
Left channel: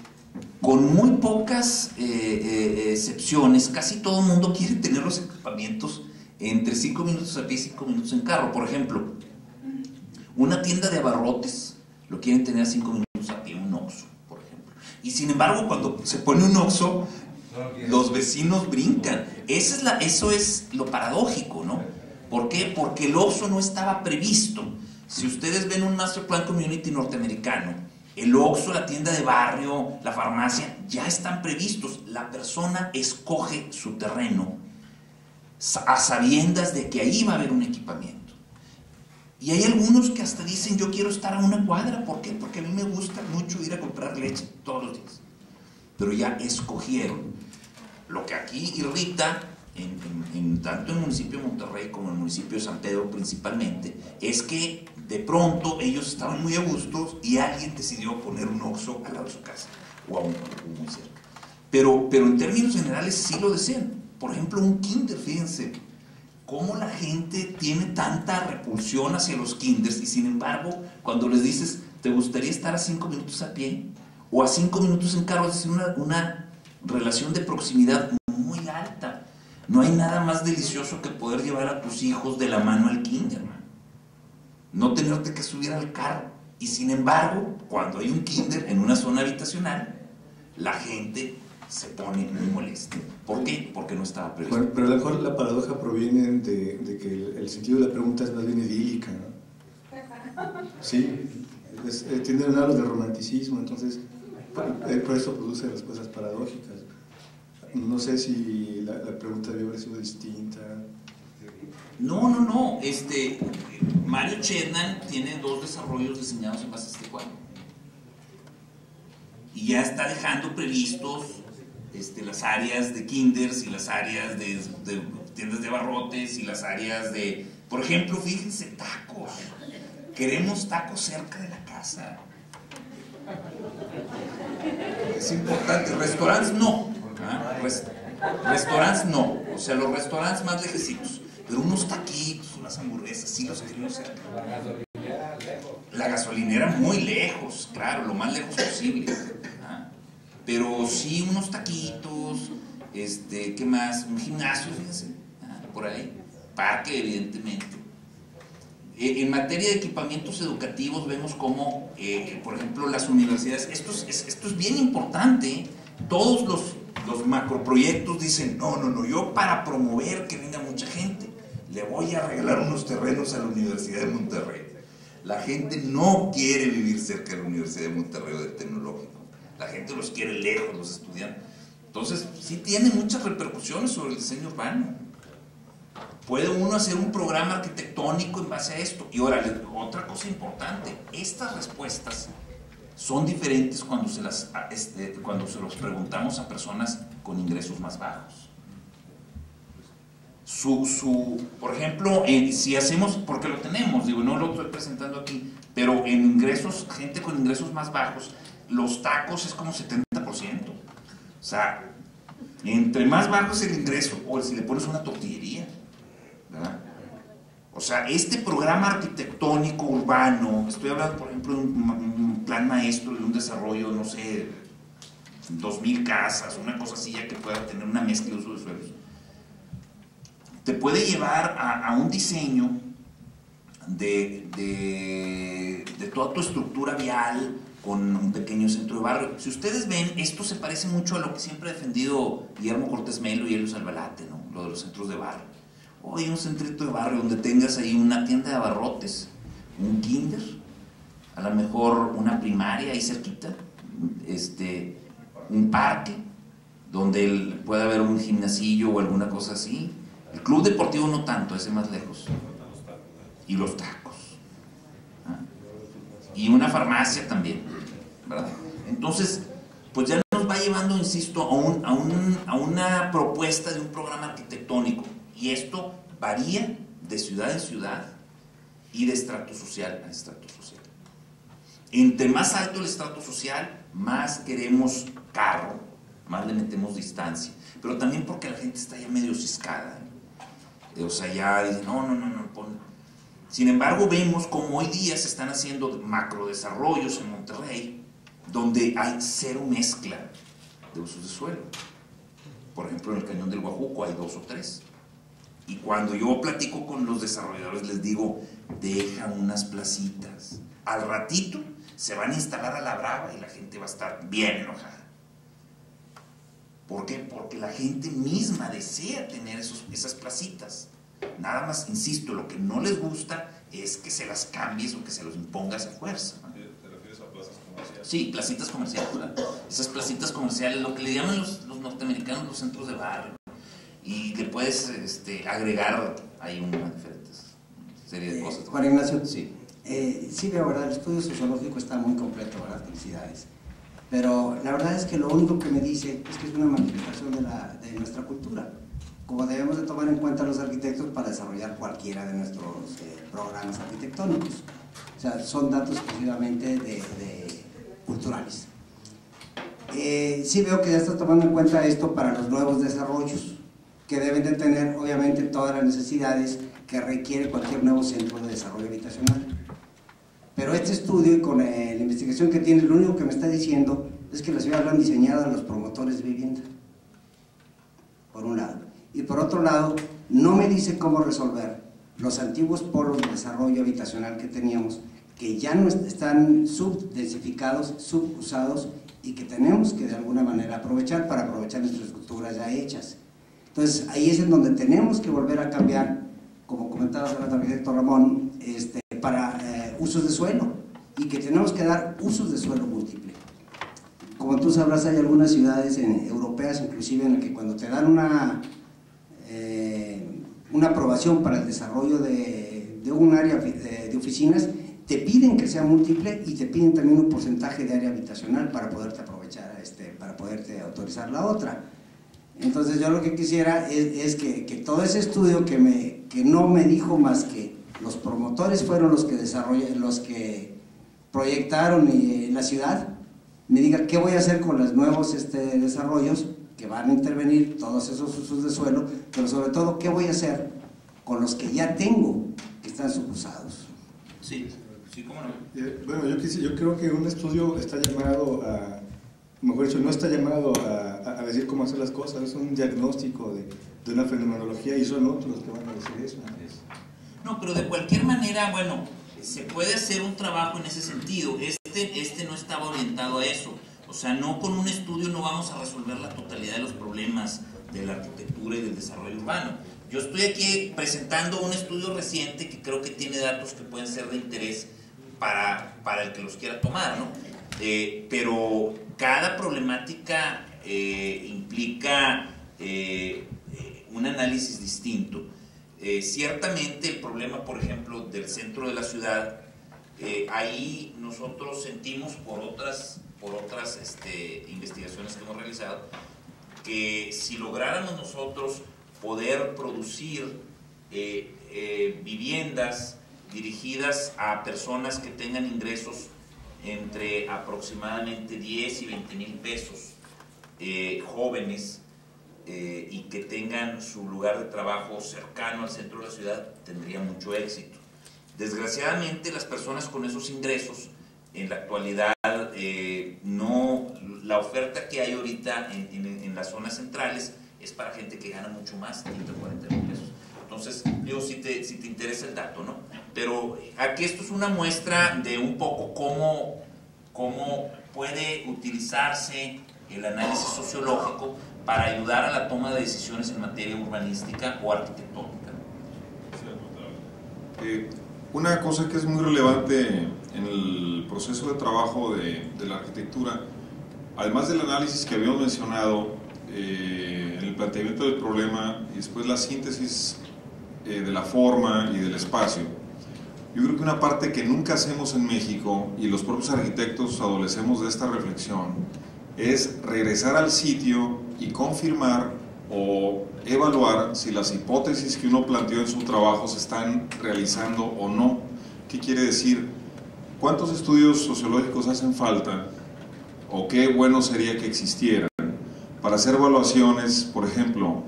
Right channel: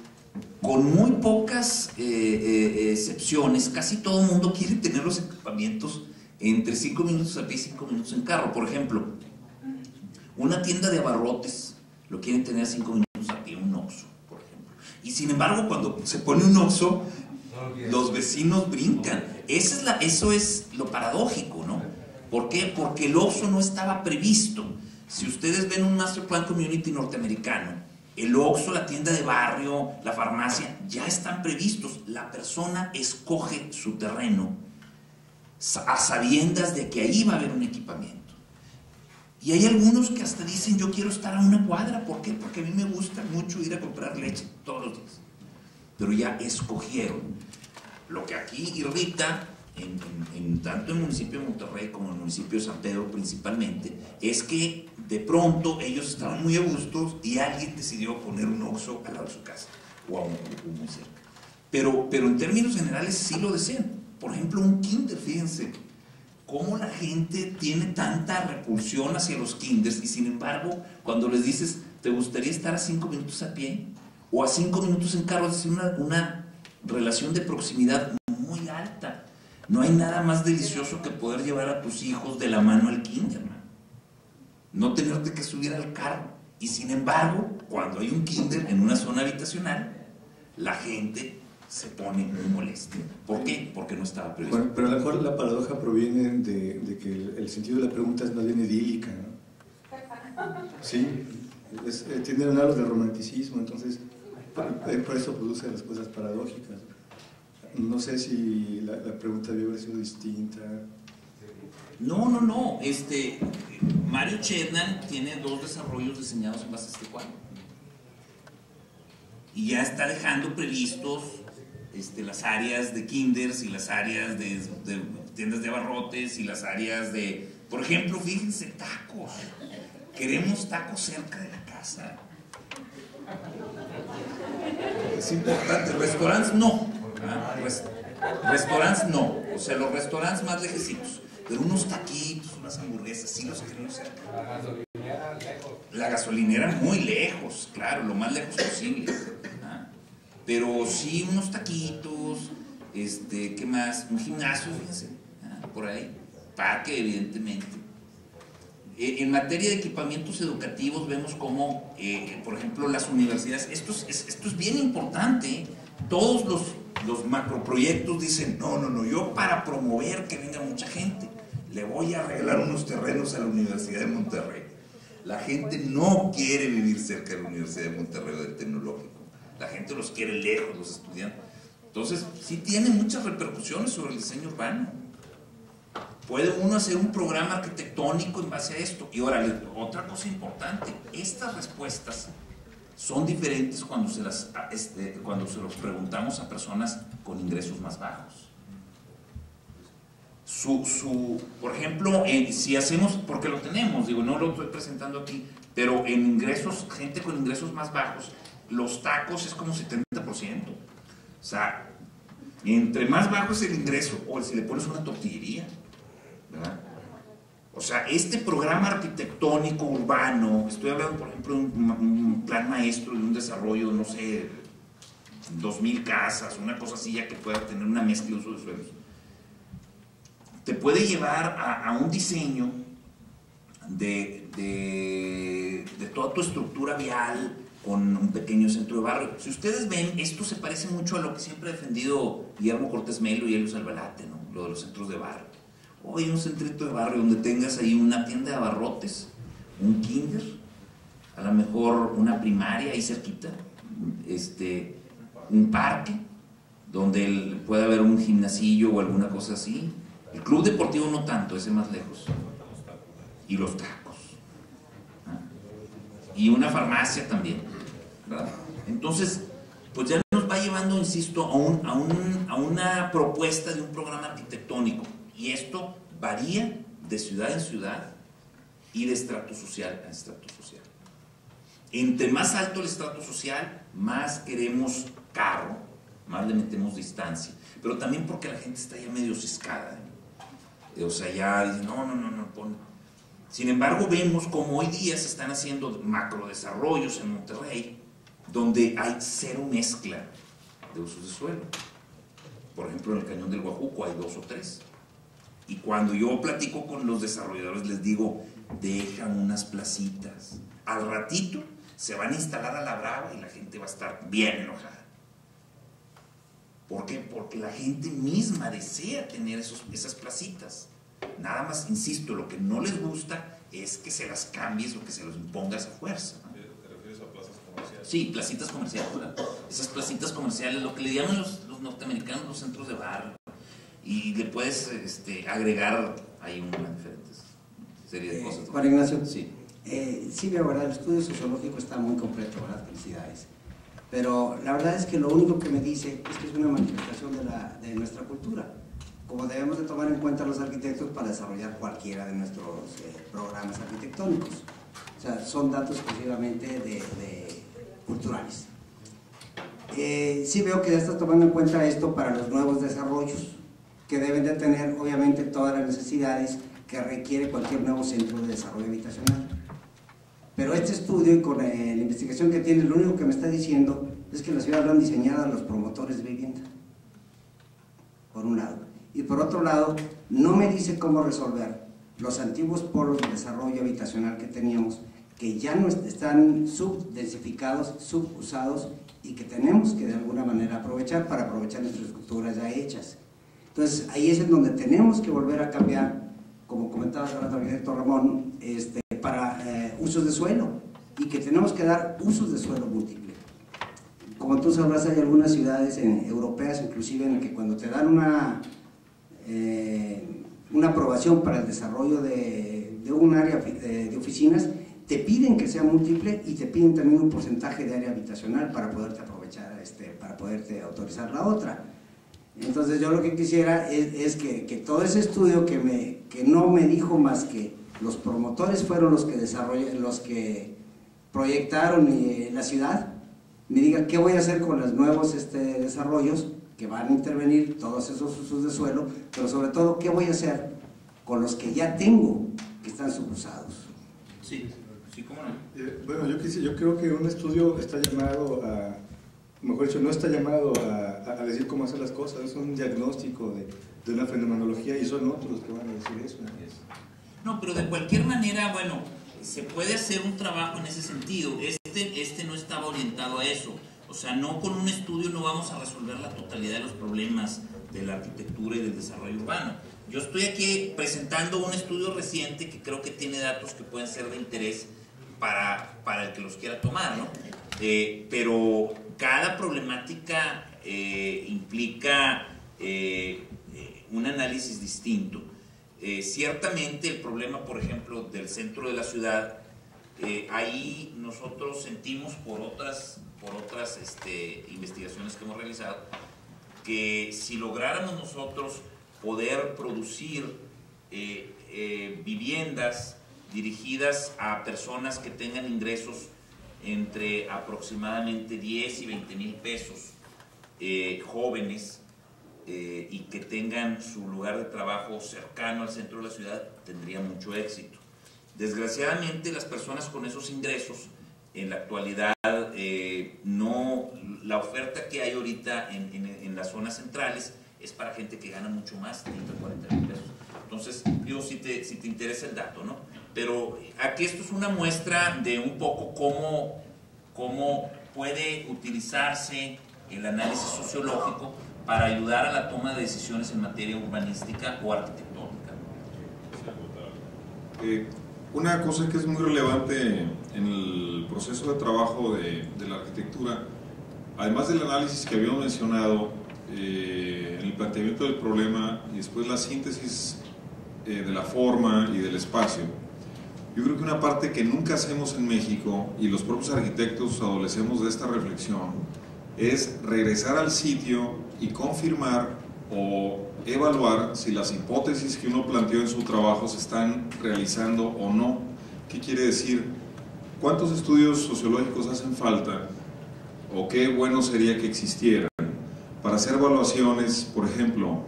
con muy pocas excepciones, casi todo el mundo quiere tener los equipamientos entre 5 minutos a pie y 5 minutos en carro. Por ejemplo, una tienda de abarrotes lo quieren tener a 5 minutos a pie, un Oxxo, por ejemplo. Y sin embargo, cuando se pone un Oxxo, los vecinos brincan. Eso es lo paradójico, ¿no? ¿Por qué? Porque el Oxxo no estaba previsto. Si ustedes ven un Master Plan Community norteamericano, el Oxxo, la tienda de barrio, la farmacia, ya están previstos. La persona escoge su terreno a sabiendas de que ahí va a haber un equipamiento. Y hay algunos que hasta dicen, yo quiero estar a una cuadra. ¿Por qué? Porque a mí me gusta mucho ir a comprar leche todos los días. Pero ya escogieron. Lo que aquí irrita, tanto en el municipio de Monterrey como en el municipio de San Pedro principalmente, es que de pronto ellos estaban muy a gusto y alguien decidió poner un Oxxo al lado de su casa o a un muy cerca. Pero en términos generales sí lo desean. Por ejemplo, un kinder, fíjense, cómo la gente tiene tanta repulsión hacia los kinders y sin embargo, cuando les dices, ¿te gustaría estar a 5 minutos a pie? O a 5 minutos en carro, es decir, una relación de proximidad muy alta. No hay nada más delicioso que poder llevar a tus hijos de la mano al kinder, man. No tenerte que subir al carro. Y sin embargo, cuando hay un kinder en una zona habitacional, la gente se pone muy molesta. ¿Por qué? Porque no estaba previsto. Bueno, pero a lo mejor la paradoja proviene de que el sentido de la pregunta es más bien idílica, ¿no? Sí, tienden a hablar de romanticismo, entonces por eso produce respuestas paradójicas. No sé si la pregunta debe haber sido distinta. No. Mario Chednan tiene 2 desarrollos diseñados en base a este cuadro. Y ya está dejando previstos las áreas de kinders y las áreas de tiendas de abarrotes y las áreas de... Por ejemplo, fíjense, tacos. Queremos tacos cerca de la casa. Es importante. Restaurantes no. Restaurantes no. O sea, los restaurantes más lejecitos. Pero unos taquitos, unas hamburguesas, sí los queremos cerca. La gasolinera lejos. La gasolinera muy lejos, claro, lo más lejos posible. Pero sí unos taquitos, ¿qué más? Un gimnasio, fíjense, por ahí. Parque, evidentemente. En materia de equipamientos educativos vemos cómo, por ejemplo, las universidades, esto es bien importante, todos los macroproyectos dicen, no, yo para promover que venga mucha gente, le voy a regalar unos terrenos a la Universidad de Monterrey. La gente no quiere vivir cerca de la Universidad de Monterrey o del Tecnológico, la gente los quiere lejos, los estudiantes. Entonces, sí tiene muchas repercusiones sobre el diseño urbano. Puede uno hacer un programa arquitectónico en base a esto. Y ahora, otra cosa importante, estas respuestas son diferentes cuando se los preguntamos a personas con ingresos más bajos. Por ejemplo, si hacemos, porque lo tenemos, no lo estoy presentando aquí, pero en ingresos, gente con ingresos más bajos, los tacos es como 70%. O sea, entre más bajo es el ingreso, o si le pones una tortillería, ¿verdad? O sea, este programa arquitectónico urbano, estoy hablando por ejemplo de un plan maestro de un desarrollo, no sé, 2000 casas, una cosa así ya que pueda tener una mezcla de uso de suelos, te puede llevar a un diseño de toda tu estructura vial con un pequeño centro de barrio. Si ustedes ven, esto se parece mucho a lo que siempre ha defendido Guillermo Cortés Melo y Helios Albalate, ¿no? Lo de los centros de barrio. Oye, un centrito de barrio donde tengas ahí una tienda de abarrotes, un kinder, a lo mejor una primaria ahí cerquita, un parque donde puede haber un gimnasillo o alguna cosa así. El club deportivo no tanto, ese más lejos. Y los tacos. Y una farmacia también, ¿verdad? Entonces, pues ya nos va llevando, insisto, a una propuesta de un programa arquitectónico. Y esto varía de ciudad en ciudad y de estrato social a estrato social. Entre más alto el estrato social, más queremos carro, más le metemos distancia. Pero también porque la gente está ya medio ciscada. O sea, ya dicen, no. Sin embargo, vemos como hoy día se están haciendo macrodesarrollos en Monterrey, donde hay cero mezcla de usos de suelo. Por ejemplo, en el Cañón del Guajuco hay 2 o 3. Y cuando yo platico con los desarrolladores les digo, deja unas placitas. Al ratito se van a instalar a la brava y la gente va a estar bien enojada. ¿Por qué? Porque la gente misma desea tener esas placitas. Nada más, insisto, lo que no les gusta es que se las cambies o que se los impongas a fuerza, ¿no? ¿Te refieres a plazas comerciales? Sí, placitas comerciales, ¿verdad? Esas placitas comerciales, lo que le llaman los norteamericanos los centros de barrio. Y le puedes agregar ahí una diferente serie de cosas. Juan Ignacio, sí, veo, ¿verdad? El estudio sociológico está muy completo, ¿verdad? Felicidades. Pero la verdad es que lo único que me dice es que es una manifestación de nuestra cultura, como debemos de tomar en cuenta los arquitectos para desarrollar cualquiera de nuestros programas arquitectónicos. O sea, son datos exclusivamente culturales. Sí veo que ya está tomando en cuenta esto para los nuevos desarrollos, que deben de tener obviamente todas las necesidades que requiere cualquier nuevo centro de desarrollo habitacional. Pero este estudio y con la investigación que tiene, lo único que me está diciendo es que las ciudades lo han diseñado los promotores de vivienda, por un lado. Y por otro lado, no me dice cómo resolver los antiguos polos de desarrollo habitacional que teníamos, que ya no están subdensificados, subusados, y que tenemos que de alguna manera aprovechar para aprovechar nuestras estructuras ya hechas. Entonces, ahí es en donde tenemos que volver a cambiar, como comentaba el arquitecto Ramón, para usos de suelo, y que tenemos que dar usos de suelo múltiples. Como tú sabrás, hay algunas ciudades europeas, inclusive, en las que cuando te dan una aprobación para el desarrollo de un área de oficinas, te piden que sea múltiple y te piden también un porcentaje de área habitacional para poderte aprovechar, para poderte autorizar la otra. Entonces yo lo que quisiera es que todo ese estudio que no me dijo más que los promotores fueron los que proyectaron la ciudad, me digan qué voy a hacer con los nuevos desarrollos que van a intervenir todos esos usos de suelo, pero sobre todo qué voy a hacer con los que ya tengo que están subusados. Sí, sí, cómo no. Bueno, yo creo que un estudio está llamado a, mejor dicho, no está llamado a decir cómo hacer las cosas, es un diagnóstico de una fenomenología y son otros los que van a decir eso. No, pero de cualquier manera, bueno, se puede hacer un trabajo en ese sentido. Este no estaba orientado a eso. O sea, no con un estudio no vamos a resolver la totalidad de los problemas de la arquitectura y del desarrollo urbano. Yo estoy aquí presentando un estudio reciente que creo que tiene datos que pueden ser de interés para el que los quiera tomar, ¿no? Pero cada problemática implica un análisis distinto. Ciertamente el problema, por ejemplo, del centro de la ciudad, ahí nosotros sentimos por otras investigaciones que hemos realizado, que si lográramos nosotros poder producir viviendas dirigidas a personas que tengan ingresos entre aproximadamente 10 y 20 mil pesos, jóvenes, y que tengan su lugar de trabajo cercano al centro de la ciudad, tendría mucho éxito. Desgraciadamente, las personas con esos ingresos en la actualidad, la oferta que hay ahorita en las zonas centrales es para gente que gana mucho más, 30 o 40 mil pesos. Entonces, digo, si te interesa el dato, ¿no? Pero aquí esto es una muestra de un poco cómo puede utilizarse el análisis sociológico para ayudar a la toma de decisiones en materia urbanística o arquitectónica. Una cosa que es muy relevante en el proceso de trabajo de la arquitectura, además del análisis que habíamos mencionado, en el planteamiento del problema y después la síntesis de la forma y del espacio, yo creo que una parte que nunca hacemos en México, y los propios arquitectos adolecemos de esta reflexión, es regresar al sitio y confirmar o evaluar si las hipótesis que uno planteó en su trabajo se están realizando o no. ¿Qué quiere decir? ¿Cuántos estudios sociológicos hacen falta o qué bueno sería que existieran para hacer evaluaciones? Por ejemplo,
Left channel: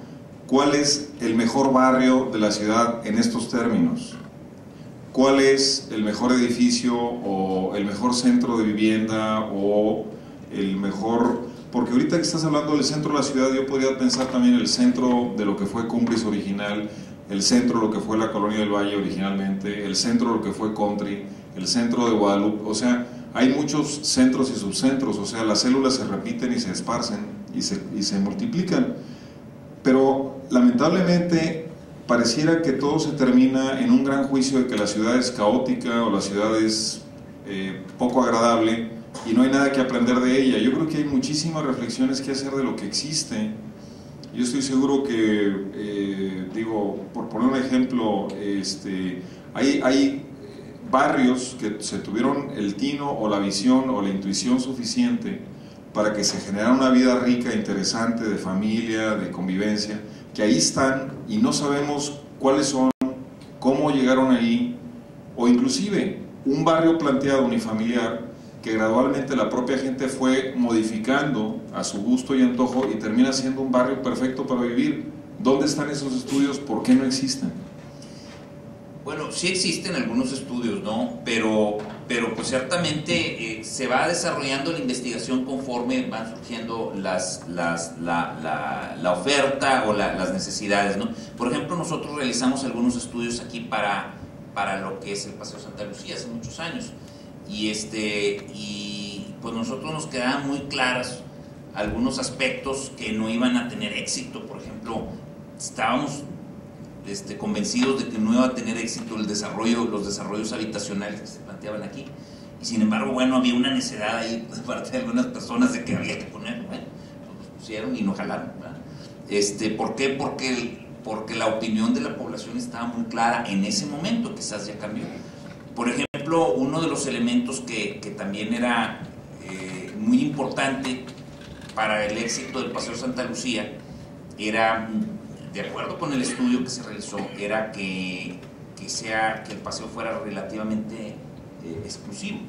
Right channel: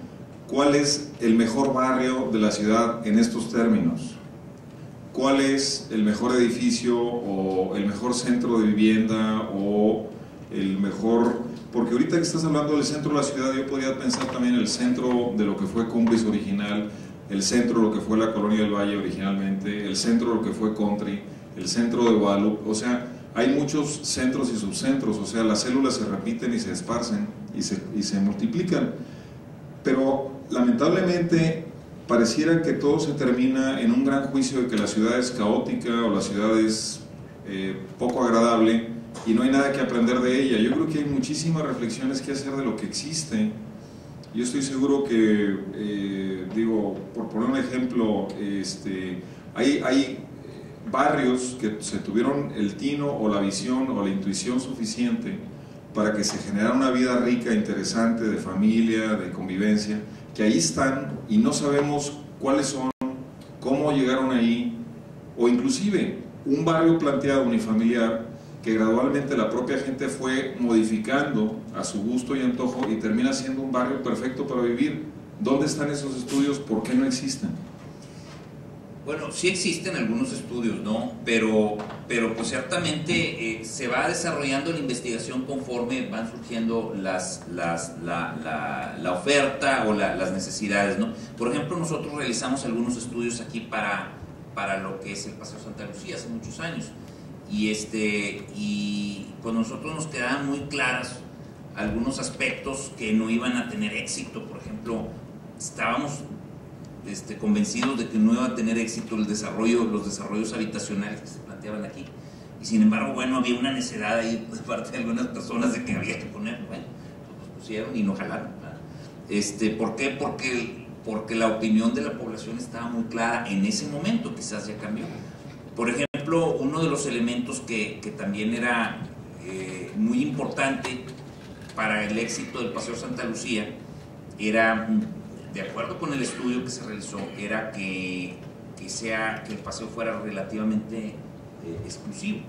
¿cuál es el mejor barrio de la ciudad en estos términos? ¿Cuál es el mejor edificio o el mejor centro de vivienda o el mejor? Porque ahorita que estás hablando del centro de la ciudad, yo podría pensar también el centro de lo que fue Cumbres original, el centro de lo que fue la Colonia del Valle originalmente, el centro de lo que fue Country, el centro de Guadalupe. O sea, hay muchos centros y subcentros, o sea, las células se repiten y se esparcen y se multiplican. Pero lamentablemente pareciera que todo se termina en un gran juicio de que la ciudad es caótica o la ciudad es poco agradable y no hay nada que aprender de ella. Yo creo que hay muchísimas reflexiones que hacer de lo que existe. Yo estoy seguro que, digo, por poner un ejemplo, hay barrios que se tuvieron el tino o la visión o la intuición suficiente para que se generara una vida rica, interesante, de familia, de convivencia, que ahí están y no sabemos cuáles son, cómo llegaron ahí, o inclusive un barrio planteado unifamiliar que gradualmente la propia gente fue modificando a su gusto y antojo y termina siendo un barrio perfecto para vivir, ¿Dónde están esos estudios? ¿Por qué no existen? Bueno, sí existen algunos estudios, ¿no? Pero pues ciertamente se va desarrollando la investigación conforme van surgiendo la oferta o las necesidades, ¿no? Por ejemplo, nosotros realizamos algunos estudios aquí para lo que es el Paseo Santa Lucía hace muchos años. Y pues nosotros nos quedaban muy claros algunos aspectos que no iban a tener éxito. Por ejemplo, estábamos convencidos de que no iba a tener éxito los desarrollos habitacionales que se planteaban aquí, y sin embargo, bueno, había una necedad ahí de parte de algunas personas de que había que poner, bueno, pues los pusieron y no jalaron, ¿verdad? ¿Por qué? Porque la opinión de la población estaba muy clara en ese momento, quizás ya cambió. Por ejemplo, uno de los elementos que también era muy importante para el éxito del Paseo Santa Lucía era, de acuerdo con el estudio que se realizó, era que el paseo fuera relativamente exclusivo.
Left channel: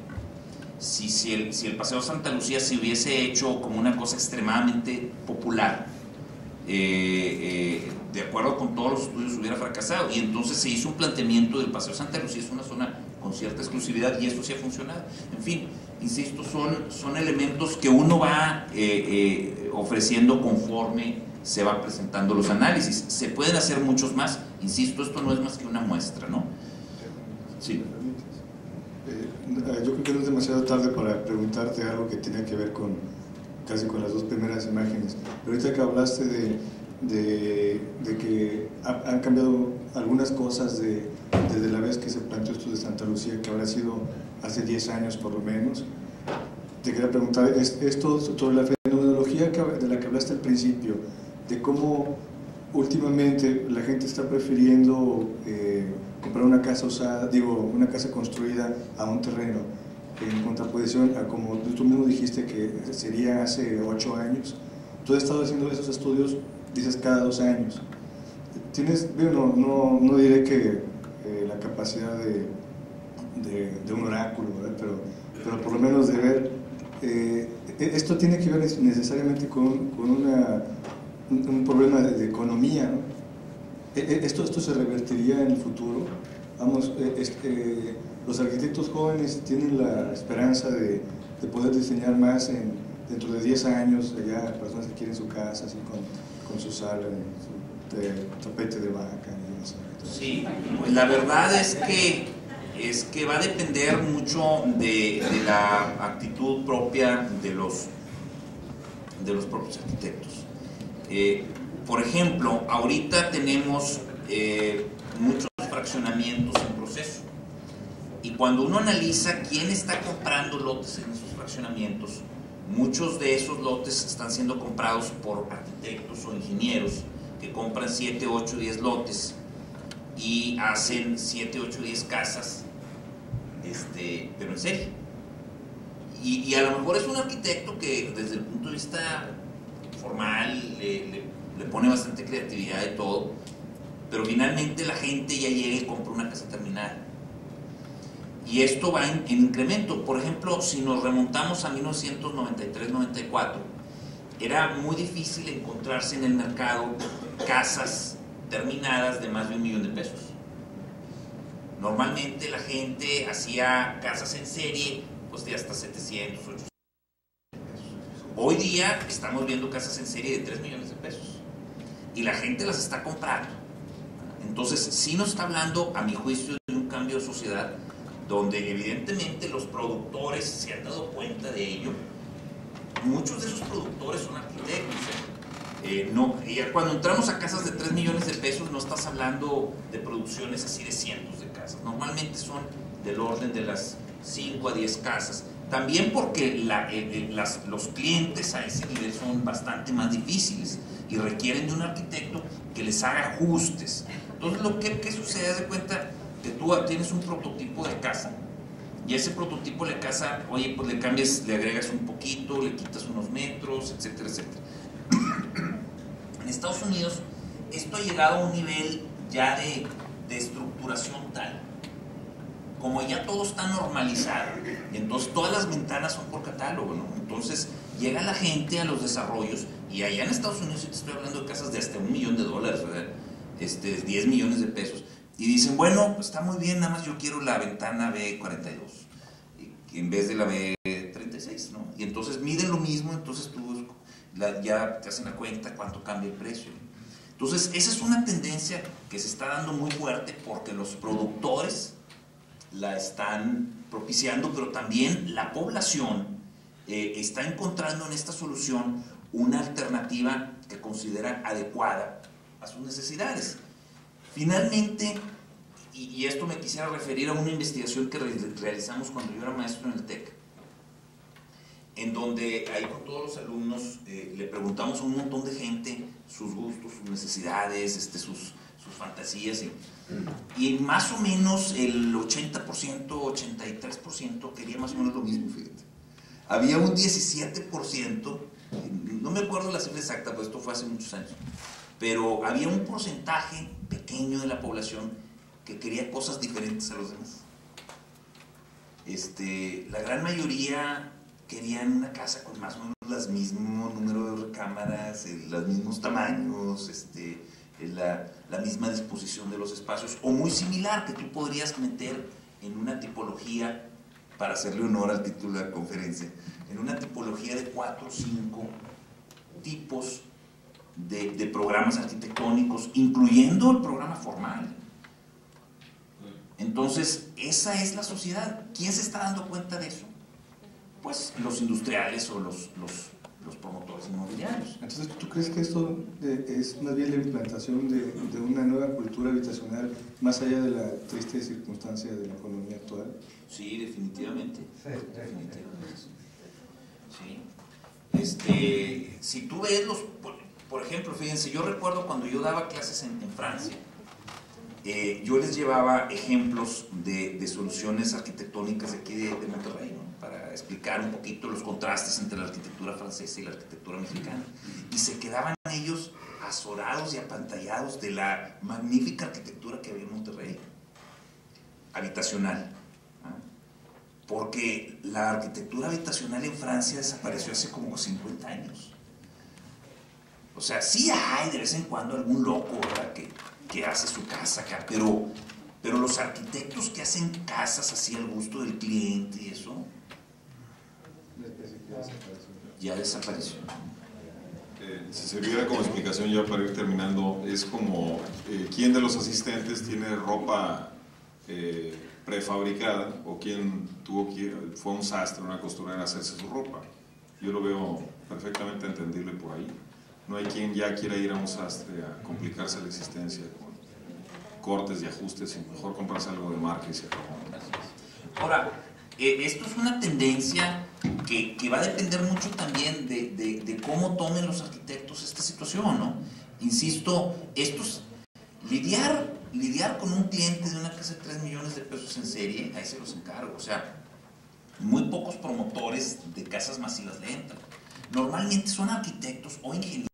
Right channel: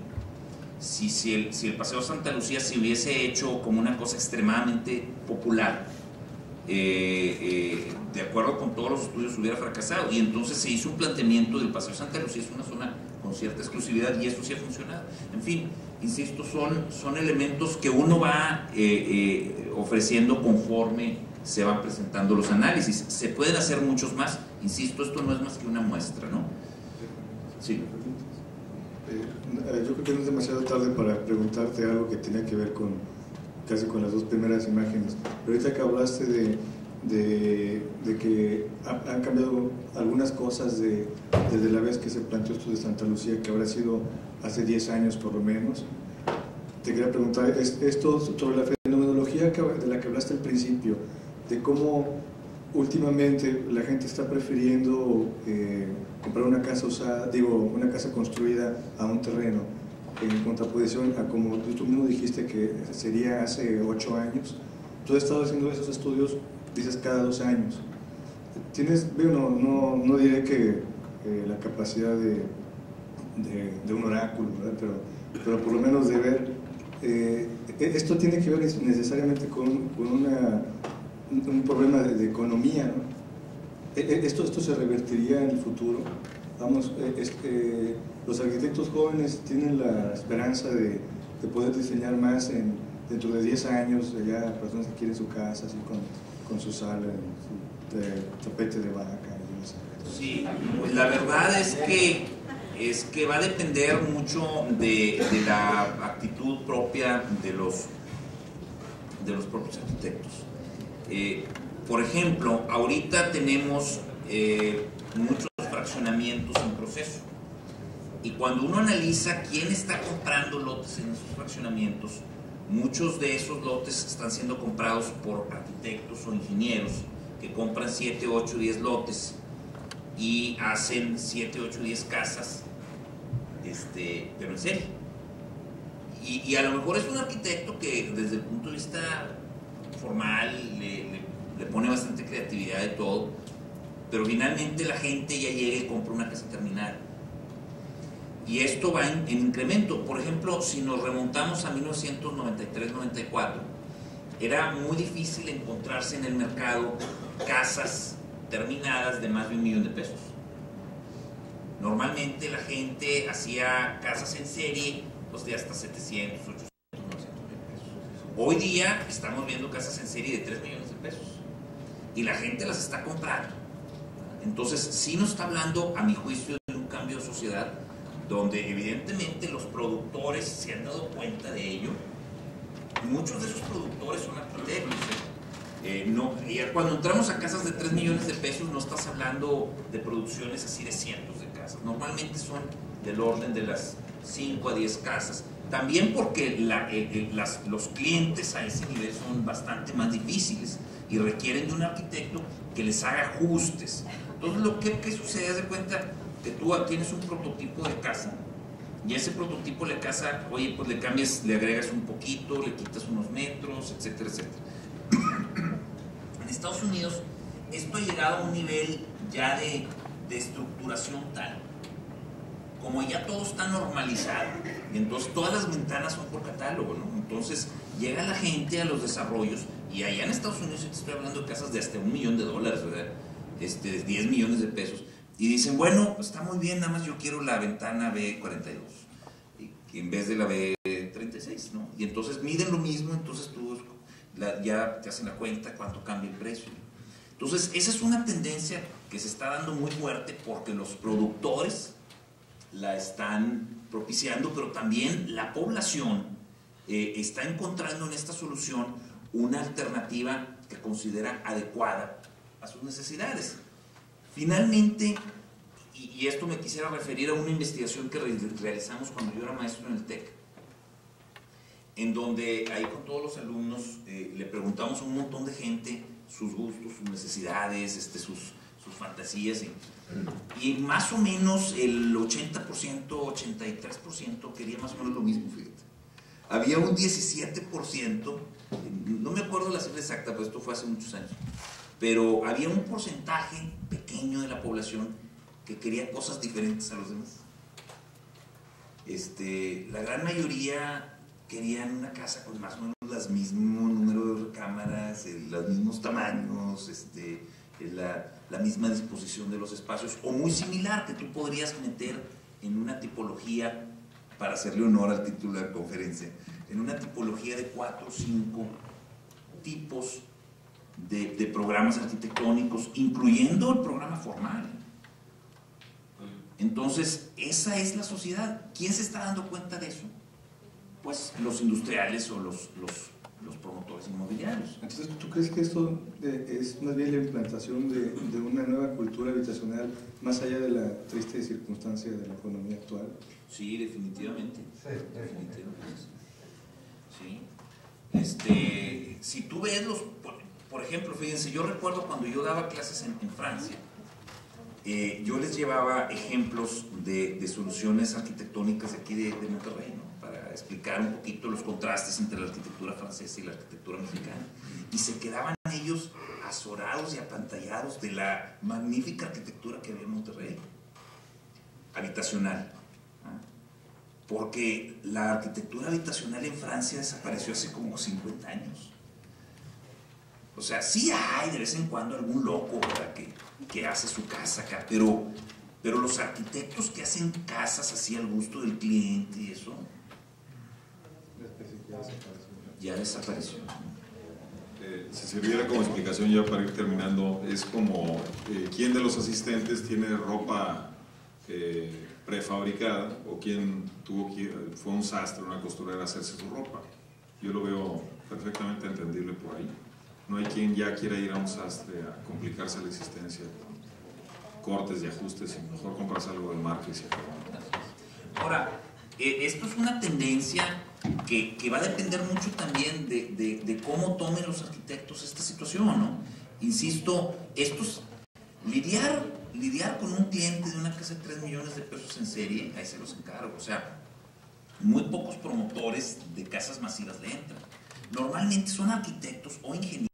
Si el Paseo Santa Lucía se hubiese hecho como una cosa extremadamente popular, de acuerdo con todos los estudios, hubiera fracasado. Y entonces se hizo un planteamiento del Paseo Santa Lucía, es una zona con cierta exclusividad, y eso sí ha funcionado. En fin, insisto, son elementos que uno va ofreciendo conforme se van presentando los análisis. Se pueden hacer muchos más, insisto, esto no es más que una muestra, ¿no? Sí. Yo creo que no es demasiado tarde para preguntarte algo que tiene que ver casi con las dos primeras imágenes. Pero ahorita que hablaste de que han cambiado algunas cosas desde la vez que se planteó esto de Santa Lucía, que habrá sido hace 10 años por lo menos. Te quería preguntar esto sobre la fenomenología de la que hablaste al principio, de cómo últimamente la gente está prefiriendo comprar una casa usada, una casa construida a un terreno, en contraposición a como tú mismo dijiste que sería hace 8 años. Tú has estado haciendo esos estudios, dices, cada 2 años. Tienes, no diré que la capacidad de un oráculo, ¿verdad? Pero por lo menos de ver, esto tiene que ver necesariamente con un problema de economía, ¿no? Esto se revertiría en el futuro. Vamos, los arquitectos jóvenes tienen la esperanza de poder diseñar más dentro de 10 años, ya personas que quieren su casa así con su sala, su tapete de vaca. No sé. Sí, pues la verdad es que va a depender mucho de la actitud propia de los propios arquitectos. Por ejemplo, ahorita tenemos muchos fraccionamientos en proceso, y cuando uno analiza quién está comprando lotes en esos fraccionamientos, muchos de esos lotes están siendo comprados por arquitectos o ingenieros que compran 7, 8, 10 lotes y hacen 7, 8, 10 casas, pero en serie. Y a lo mejor es un arquitecto que desde el punto de vista formal le pone bastante creatividad y todo, pero finalmente la gente ya llega y compra una casa terminada. Y esto va en incremento. Por ejemplo, si nos remontamos a 1993-94, era muy difícil encontrarse en el mercado casas terminadas de más de $1 millón. Normalmente la gente hacía casas en serie pues de hasta 700, 800, 900 pesos. Hoy día estamos viendo casas en serie de $3 millones y la gente las está comprando. Entonces sí nos está hablando, a mi juicio, de un cambio de sociedad donde evidentemente los productores se han dado cuenta de ello. Muchos de esos productores son arquitectos. Cuando entramos a casas de $3 millones no estás hablando de producciones así de cientos de casas. Normalmente son del orden de las 5 a 10 casas. También porque los clientes a ese nivel son bastante más difíciles y requieren de un arquitecto que les haga ajustes. Entonces, ¿qué sucede? Haz de cuenta que tú tienes un prototipo de casa y ese prototipo de casa, oye, pues le cambias, le agregas un poquito, le quitas unos metros, etcétera, etcétera. En Estados Unidos esto ha llegado a un nivel ya de estructuración tal, como ya todo está normalizado, entonces todas las ventanas son por catálogo, ¿no? Entonces llega la gente a los desarrollos Y allá en Estados Unidos yo te estoy hablando de casas de hasta $1 millón, ¿verdad? 10 millones de pesos. Y dicen, bueno, pues está muy bien, nada más yo quiero la ventana B42 en vez de la B36, ¿no? Y entonces miden lo mismo, entonces tú ya te hacen la cuenta cuánto cambia el precio. Entonces esa es una tendencia que se está dando muy fuerte porque los productores la están propiciando, pero también la población está encontrando en esta solución una alternativa que considera adecuada a sus necesidades. Finalmente, y esto me quisiera referir a una investigación que realizamos cuando yo era maestro en el TEC, en donde ahí con todos los alumnos le preguntamos a un montón de gente sus gustos, sus necesidades, sus fantasías, y más o menos el 80%, 83% quería más o menos lo mismo, fíjate. Había un 17%, no me acuerdo la cifra exacta, pero esto fue hace muchos años, pero había un porcentaje pequeño de la población que quería cosas diferentes a los demás. La gran mayoría querían una casa con más o menos el mismo número de recámaras, los mismos tamaños, la misma disposición de los espacios, o muy similar, que tú podrías meter en una tipología, para hacerle honor al título de la conferencia, en una tipología de 4 o 5 tipos de programas arquitectónicos, incluyendo el programa formal. Entonces, esa es la sociedad. ¿Quién se está dando cuenta de eso? Pues los industriales o los promotores inmobiliarios. Entonces, ¿tú crees que esto es más bien la implantación de una nueva cultura habitacional más allá de la triste circunstancia de la economía actual? Sí, definitivamente. Sí, definitivamente. Sí. Si tú ves por ejemplo, fíjense, yo recuerdo cuando yo daba clases en Francia, yo les llevaba ejemplos de soluciones arquitectónicas de aquí de Monterrey, ¿no? Para explicar un poquito los contrastes entre la arquitectura francesa y la arquitectura mexicana. Y se quedaban ellos azorados y apantallados de la magnífica arquitectura que había en Monterrey, habitacional. Porque la arquitectura habitacional en Francia desapareció hace como 50 años. O sea, sí hay de vez en cuando algún loco, ¿verdad?, que hace su casa acá, pero los arquitectos que hacen casas así al gusto del cliente y eso, ya desapareció. Si se viera como explicación ya para ir terminando, es como quién de los asistentes tiene ropa prefabricada o quién fue un sastre, una costurera a hacerse su ropa. Yo lo veo perfectamente entendible por ahí. No hay quien ya quiera ir a un sastre a complicarse la existencia con cortes y ajustes, y mejor comprarse algo de marca y se acabó. Ahora, esto es una tendencia que va a depender mucho también de cómo tomen los arquitectos esta situación, ¿no? Insisto, lidiar con un cliente de una casa de 3 millones de pesos en serie, ahí se los encargo. O sea, muy pocos promotores de casas masivas le entran. Normalmente son arquitectos o ingenieros